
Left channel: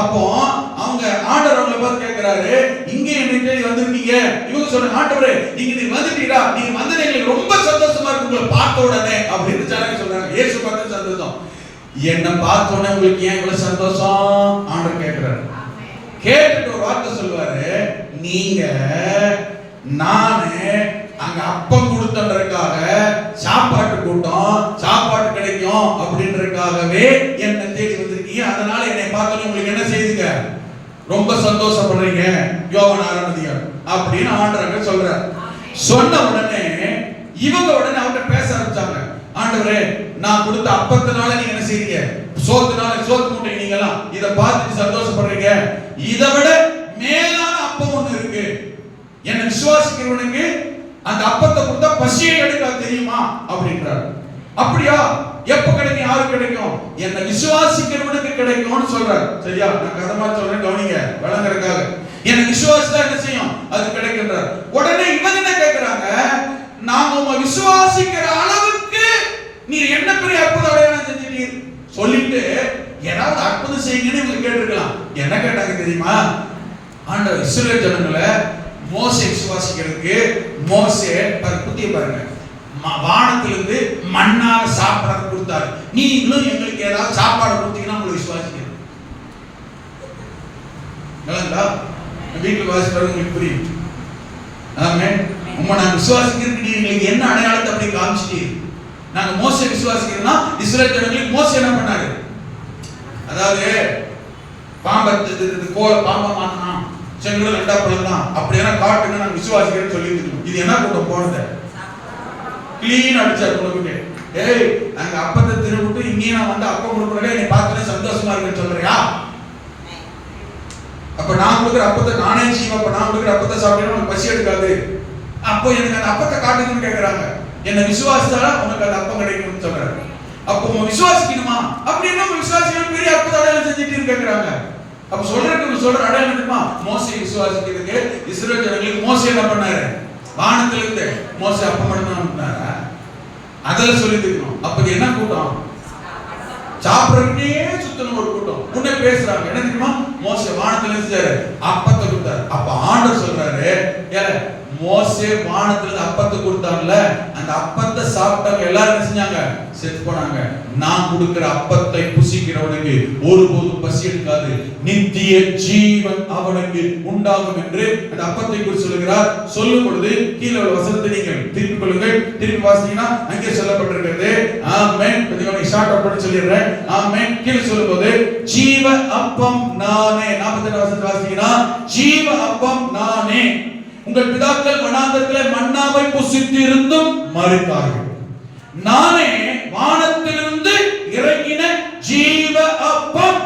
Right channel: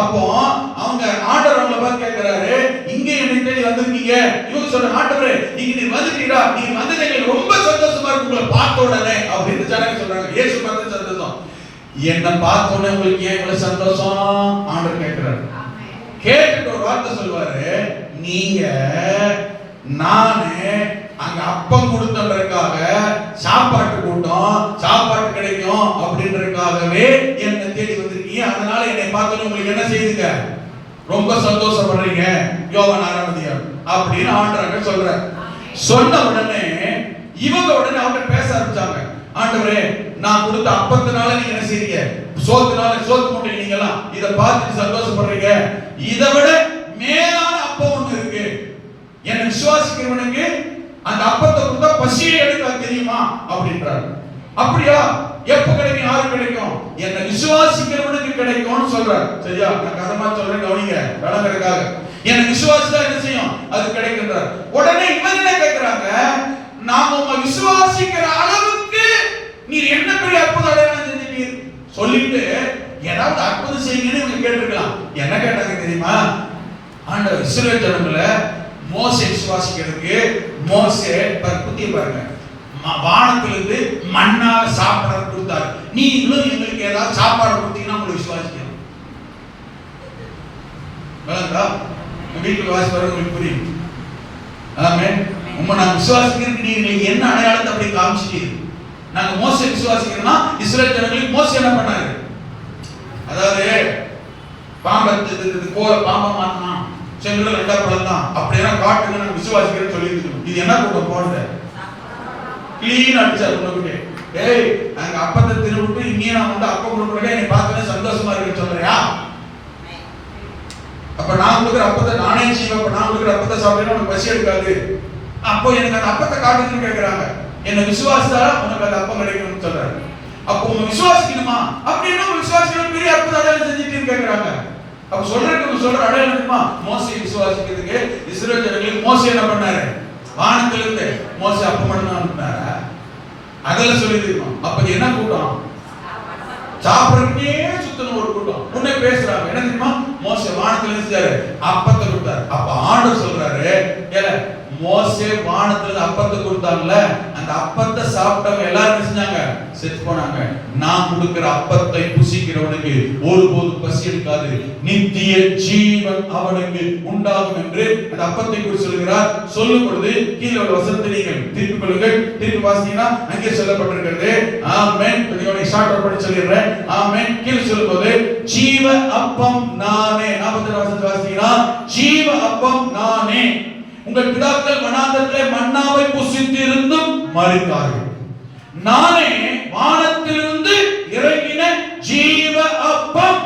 அப்போ அவங்க ஆண்டவர் அவங்களை பார்த்து கேட்கிறாரு, இங்க என்னை தேடி வந்திருக்கீங்க. இவங்க சொல்றாங்க, ஆண்டவரே நீங்க வந்துட்டீங்களா? நீங்க வந்தது எங்களுக்கு ரொம்ப சந்தோஷமா இருக்கு உங்களை பார்த்த உடனே அப்படின்னு ஜனங்க சொல்றாங்க. இயேசு பார்த்து சந்தோஷம். என்ன பார்த்த உடனே உங்களுக்கு ஏன் இவ்வளவு சந்தோஷம்? ஆண்டவர் கேட்கிறாரு. கேட்டுட்டு ஒரு வார்த்தை சொல்வாரு, நீங்க நானு அங்க அப்பம் கொடுத்தன்றதுக்காக சாப்பாட்டு கூட்டம், சாப்பாட்டு கிடைக்கும் அப்படின்றதுக்காகவே என்ன தேடி வந்திருக்கீங்க. அதனால என்னை பார்த்தோன்னே உங்களுக்கு என்ன செய்யுங்க? ரொம்ப சந்தோஷப்படுறீங்க. யோவான் 6ஆம் அதிகாரம் அப்படின்னு ஆண்டவர் சொல்றார். சொன்ன உடனே இவங்க உடனே அவங்க பேச ஆரம்பிச்சாங்க. ஆண்டவரே, நான் கொடுத்த அப்பத்தினால நீங்க என்ன செய்றீங்க? சோத்து மூட்டை நீங்கலாம் இத பார்த்துட்டு சந்தோஷப்படுறீங்க. இதை விட மேலான அப்பம் ஒண்ணு இருக்கு. என்ன விசுவாசிக்கிறவனுக்கு அந்த அப்பத்தை கொடுத்தா பசியை எடுக்க தெரியுமா அப்படின்றார். அப்படியா? எப்ப கிடைக்கும்? யாருக்கு கிடைக்கும்? என்ன விசுவாசிக்கிறவனுக்கு கிடைக்கும்னு சொல்றார். சரியா? நான் கதமா சொல்றேன், கவனிங்க வழங்குறதுக்காக. என்ன விசுவாசிச்சா என்ன செய்யும்? அது கிடைக்கின்றார். உடனே இவங்க என்ன கேக்குறாங்க? நாம உங்க விசுவாசிக்கிற அளவுக்கு நீ என்ன பெரிய அற்புத அடையாளம் செஞ்சிட்டீர் சொல்லிட்டு ஏதாவது அற்புதம் செய்யுங்கன்னு இவங்க கேட்டிருக்கலாம். என்ன கேட்டாங்க தெரியுமா? ஆண்டவர் இஸ்ரவேல் ஜனங்களை மோசே விசுவாசிக்கிறதுக்கு மோசே புத்திய பாருங்க, வானத்திலிருந்து மண்ணால சாப்பிட கொடுத்தாரு. நீங்களும் எங்களுக்கு நீங்க ஏதாவது சாப்பாடு கொடுத்தீங்கன்னா உங்களை விசுவாசிக்கலாம். விளங்குதா? வீட்டுக்கு வாசிக்கிறவங்க உங்களுக்கு புரியும். ஆமென். உம்மை நான் விசுவாசிக்கிறதுக்கு நீங்க என்ன அடையாளத்தை அப்படி காமிச்சிட்டீங்க? நாங்க மோசே விசுவாசிக்கிறோம்னா இஸ்ரவேல் ஜனங்களுக்கு மோசே என்ன பண்ணாரு? அதாவது பாம்பத்து கோல பாம்பா மாட்டான், செங்கல் ரெண்டா பிளந்தான், அப்படியெல்லாம் காட்டுங்க நாங்க விசுவாசிக்கிறேன்னு சொல்லி இருக்கோம். இது என்ன கூட போனது? கிளீன் அடிச்சார் உங்களுக்கு. ஏய், நாங்க அப்பத்தை திருவிட்டு இங்கே நான் வந்து அப்ப கொடுக்குறேன், என்னை பார்த்து சந்தோஷமா இருக்குன்னு சொல்றியா? அப்ப நான் கொடுக்குற அப்பத்தை நானே செய்வேன். அப்ப நான் கொடுக்குற அப்பத்தை சாப்பிட்டா உனக்கு பசி எடுக்காது. அப்போ எனக்கு அந்த அப்பத்தை காட்டுதுன்னு கேட்கறாங்க. என்ன விசுவாசா உனக்கு அந்த அப்பம் கிடைக்கும்னு சொல்றாங்க. அப்போ உங்க விசுவாசிக்கணுமா? அப்படின்னா விசுவாசிக்கணும் பெரிய அற்புத அடையாளம் செஞ்சுட்டு கேட்கறாங்க. அப்ப சொல்ற அடையாளம் என்னமா? மோசே விசுவாசிக்கிறதுக்கு இஸ்ரவேல் ஜனங்களுக்கு மோசே என்ன பண்ணாரு? வானத்துல இருந்து மோசே அப்பம் மட்டும் அனுப்பினாரா? அதெல்லாம் சொல்லிருக்கோம். அப்ப என்ன கூட்டம்? சாப்பிடுறதுக்கே சுத்தன ஒரு கூட்டம். முன்னே பேசுறாங்க. என்ன தெரியுமா? மோசே வானத்துல இருந்தாரு, அப்பத்தை கொடுத்தாரு. அப்ப ஆண்டவர் சொல்றாரு, மோசே வானத்துல அப்பத்தை கொடுத்தாங்கல்ல, அந்த அப்பத்தை சாப்பிட்டவங்க எல்லாரும் செஞ்சாங்க, செத்து போனாங்க. நான் கொடுக்கிற அப்பத்தை புசிக்கிறவனுக்கு ஒருபோதும் பசி எடுக்காது, நித்திய ஜீவன் அவனுக்கு உண்டாகும் என்று அந்த அப்பத்தை குறித்து சொல்கிறார். சொல்லும் பொழுது கீழே உள்ள வசனத்தை நீங்கள் திருப்பிக் கொள்ளுங்கள். திருப்பி வாசிங்கன்னா அங்கே சொல்லப்பட்டிருக்கிறது. ஆமென். கொஞ்சம் ஷார்ட் அவுட் பண்ணி சொல்லிடுறேன். ஆமென். கீழே சொல்லும்போது ஜீவ அப்பம் நானே. 42 வசனம் வாசிங்கன்னா ஜீவ அப்பம் நானே. உங்கள் பிதாக்கள் வனாந்தரத்திலே மன்னாவை புசித்து இருந்தும் மரித்தார்கள். நானே வானத்திலிருந்து இறங்கின ஜீவ அப்பம்.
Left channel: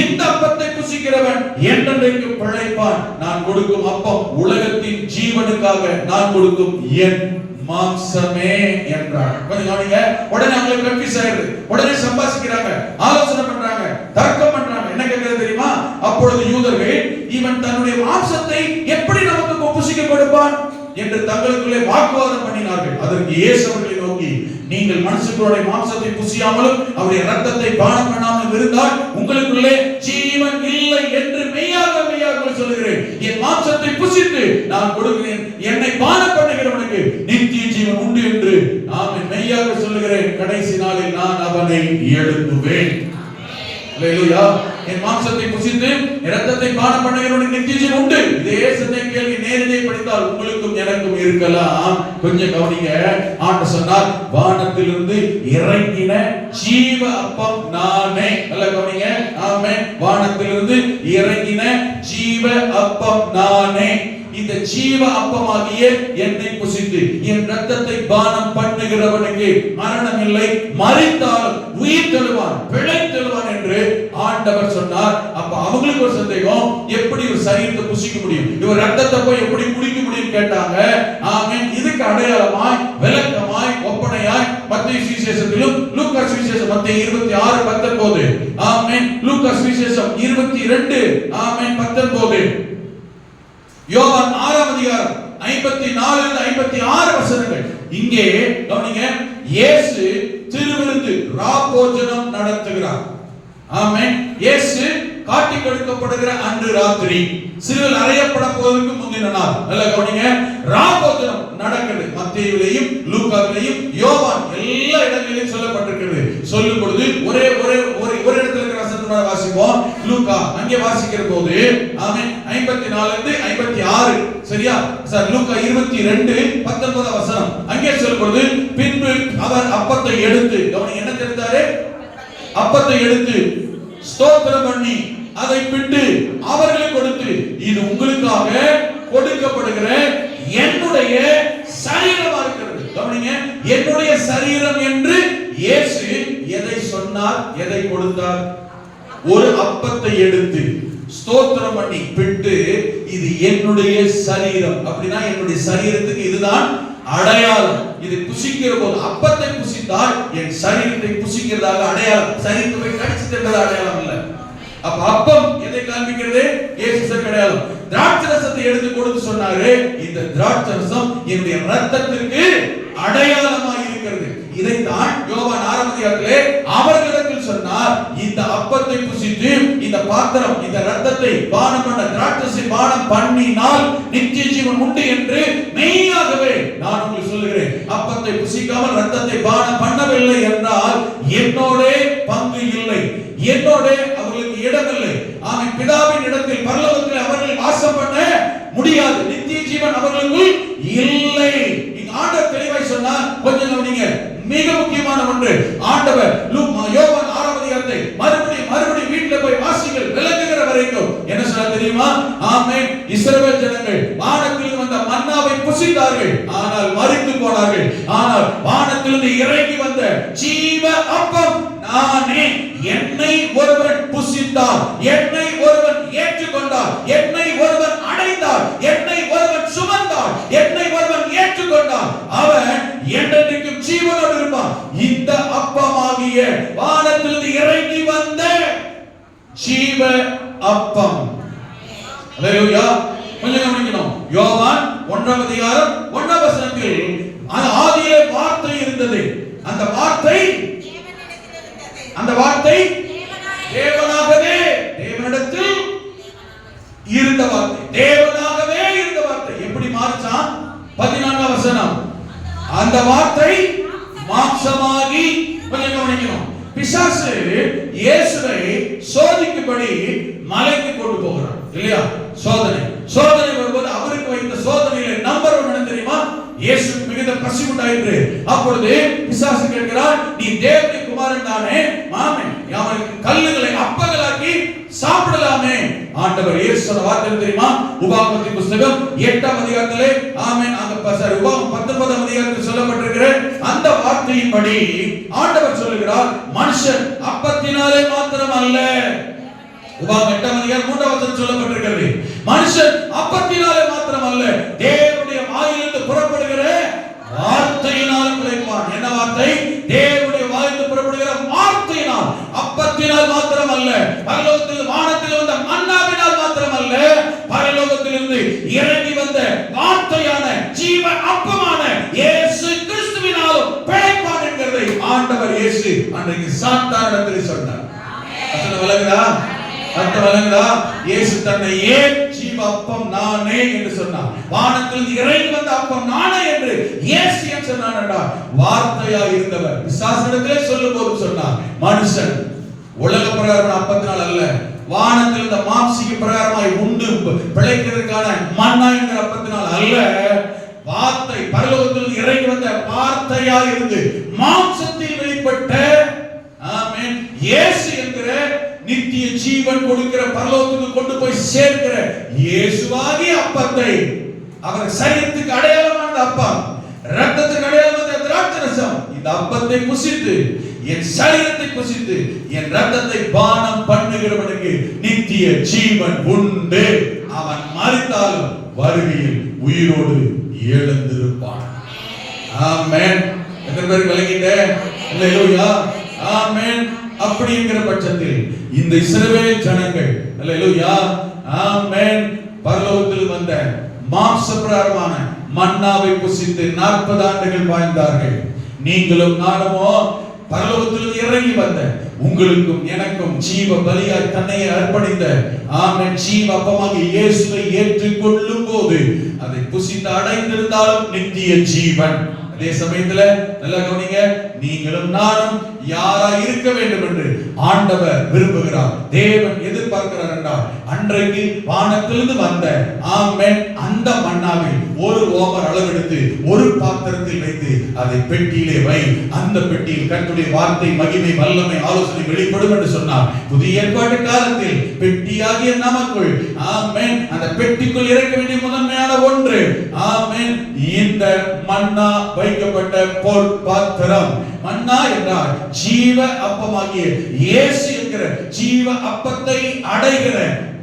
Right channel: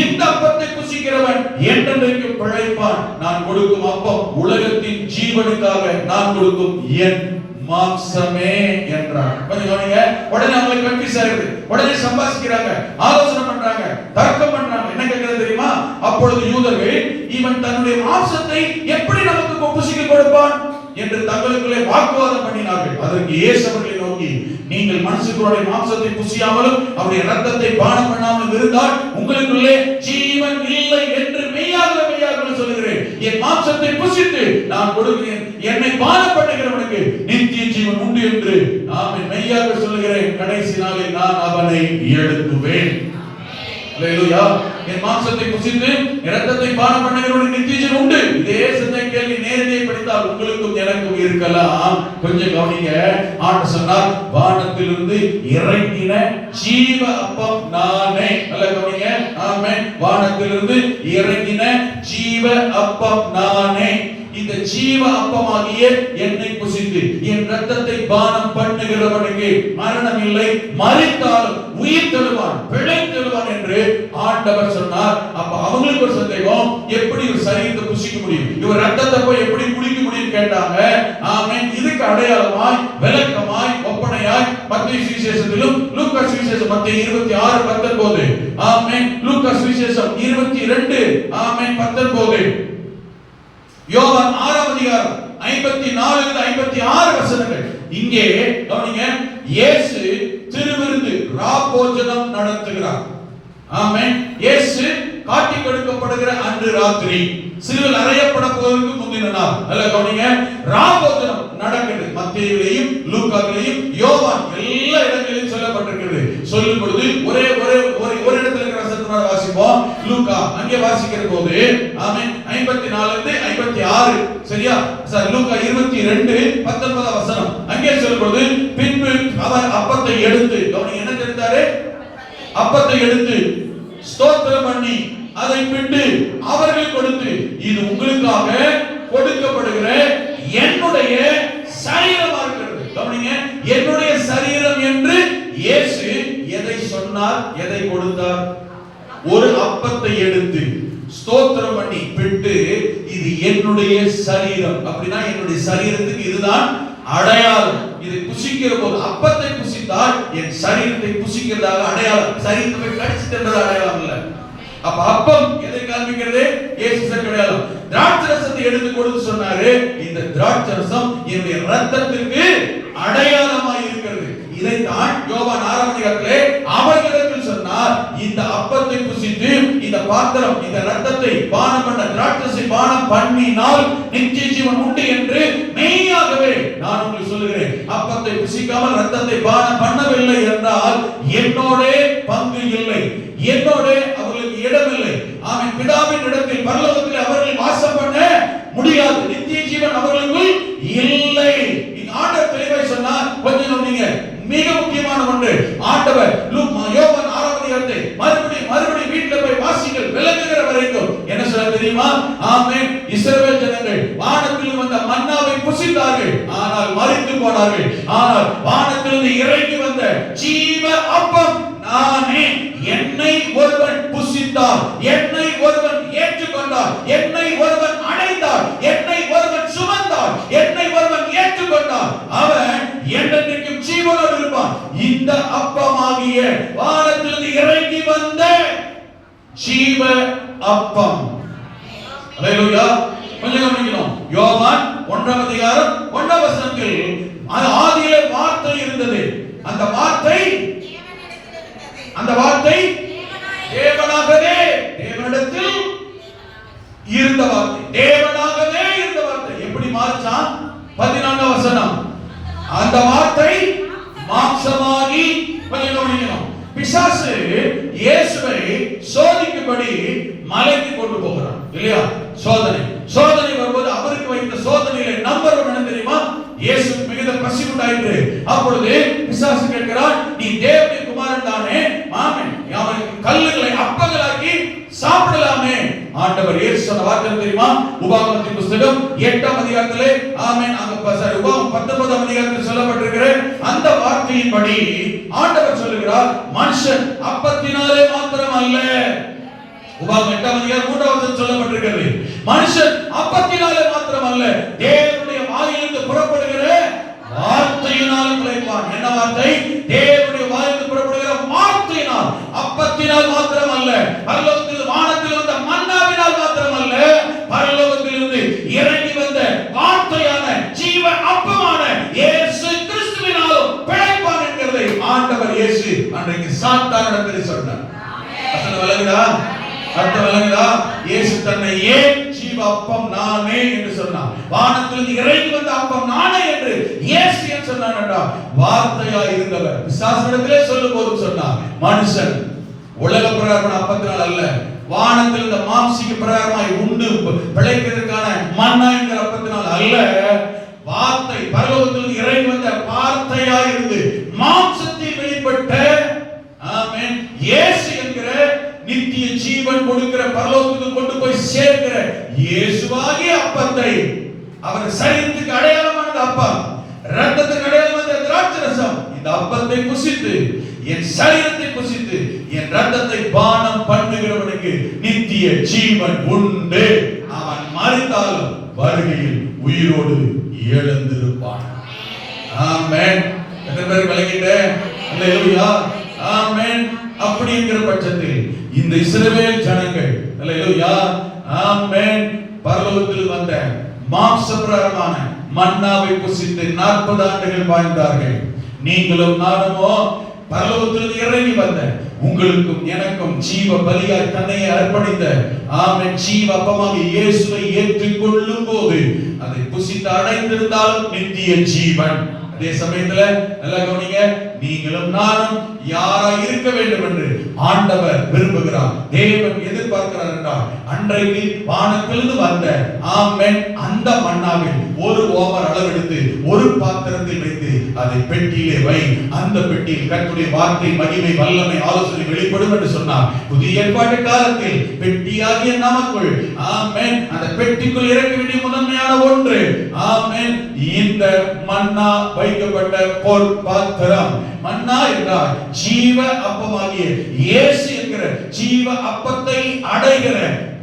இந்த அப்பத்தை புசிக்கிறவன் என்றென்றைக்கு பிழைப்பான். நான் கொடுக்கும் அப்பம் உலகத்தின் ஜீவனுக்காக நான் கொடுக்கும் என் மாம்சமே என்றார். கொஞ்சம் கவனிங்க. உடனே அவங்களுக்கு கன்ஃபியூஸ் ஆயிடுது. உடனே சம்பாசிக்கிறாங்க, ஆலோசனை பண்றாங்க, தர்க்கம் பண்றாங்க. என்ன கேட்கிறது தெரியுமா? அப்பொழுது யூதர்கள் இவன் தன்னுடைய மாம்சத்தை எப்படி நமக்கு புசிக்க கொடுப்பான் என்று தங்களுக்குள்ளே வாக்குவாதம் பண்ணினார்கள். அதற்கு இயேசு அவர்களை நோக்கி, நீங்கள் மனுஷர்களுடைய மாம்சத்தை புசியாமலும் அவருடைய இரத்தத்தை பானம் பண்ணாமலும் இருந்தால் உங்களுக்குள்ளே ஜீவன் இல்லை என்று மெய்யாக சொல்கிறேன். என் மாம்சத்தை புசித்து நான் கொடுக்கிறேன், என்னை பானம் பண்ணுகிறவனுக்கு நித்திய ஜீவன் உண்டு என்று நான் மெய்யாக சொல்கிறேன். கடைசி நாளில் நான் அவனை எழுப்புவேன். அல்லேலூயா. என் மாம்சத்தை புசித்து இரத்தத்தை பானம் பண்ணுகிறவனுக்கு நித்திய ஜீவன் உண்டு. இதே சிந்தை கேள்வி நேரடியாக படித்தால் உங்களுக்கும் எனக்கும் இருக்கலாம். கொஞ்சம் கவனிங்க. ஆண்டவர் சொன்னார், வானத்திலிருந்து இறங்கின ஜீவ அப்பம் நானே. நல்ல கவனிங்க. ஆமென். வானத்திலிருந்து இறங்கின ஜீவ அப்பம் நானே. இந்த ஜீவ அப்பமாகிய என்னை புசித்து என் இரத்தத்தை பானம் பண்ணுகிறவனுக்கு மரணம் இல்லை, மரித்தாலும் உயிர் தருவான், பிழைத்தெழுவான் என்று ஆண்டவர் சொன்னார். அப்ப அவங்களுக்கு ஒரு சந்தேகம், எப்படி ஒரு சரீரத்தை புசிக்க முடியும், இவர் இரத்தத்தை போய் எப்படி குடிக்க முடியும் கேட்டாங்க. ஆமென். இதுக்கு அடையாளமாய், விளக்கமாய், ஒப்பனையாய் மத்தேயு சுவிசேஷத்திலும் லூக்கா சுவிசேஷம் மத்தேயு 26:19. ஆமென். லூக்கா சுவிசேஷம் 22. ஆமென் 19. யோவான் 6 அதிகாரம் 54-56 வசனங்கள். இங்கே கவனிங்க. இயேசு திருவிருந்து ராபோஜனம் நடத்துகிறார். ஆமென். இயேசு காட்டி கொடுக்கப்படுகிற அன்று ராத்திரி, சிலுவையில் அறையப்பட போவதற்கு முந்தின நாள். நல்ல கவனிங்க. ராபோஜனம் நடக்குது. மத்தேயுவிலும் லூக்காவிலும் யோவான் எல்லா இடங்களிலும் சொல்லப்பட்டிருக்கிறது. சொல்லும் பொழுது ஒரே இடத்துல இருக்கிற வசனத்தை வாசிப்போம். லூக்கா அங்கே வாசிக்கிற போது ஆமென் 54-56. சரியா? சார் லூக்கா 22:19 வசனம். அங்கே சொல்லும்போது பின்பு அவர் அப்பத்தை எடுத்து, கவனிங்க என்ன தெரிந்தாரு? அப்பத்தை எடுத்து ஸ்தோத்திரம் பண்ணி அதை பிட்டு அவர்களுக்கு கொடுத்து, இது உங்களுக்காக கொடுக்கப்படுகிற என்னுடைய சரீரமா இருக்கிறது. கவனிங்க. என்னுடைய சரீரம் என்று இயேசு எதை சொன்னார், எதை கொடுத்தார்? ஒரு அப்பத்தை எடுத்து ஸ்தோத்திரம் பண்ணி பிட்டு, இது என்னுடைய சரீரம். அப்படின்னா என்னுடைய சரீரத்துக்கு இதுதான் அடையாளம். இதை புசிக்கிற போது, அப்பத்தை புசித்தால் என் சரீரத்தை புசிக்கிறதாக அடையாளம். சரீரத்தை கடிச்சிட்டு என்பது அடையாளம் இல்ல. அப்ப அப்பம் எதை காண்பிக்கிறது? இயேசு அடையாளம். திராட்சை ரசத்தை எடுத்து கொடுத்து சொன்னாரு, இந்த திராட்சை ரசம் என்னுடைய இரத்தத்திற்கு அடையாளமாய் இருக்கிறது. இதைத்தான் யோவான் 6 அதிகாரத்திலே அவர்களிடத்தில் சொன்னார், இந்த அப்பத்தை புசித்து இந்த பாத்திரம் இந்த ரத்தத்தை பானம் பண்ண திராட்சை பானம் பண்ணினால் நித்திய ஜீவன் உண்டு என்று மெய்யாகவே நான் உங்களுக்கு சொல்லுகிறேன். அப்பத்தை புசிக்காமல் ரத்தத்தை பானம் பண்ணவில்லை என்றால் என்னோட பங்கு இல்லை, என்னோட அவர்களுக்கு இடமில்லை. ஆமென். பிதாவின் இடத்தில் பரலோகத்தில் அவர்கள் வாசம் பண்ண முடியாது. நித்திய ஜீவன் அவர்களுக்கு இல்லை. ஆண்டவர் தெளிவாய் சொன்னார். கொஞ்சம் கவனிங்க. மிக முக்கியமான ஒன்று ஆண்டவர் யோவான் 6ஆம் அதிகாரத்தை மறுபடியும் வீட்டில் போய் வாசிங்கள் விளங்குகிற வரைக்கும் என்ன சொல்ல தெரியுமா? ஆமென். இஸ்ரவேல் ஜனங்கள் வானத்தில் வந்த மன்னாவை புசித்தார்கள், ஆனால் மரித்து போனார்கள். ஆனால் வானத்திலிருந்து இறங்கி வந்த ஜீவ அப்பம் நானே. என்னை ஒருவன் புசித்தார், என்னை ஒருவன் ஏற்றுக்கொண்டார், என்னை ஒருவன் அடைந்தார், என்னை ஒருவன் சுமந்தார், என்னை ஒருவன் ஏற்றுக்கொண்டார், அவன் என்றென்றைக்கும் ஜீவனோடு இருப்பான். இந்த அப்பமாகிய வானத்திலிருந்து இறங்கி வந்த ஜீவ அப்பம். அல்லேலூயா. கொஞ்சம் கவனிக்கணும். யோவான் 1ஆம் அதிகாரம் 1ஆம் வசனத்தில் ஆதியிலே வார்த்தை இருந்தது, அந்த வார்த்தை தேவனாகவே, தேவனிடத்தில் இருந்த வார்த்தை, தேவனாகவே இருந்த வார்த்தை. எப்படி மாறுச்சா? 14ஆம் வசனம். அந்த வார்த்தை மாம்சமாகி, கொஞ்சம் கவனிக்கணும். பிசாசு இயேசுவை சோதிக்கும்படி மலைக்கு கொண்டு போகிறான் இல்லையா? சோதனை வரும்போது அவருக்கு வைத்த சோதனையில நம்பர் 1 என்ன தெரியுமா? இயேசு மிகுந்த பசி உண்டாயிற்று. அப்பொழுது பிசாசு கேட்கிறான், நீ தேவனின் குமாரன் தானே? ஆமென். அவனுக்கு கல்லுகளை அப்பங்களாக்கி சாப்பிடலாமே. ஆண்டவர் இயேசு சொன்ன வார்த்தை தெரியுமா? உபாகமத்தின் புத்தகம் 8ஆம் அதிகாரத்திலே, ஆமென், அங்க உபாகமம் 19ஆம் அதிகாரத்தில் சொல்லப்பட்டிருக்கிற அந்த வார்த்தையின்படி ஆண்டவர் சொல்லுகிறார், மனுஷன் அப்பத்தினாலே மாத்திரம் அல்ல. உபாகமம் 8ஆம் அதிகாரம் 3ஆம் வசனம் சொல்லப்பட்டிருக்கிறது, மனுஷன் அப்பத்தினாலே மாத்திரம் அல்ல, தேவனுடைய வாயிலிருந்து புறப்படுகிற வார்த்தையினால் பிழைப்பான். என்ன வார்த்தை? தேவனுடைய வாயிலிருந்து புறப்படுகிற வார்த்தையினால். அப்பத்தினால் மாத்திரம் அல்ல, பரலோகத்தில் வானத்தில் வந்த மன்னாவினால் மாத்திரம் அல்ல, பரலோகத்திலிருந்து இறங்கி வந்த வார்த்தையான ஜீவ அப்பமான இயேசு கிறிஸ்துவினாலும் பிழைப்பான் என்கிறதை ஆண்டவர் இயேசு அன்றைக்கு சாத்தானிடத்தில் சொன்னார். ஆமென். விளங்குதா? இயேசு தன்னை ஏன் ஜீவ அப்பம் நானே என்று சொன்னார். வானத்தில் இறங்கி வந்த அப்பம் நானே என்று இயேசு ஏன் சொன்னார் என்றால், வார்த்தையாய் இருந்தவர். பிசாசிடத்திலே சொல்லும்போது சொன்னார், மனுஷன் உலக பிரகாரமான அப்பத்தினால் அல்ல, வானத்தில் இந்த மாம்சீக பிரகாரமாய் உண்டு பிழைக்கிறதுக்கான மன்னா என்கிற அப்பத்தினால் அல்ல, வார்த்தை பரலோகத்தில் இறங்கி வந்த வார்த்தையாய் இருந்து மாம்சத்தில் வெளிப்பட்ட, ஆமென், இயேசு என்கிற நித்திய ஜீவன் கொடுக்கிற பரலோகத்துக்கு கொண்டு போய் சேர்க்கிற இயேசுவாகிய அப்பத்தை, அவர் சரீரத்துக்கு அடையாளமான அப்பம், இரத்தத்துக்கு அடையாளமான திராட்சரசம், இந்த அப்பத்தை புசித்து என் சரீரத்தை புசித்து என் இரத்தத்தை பானம் பண்ணுகிறவனுக்கு நித்திய ஜீவன் உண்டு, அவன் மரித்தாலும் வருகையில் உயிரோடு எழுந்திருப்பான். ஆமென். எத்தனை பேர் விளங்கிட்ட? அல்லேலூயா. ஆமென். அப்படிங்கிற பட்சத்தில் இந்த இஸ்ரவேல் ஜனங்கள், அல்லேலூயா, ஆமென், பரலோகத்தில் வந்த மாம்சபிரகாரமான மன்னாவை புசித்து 40 ஆண்டுகள் வாழ்ந்தார்கள். நீங்களும் நானுமோ பரலோகத்தில் இறங்கி வந்த, உங்களுக்கும் எனக்கும் ஜீவ பலியாய் தன்னை அர்ப்பணித்த, ஆமென், ஜீவ அப்பமாக இயேசுவை ஏற்றுக்கொள்ளும் போது அதை புசித்து அடைந்திருந்தால் நித்திய ஜீவன். அதே சமயத்துல நல்லா கவனிங்க, நீங்களும் நானும் யாரா இருக்க வேண்டும் என்று ஆண்டவர் விரும்புகிறார், தேவன் எதிர்பார்க்கிறார் என்றால், அன்றைக்கு வானத்திலிருந்து வந்த, ஆமென், அந்த மன்னாவில் ஒரு ஓமர் அளவெடுத்து ஒரு பாத்திரத்தில் வைத்து அதை பெட்டியிலே வை, அந்த பெட்டியில் கர்த்தருடைய வார்த்தை, மகிமை, வல்லமை, ஆலோசனை வெளிப்படும் என்று சொன்னார். புதிய ஏற்பாட்டு காலத்தில் பெட்டியாகிய நமக்குள், ஆமென், அந்த பெட்டிக்குள் இறக்க வேண்டிய முதன்மையான ஒன்று, ஆமென், இந்த மன்னா வைக்கப்பட்ட பொன் பாத்திரம். மன்னா என்றால் ஜீவ அப்பமாகிய இயேசு என்கிற ஜீவ அப்பத்தை அடைகிற,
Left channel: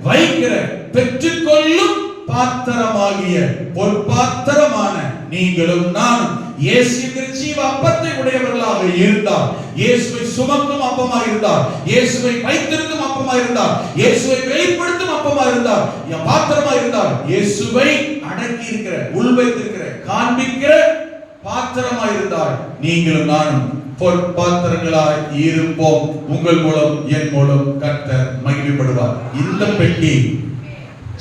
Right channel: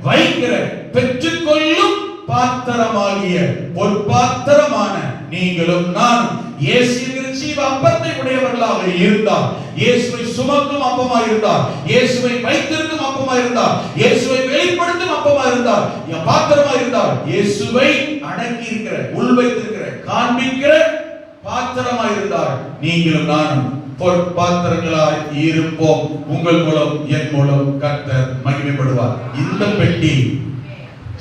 வைக்கிற, பெற்றுக்கொள்ளும் பாத்திரமாகிய பொற்பாத்திரமான நீங்களும் நானும் இயேசு என்கிற ஜீவ அப்பத்தை உடையவர்களாக இருந்தார், இயேசுவை சுமக்கும் அப்பமாக இருந்தார், இயேசுவை வைத்திருக்கும் அப்பமாக இருந்தார், இயேசுவை வெளிப்படுத்தும் அப்பமாக இருந்தார், பாத்திரமாக இருந்தார், இயேசுவை அடக்கி இருக்கிற, உள்வைத்திருக்கிற, காண்பிக்கிற பாத்திரமாக இருந்தார். நீங்களும் நானும் பொற்பாத்திரங்களாய் இருப்போம். உங்கள் மூலம் என் மூலம் கர்த்தர் மகிமைப்படுவார். இந்த பெட்டி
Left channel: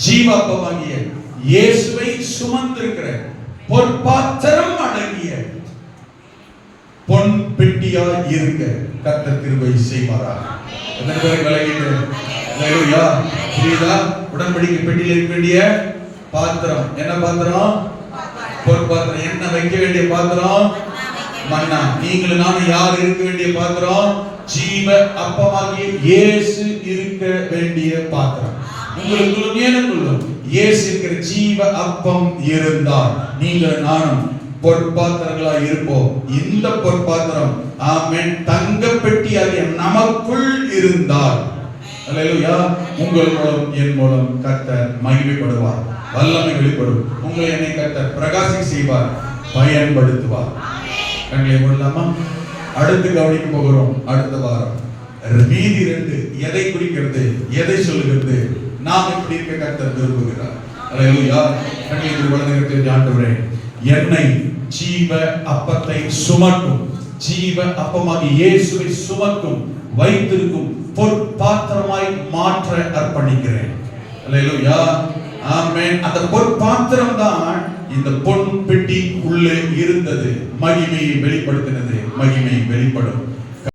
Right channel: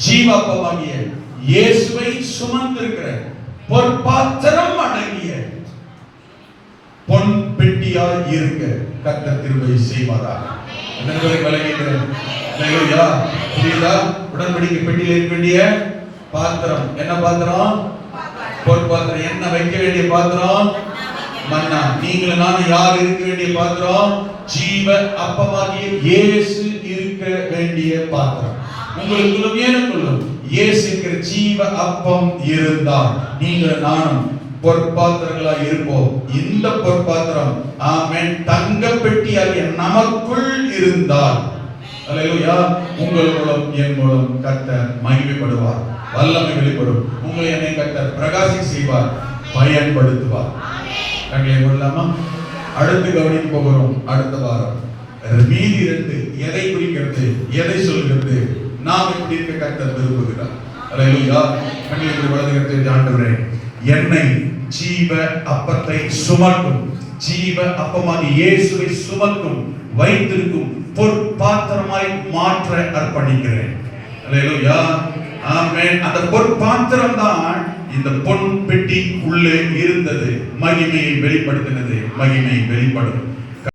ஜீவாப்பமாகிய இயேசுவை சுமந்திருக்கிற பொற்பாத்திரம் அடங்கிய பொன் பெட்டியாய் இருக்க கர்த்தர் கிருபை செய்வாராக. உடன்படிக்கை பெட்டியில் இருக்க வேண்டிய பாத்திரம் என்ன பாத்திரம்? பொற்பாத்திரம். என்ன வைக்க வேண்டிய பாத்திரம்? மன்னா. நீங்களும் நானும் யார் இருக்க வேண்டிய பாத்திரம்? ஜீவ அப்பமாகிய இயேசு இருக்க வேண்டிய பாத்திரம். உங்களுக்குள்ளும் எனக்குள்ளும் இயேசு இருக்கிற ஜீவ அப்பம் இருந்தால் நீங்க நானும் பொற்பாத்திரங்களா இருப்போம். இந்த பொற்பாத்திரம் ஆமென் தங்க பெட்டியாகிய நமக்குள் இருந்தால் அல்லேலூயா உங்கள் மூலம் என் மூலம் கர்த்தர் மகிமைப்படுவார். வல்லமை வெளிப்படும். உங்களை என்னை கர்த்தர் பிரகாசி செய்வார், பயன்படுத்துவார். கண்களை மூடலாமா? அடுத்து கவனிக்க போகிறோம். அடுத்த வாரம் மீதி 2 எதை குறிக்கிறது, எதை சொல்கிறது, நாம் எப்படி இருக்க கர்த்தர் விரும்புகிறார். அல்லேலூயா. கண்களை மூடுவதற்கு ஆண்டவரே என்னை ஜீவ அப்பத்தை சுமக்கும், ஜீவ அப்பமாகிய இயேசுவை சுமக்கும் வைத்திருக்கும் பொற்பாத்திரமாய் மாற்ற அர்ப்பணிக்கிறேன். அல்லேலூயா. ஆமென். அந்த பொற்பாத்திரம் தான் இந்த பொன் பெட்டி உள்ளே இருந்தது. மகிமையை வெளிப்படுத்தினது. மகிமை வெளிப்படும்.